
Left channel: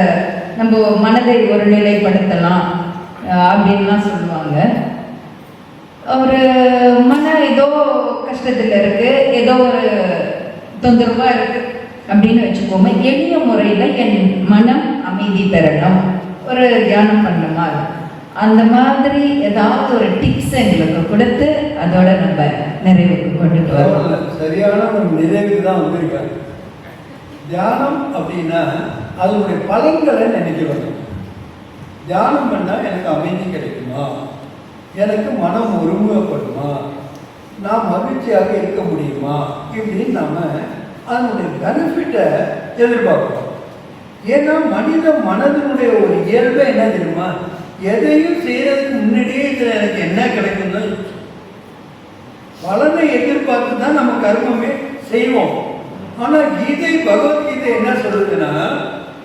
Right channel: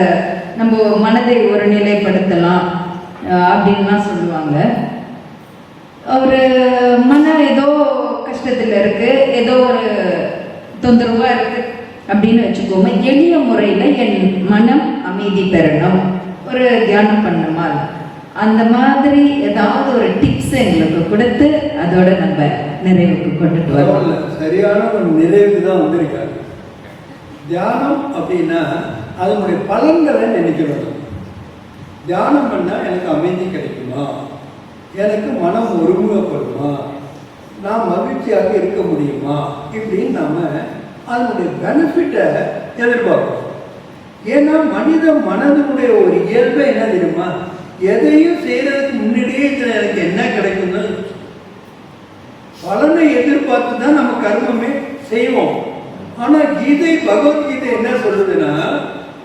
நம்ம மனதை ஒரு நிலைப்படுத்தலாம் அப்படின்லாம் சொல்லுவாங்க. ஒரு மன ஏதோ கஷ்டத்துல இருக்கு, ஏதோ ஒரு தொந்தரவா இருக்கு அப்படின்னு வச்சுக்கோங்க. எளிய முறையில என் மனம் அமைதி பெறணும், ஒரு தியானம் பண்ணணுமா, அந்த மாதிரி ஏதாவது ஒரு டிப்ஸ் எங்களுக்கு கொடுத்து அதோட நம்ம நிறைவுக்கு கொண்டு போகிறோம். சரியான ஒரு நிறைவு தான் வந்திருக்காங்க. தியானம் அப்படின்னா அதனுடைய பலன்களை நினைக்க வேண்டும். தியானம் பண்ணால் எனக்கு அமைதி கிடைக்குமா, எனக்கு மனம் ஒருமுகப்படுமா, நான் மகிழ்ச்சியாக இருக்க முடியுமா, இப்படின்னு நம்ம அதனுடைய பெனிஃபிட்டை எதிர்பார்க்கிறோம். ஏன்னா மனித மனதினுடைய ஒரு இயல்பு என்ன தெரியுமா, எதையும் செய்யறதுக்கு முன்னாடியே எனக்கு என்ன கிடைக்கும்னு பலனை எதிர்பார்த்து தான் நம்ம கர்மமே செய்வோம். ஆனா கீதை, பகவத்கீதை என்ன சொல்றதுன்னா,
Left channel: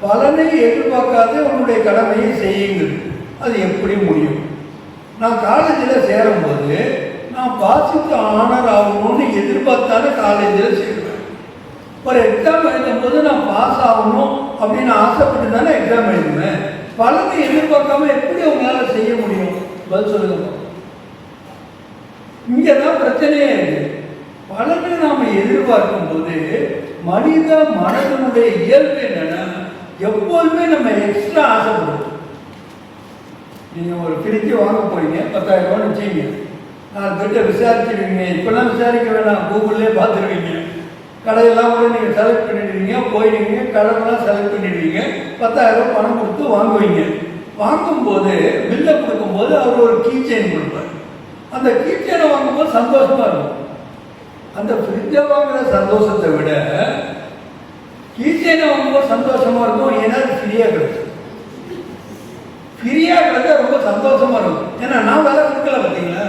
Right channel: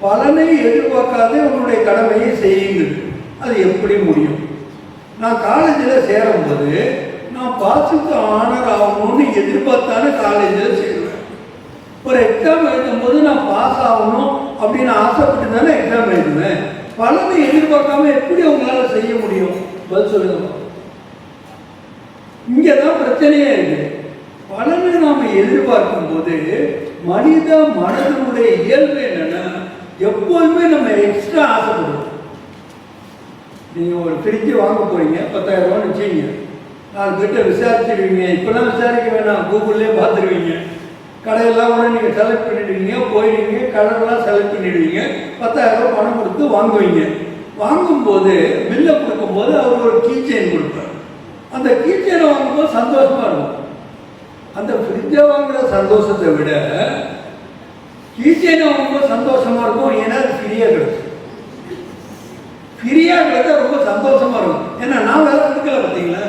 பலனை எதிர்பார்க்காத உன்னுடைய கடமையை செய்யுங்க. அது எப்படி முடியும்? நான் காலேஜில் சேரும்போது நான் பாஸுக்கு ஆனர் ஆகணும்னு எதிர்பார்த்தாலே காலேஜில் சேருவேன். ஒரு எக்ஸாம் எழுதும் போது நான் பாஸ் ஆகணும் அப்படின்னு ஆசைப்பட்டு தானே எக்ஸாம் எழுதுவேன். பலனை எதிர்பார்க்காம எப்படி அவங்களால செய்ய முடியும்? பதில் சொல்லுங்க. இங்கதான் பிரச்சனையே இருக்கு. பலனை நாம எதிர்பார்க்கும் போது மனித மனதனுடைய இயல்பு என்னன்னா, எப்போதுமே நம்ம எக்ஸ்ட்ரா ஆசைப்படுவோம். நீங்க ஒரு ஃப்ரிட்ஜ் வாங்க போறீங்க, 10,000 ரூபான்னு வச்சுங்க. 4 பேர்ட்ட விசாரிச்சிருவீங்க. இப்பெல்லாம் விசாரிக்க வேணாம், கூகுள்லேயே பார்த்துருவீங்க. கடையெல்லாம் கூட நீங்கள் செலக்ட் பண்ணிடுவீங்க, போயிடுவீங்க, கடையெல்லாம் செலக்ட் பண்ணிடுவீங்க, 10,000 ரூபாய் பணம் கொடுத்து வாங்குவீங்க. வாங்கும்போது பில்லை கொடுக்கும்போது அவர் ஒரு கீ செயின் கொடுப்பார். அந்த கீ செயினை வாங்கும்போது சந்தோஷமா இருக்கும். அந்த ஃப்ரிட்ஜை வாங்குற சந்தோஷத்தை விட கீ செயினை வாங்கும்போது சந்தோஷமா இருக்கும். ஏன்னா ஃப்ரீயா கிடைக்கும். ஃப்ரீயா கிடைச்சா ரொம்ப சந்தோஷமா இருக்கும். ஏன்னா நான் வேலை கொடுக்கல பார்த்தீங்களா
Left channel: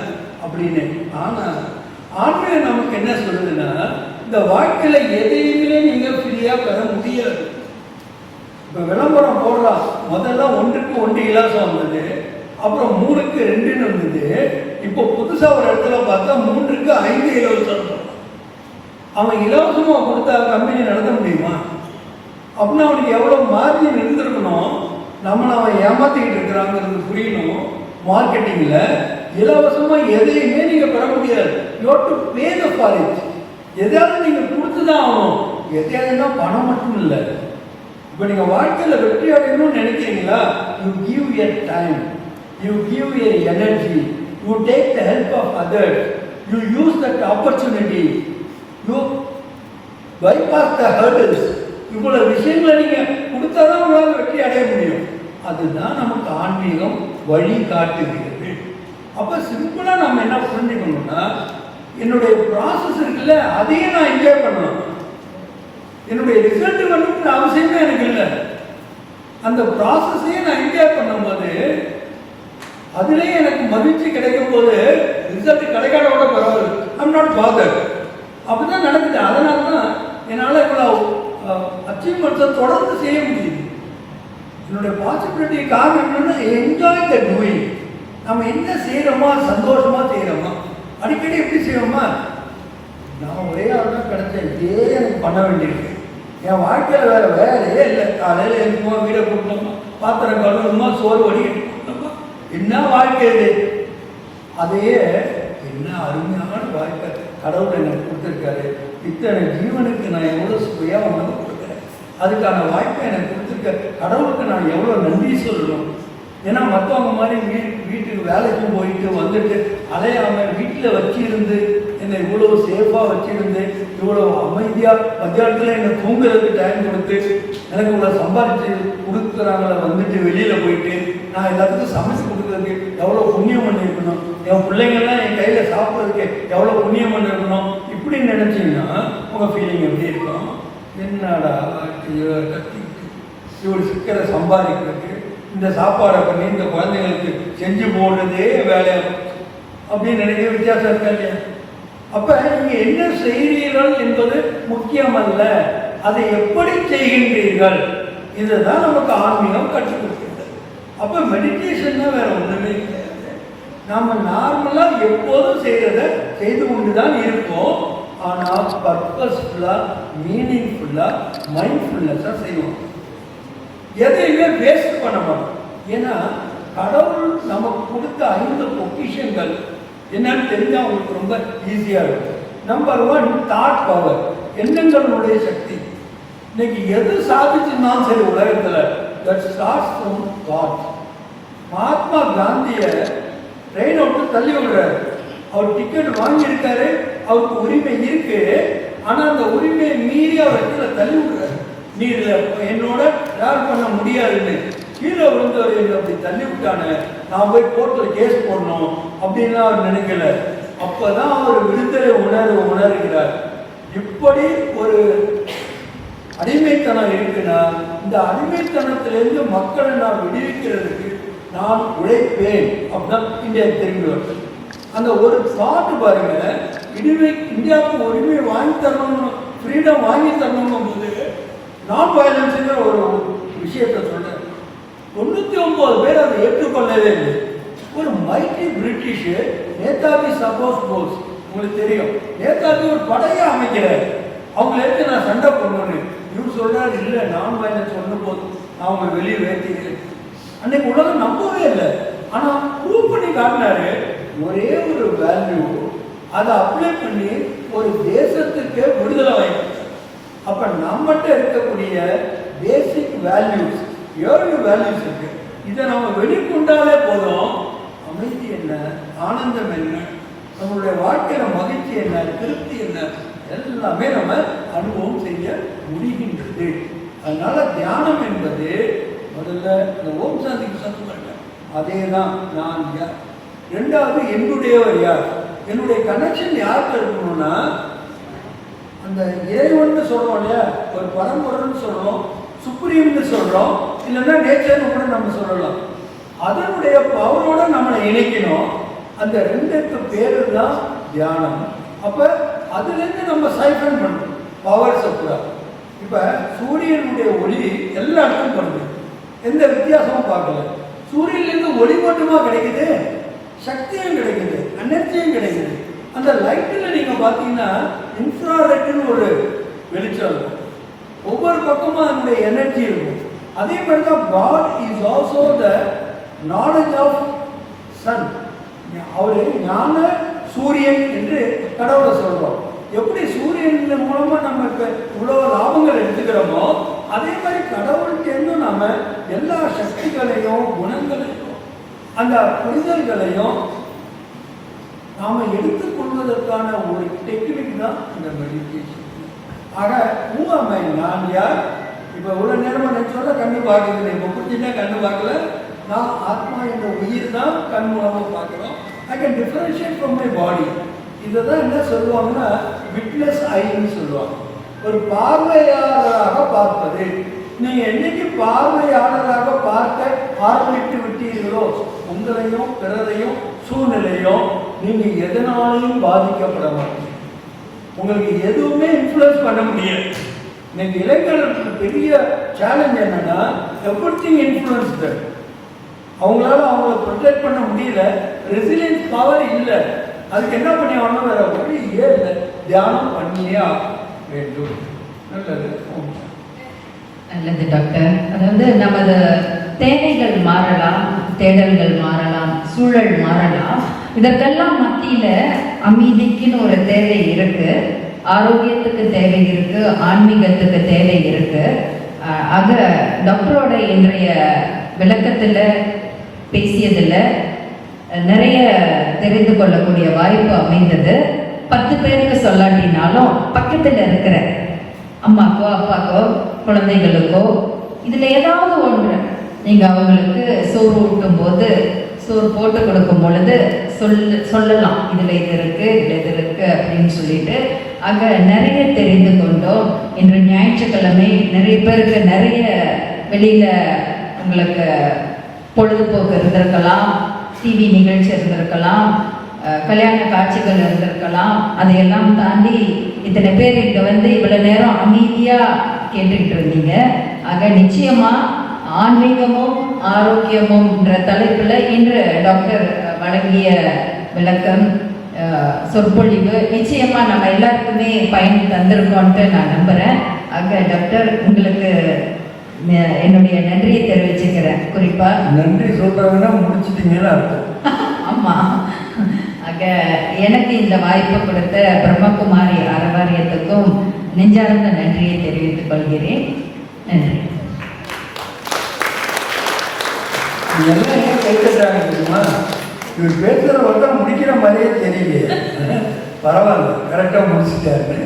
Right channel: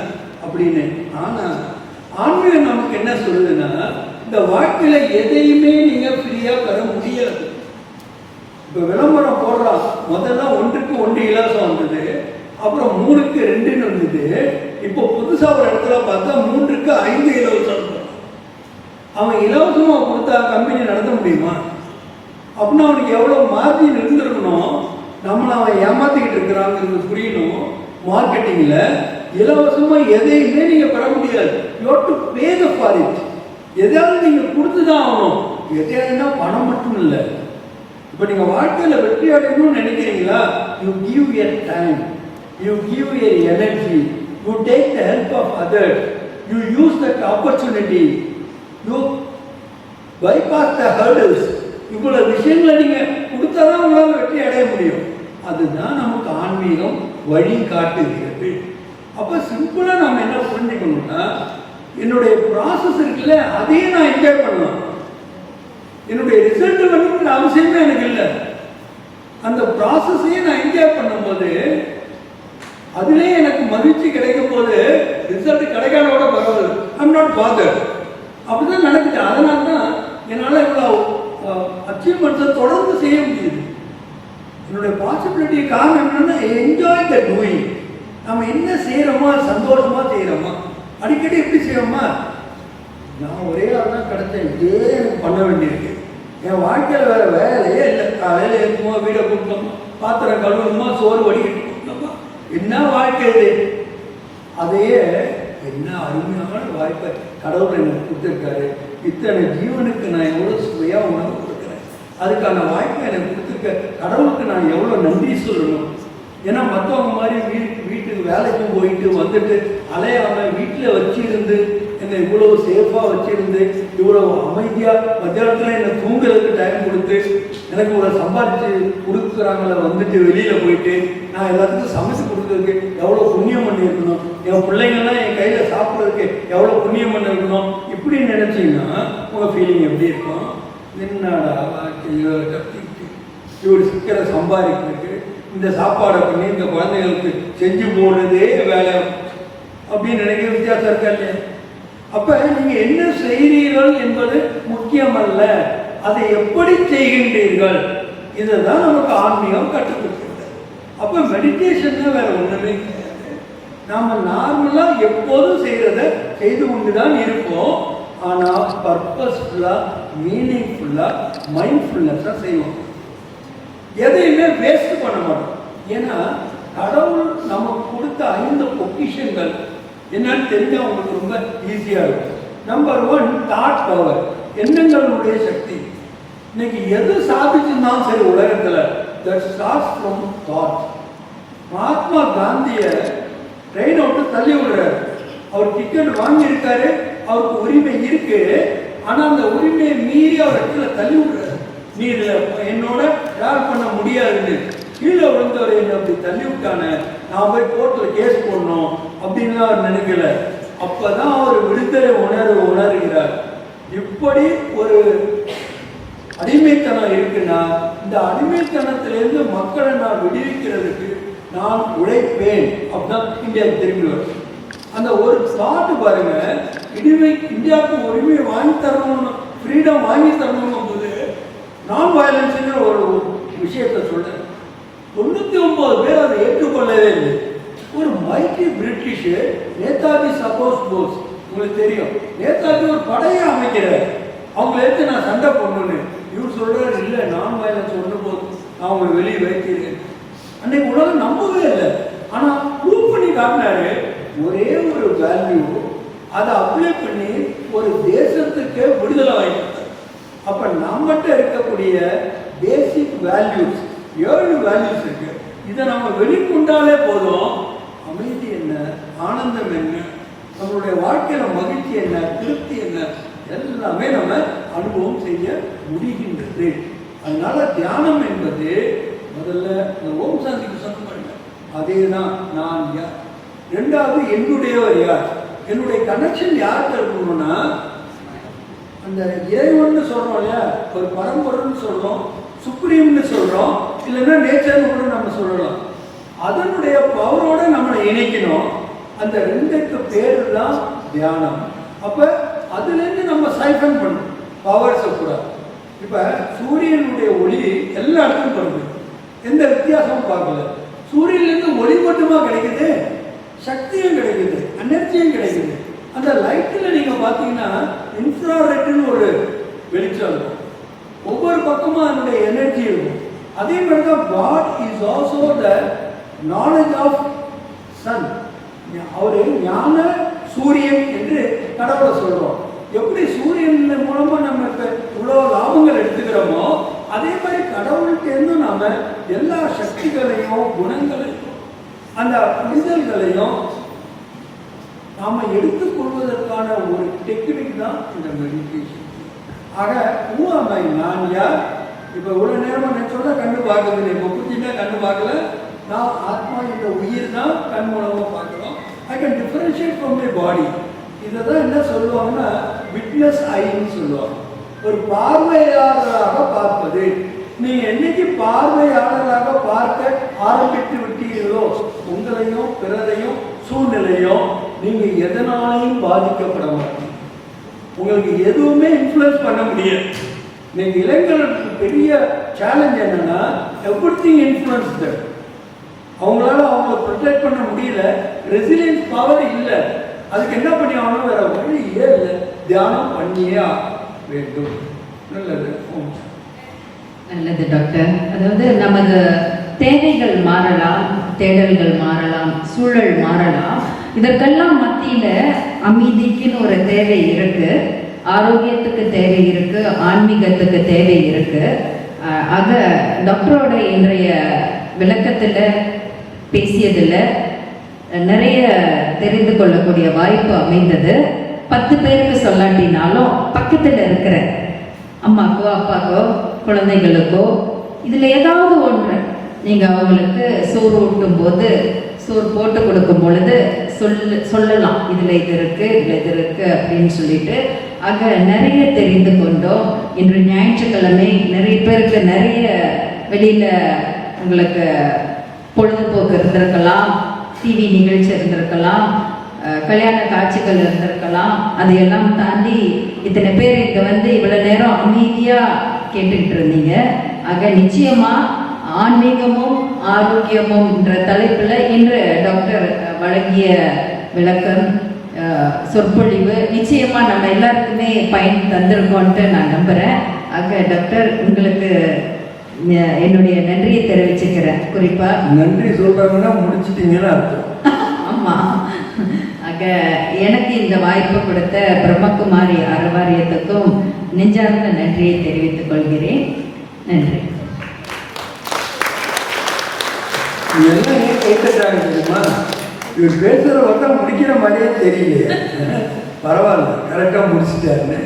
அப்படின்னு. ஆனா ஆன்மீகம் நமக்கு என்ன சொல்லுதுன்னா, இந்த வாழ்க்கையில எதையுமே நீங்க ஃப்ரீயா பெற முடியாது. இப்ப விளம்பரம் போடுறான், முதல்ல 1க்கு 1 இலவசம் வந்தது, அப்புறம் 3க்கு 2 இருந்தது. இப்போ புதுசா ஒரு இடத்துல பார்த்தா 3க்கு 5 இலவசம். அவன் இலவசமா கொடுத்தா கம்பெனி நடத்த முடியுமா? அப்படின்னா அவனுக்கு எவ்வளவு மார்ஜின் இருந்திருக்கணும். நம்மளை அவன் ஏமாத்திக்கிட்டு இருக்கிறாங்கிறது புரியணும். மார்க்கெட்டிங்ல இலவசமா எதையுமே நீங்க பெற முடியாது. You have to pay the for it. எதாவது நீங்க கொடுத்துதான் ஆகணும். எதையாவது பணம் மட்டும் இல்லை. இப்போ நீங்க வாழ்க்கையில வெற்றி அடையணும்னு நினைக்கிறீங்களா, you give your time, you give your energy, you take the help of others, you use that opportunity, you bypass the hurdles. இவ்வளவு விஷயங்களை நீங்க கொடுத்தாதான் உங்களால் வெற்றி அடைய முடியும். அதுதான் நமக்கு ஆன்மீகம் வழி காட்டுகிறது. அப்ப சிம்பிளா நம்ம என்ன புரிஞ்சுக்கணும்னா, என்னுடைய ப்ராசஸ் இருக்குல்ல, அதையே நான் என்ஜாய் பண்ணலாம். என்னுடைய ரிசல்ட் வேணும்னு அவசியமே எனக்கு இல்லை. அந்த ப்ராசஸையே நான் என்ஜாய் பண்ணும்போது அதுலேயே எனக்கு மகிழ்ச்சி கிடைக்கும் போது ரிசல்ட் கிடைக்காதோட பரவாயில்ல. I'm not bother. அப்படிதான் நடக்குது. அதனால தான் என்னால் இவ்வளோ அச்சீவ்மெண்ட்ஸை தொடர்ந்து செய்ய முடியுது. என்னுடைய பாசிபிலிட்டி காரணம் என்னன்னா, என்ஜாய் த டூயிங். நம்ம என்ன செய்யறோமா, சந்தோஷமா செய்யறோமா, அடிக்கடி எப்படி செய்யறோமா. நான் ஒரே ஆள் தான் கிடைச்சேன், இதே எனக்கு பண்ண வேண்டியிருக்கு. என் வாழ்க்கையில் வேற வேலையே இல்லை. காலையில் இருக்குமா, வீடை கொடுக்கணுமா, பாத்திரம் கழுவணுமா, சோறு வடிக்கணுமா, என்ன வாழ்க்கை இது. அதையே என்ன அருமையான வாழ்க்கை கடவுள் எனக்கு கொடுத்துருக்காரு. இத்தனை ஜீவனுக்கு நான் எவ்வளோ சுவையா உணவு கொடுக்குறேன், அதுக்கான வாய்ப்பை எனக்கு கொடுத்துருக்க கடவுளுக்கு நான் எவ்வளோ நன்றி சொல்லணும். ஏன்னா மற்றவங்க மாதிரி வீட்டுக்கு வேலைக்கு போயிட்டு வந்துட்டு அலையாம வீட்டில் வச்சு இருந்து எங்க என்னை இவ்வளோ சேஃபாக வச்சிருந்து இவ்வளோ அமைதியாக மத்தியானத்தில் என்னை தூங்குறதுக்கு டைம் கொடுத்து எனக்கு இவ்வளோ சம்பாதிச்சு கொடுக்குறாங்கள வந்துட்டு வெளியில் போயிட்டு நான் எல்லாத்துக்கும் சமைச்சு கொடுக்குறதுக்கு எவ்வளோ புண்ணியம் பண்ணியிருக்கணும், என் பிள்ளைங்களாம் என் கையில் சாப்பிட்றதுக்கு எவ்வளோ புண்ணியம் பண்ணியிருக்கணும். இப்படி நினச்சிங்கன்னா உங்கள் ஃபீலிங் எப்படி இருக்கும்? என்னடா கத்திக்கிட்டு இவ்வளோ சிக்கலை சம்பாதிக்கிறதுக்கு இந்த சாப்பாடை பண்ணி இந்த குழந்தைகளுக்கு செஞ்சு போடுறதே வேலை அப்படின்னு நினைக்கிற வித்தியாசம் இருக்கா இல்லையா? அப்ப நீங்க என்ன செய்கிறீர்கள் என்பது முக்கியமல்ல, அதை எப்படி செய்கின்றீர்கள் இதுதான் நமக்கு ஆன்மீகம் கற்றுக் கொடுக்கிறது. அப்ப மெடிடேஷன் வேற ஒண்ணுமே கிடையாது. நாம நார்மலா எப்போதும் செய்யறத செய்து கொண்டுதான் இருப்போம். ஆனா பர்பஸ்ஃபுல்லா மீனிங்ஃபுல்லா மைண்ட்ஃபுல்னஸா செய்வோம். எதையுமே வேஸ்ட் பண்ண மாட்டோம். ஏன்னா கடவுள் நமக்கு கொடுத்த 5 பொக்கிஷங்கள் என்னன்னு தெரிஞ்சா உங்களுக்கு ரொம்ப ஈஸியா இருக்கும். நம்பர் 1 தாட் பவர், எண்ணங்களுடைய சக்தி. இன்னைக்கு எது சாதிச்சுனாலும் சரி உலகத்துல that starts from thought. Mahatma காந்திய ட்ரெயின் விட்டு தள்ளி விடுறாரு. அவர் டிக்கெட் வாங்கியிருக்காரு, அவருக்கு உரிமை இருக்கு. ஆனா அந்த உரிமையை மீறி அவர் இடத்துல தள்ளி விடுறாரு. நீ என்னோட டிராவல் பண்ண முடியாதுன்னு கீழே விழுந்தவர் என்ன அப்படி தள்ளி விட்டானே, நான் போய் கோர்ட்ல கேஸ் போடணும் அப்படின்னு அவர் நினைக்கல. அப்பதான் அவர் விடுதலை உணர்கிறார். இப்படி ஒரு அடிமைத்தனம் இருக்குன்னா இந்த அடிமைத்தனத்திலிருந்து மக்களை நான் விடுவிக்கிறதுக்கு நான் உழைப்பேன் அப்படின்னா இந்தியா தெரிஞ்சவர். அந்த ஒரு தாட் பாருங்க, இந்தியாவுக்கு உரிமை வாங்கி தரணும், ஃப்ரீடம் வாங்கி தரணும் போது நான் வயலன்ஸ் ஒரு விஷயத்தை சொல்றேன். 99 பேர் அதை ஏற்றுக்கொள்ளவே இல்லை. ஒரு மைட்டி பிரிட்டிஷ் நேதாஜி சப்போஸ் போஸ், உங்களுக்கு தெரியும், நேதாஜி ஒரு படையை அமைக்கிறார். அவங்களை எடுத்து நான் சண்டை பண்ணணும்னு இவர் சொல்றாரு, இல்லை நான் வயலன்ஸ் ஒன்று போதும், நான் அவங்களை வெளியே வைக்கிறேன். அன்னைக்கு உலகம் நம்பவே இல்லை. ஆனா ப்ரூவ் பண்ணி காட்டினாரு. ஒரே ஒரு வேல்யூ அதை அப்ளை பண்ணி ஒரு தேசத்துக்கு விடுதலை வாங்கி. அப்ப நம்மகிட்ட இருக்கக்கூடிய பேசிக் வேல்யூஸ் 7 வேல்யூஸ் இருக்கு. இதை நம்ம வெளிக்கொண்டாலே போதும். அமைதி என்ன, ஆனந்தம் என்ன, நம்மளுடைய வாழ்க்கையில மகிழ்ச்சி என்ன, திருப்தி என்ன, எல்லாமே நம்ம அனுபவம் செய்ய முடிகின்றது. அதனால தியானம் என்பது முதல்ல இந்த ஓம் சாந்திக்கு சொன்னாங்க, அதே தான் நான் யார். 2வது என்னுடையவர் யார், என்னுடைய கனெக்ஷன் யாருக்கு இருக்கணும்னா அந்த இறைவன் சொல்றோம் இல்லையா, ஒரு பரம்பொருள்னு சொல்றோம், சுப்ரீம்னு சொல்றோம், இல்லைன்னா நேச்சர்னு கூட நம்ம சொல்லலாம். அதனுடைய பவரோட நம்மளை இணைக்கணும். அந்த 2க்கு பேரு தான் தியானம். அப்ப அதுல இருந்து நம்ம சைஃபன் பண்ணணும் பவர்ஸ் கூட. இப்ப சூரியனுடைய ஒளி எல்லா இடத்துக்கும் படுது, எந்த வித்தியாசமும் பார்க்கல. சூரியனிலிருந்து ஒளி மட்டுமா கிடைக்குது, சக்தியும் கிடைக்குது, எனர்ஜியும் கிடைக்குது. அந்த லைட்டில் நீங்க பார்த்தீங்கன்னா இன்ஃப்ராரெட்னு ஒரு வெளிச்சம் இருக்கும், ஒவ்வொரு பக்கமும் அதனுடைய எனர்ஜி இருக்கும். அதே மாதிரி தான் God is also the knowledge of sun. அவரு ஞான சூரியன் என்று கடவுளை சொல்றோம். எப்படி சூரியன் மூலமா நம்ம இவ்வளவு லாபங்கள் எடுத்துக்கிறோமோ அதே மாதிரி கடவுள்கிட்ட நாம எல்லா சக்திகளையும் குணங்களையும் அந்த புரிதல்களையும் நாம எடுத்துக்கொள்வதற்கான ஒரு டெக்னிக் தான் இந்த மெடிடேஷன். ஆக ஊமை நான் யார், இப்ப இவ்வளவு நேரம் நினைச்சோட கண்ணு பார்க்கறது, இப்ப புத்தினா கண்ணு பார்க்கல, நான் ஆத்மா என்ற உயிர் தான் கண் மூலமா பார்க்கிறோம். I can differentiate from my body. இதுதான் என்ன சொல்லுவாங்கன்னா விட்னஸ் ஐன்னு சொல்லுவாங்க, ஒரு பார்வையாளராக பார்ப்பது. நீங்க என்னைக்கு பார்வையாளராக பார்க்க ஆரம்பித்து விட்டீர்களோ உங்களையும் பிறரையும் சூழ்நிலையும் நீங்க எதனாலும் பாதிக்கப்பட மாட்டீங்க. உங்களுக்கு எதுவுமே இன்ஃப்ளூயன்ஸ் பண்ண முடியாது. நீங்க இளைஞர்களுக்கு பெரிய சேலஞ்ச் என்னன்னா எவ்ரிதிங் இன்ஃப்ளூயன்ஸ். அவங்களால அவங்களை ப்ரொடெக்ட் பண்ண முடியல, ரெசிலியன்ஸ் பவர் இல்லை. அதுக்கு என்ன பண்ணி ஆகணும், வேற வழியே இல்லை, தியானம் பண்ணியே வேண்டும். நல்லது நல்லது டாக்டர். அதாவது நமது தேவைகள் மாறலாம், தேடல்கள் மாறலாம், சூழல் மாறலாம். இதற்கெல்லாம் மத்தியில அமைதிக்குன்னு ஒரு தேவை இருக்கு, ஆரோக்கியத்துக்கு தேவை இருக்கு, ஆன்மீகத்துக்கு தேவை இருக்கு. ஆக டாக்டரோட இன்றைய விளக்கத்துல பேசியதுல நிறைய தெரிந்து கொள்ளக்கூடிய வாய்ப்பு அமைந்தது. 10 பேருக்கு சொல்லாட்டினாலும் பக்கத்தில் இருக்கிற அம்மாக்கோ அப்பாக்கோ குழந்தைகளுக்கோ இதில் ஏதாவது ஒன்று நீங்கள் அவங்களுக்கு சோறு ஊட்டும் போது, சோறு போட்டு கொடுக்கும் பொழுது சொல்லலாம், இதில் இது இருக்கு, இதில் இது இருக்கு அப்படின்னு சொல்லிட்டு. ஆக நிறைய தெரிந்து கொண்டோம். இன்று ஞாயிற்றுக்கிழமை நிறைய பேருக்கு நிறைய வெளியில் உங்களுக்கு பொழுதுபோக்கு இருந்திருக்கலாம், டிவி நிகழ்ச்சி இருந்திருக்கலாம், கல்யாண காட்சிகள் இருந்திருக்கலாம். அதையெல்லாம் தாண்டி இத்தனை பேர் இங்கே வந்து இவ்வளோ நேரம் அமைதியாக கேட்டுக்கிட்டு இருந்தீங்க. ஆக நிச்சயமா ஆன்மீகமும் ஆரோக்கியமும் என்ற தலைப்பில் இன்று டாக்டர் வழங்கிய விளக்கம், சொற்பொழிவு நிச்சயமா நம்ம எல்லாருக்குமே பயன் தந்திருக்கோன்ட்டு நான் நம்புறேன். ஆக டாக்டர், உங்களுக்கு என்னுடைய நன்றியை தெரிவிச்சுக்கிறேன். குறிப்பா நன்றி சொல்றாங்கன்னா முடிச்சிட்டீங்கன்னு அர்த்தம். ஆமா. ஆக எனக்கு இந்த வாய்ப்பு கொடுத்த பிரம்மகுமாரி அறவாரியத்துக்கும் நெஞ்சார்ந்த நன்றியை தெரிவித்துக் கொள்கிறேன். நன்றி. எல்லாம் ஏன் கேட்டுட்டாங்க தெரியுமா? இவர் பேசுற வட்டம் முடிக்கிற மாதிரியே தெரியலையே. பரவாயில்ல, கரெக்டாக முடிச்சுட்டாருன்னு.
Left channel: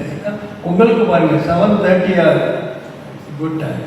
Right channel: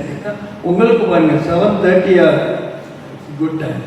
உங்களுக்கு பாருங்க 7:30 குட் டைம்.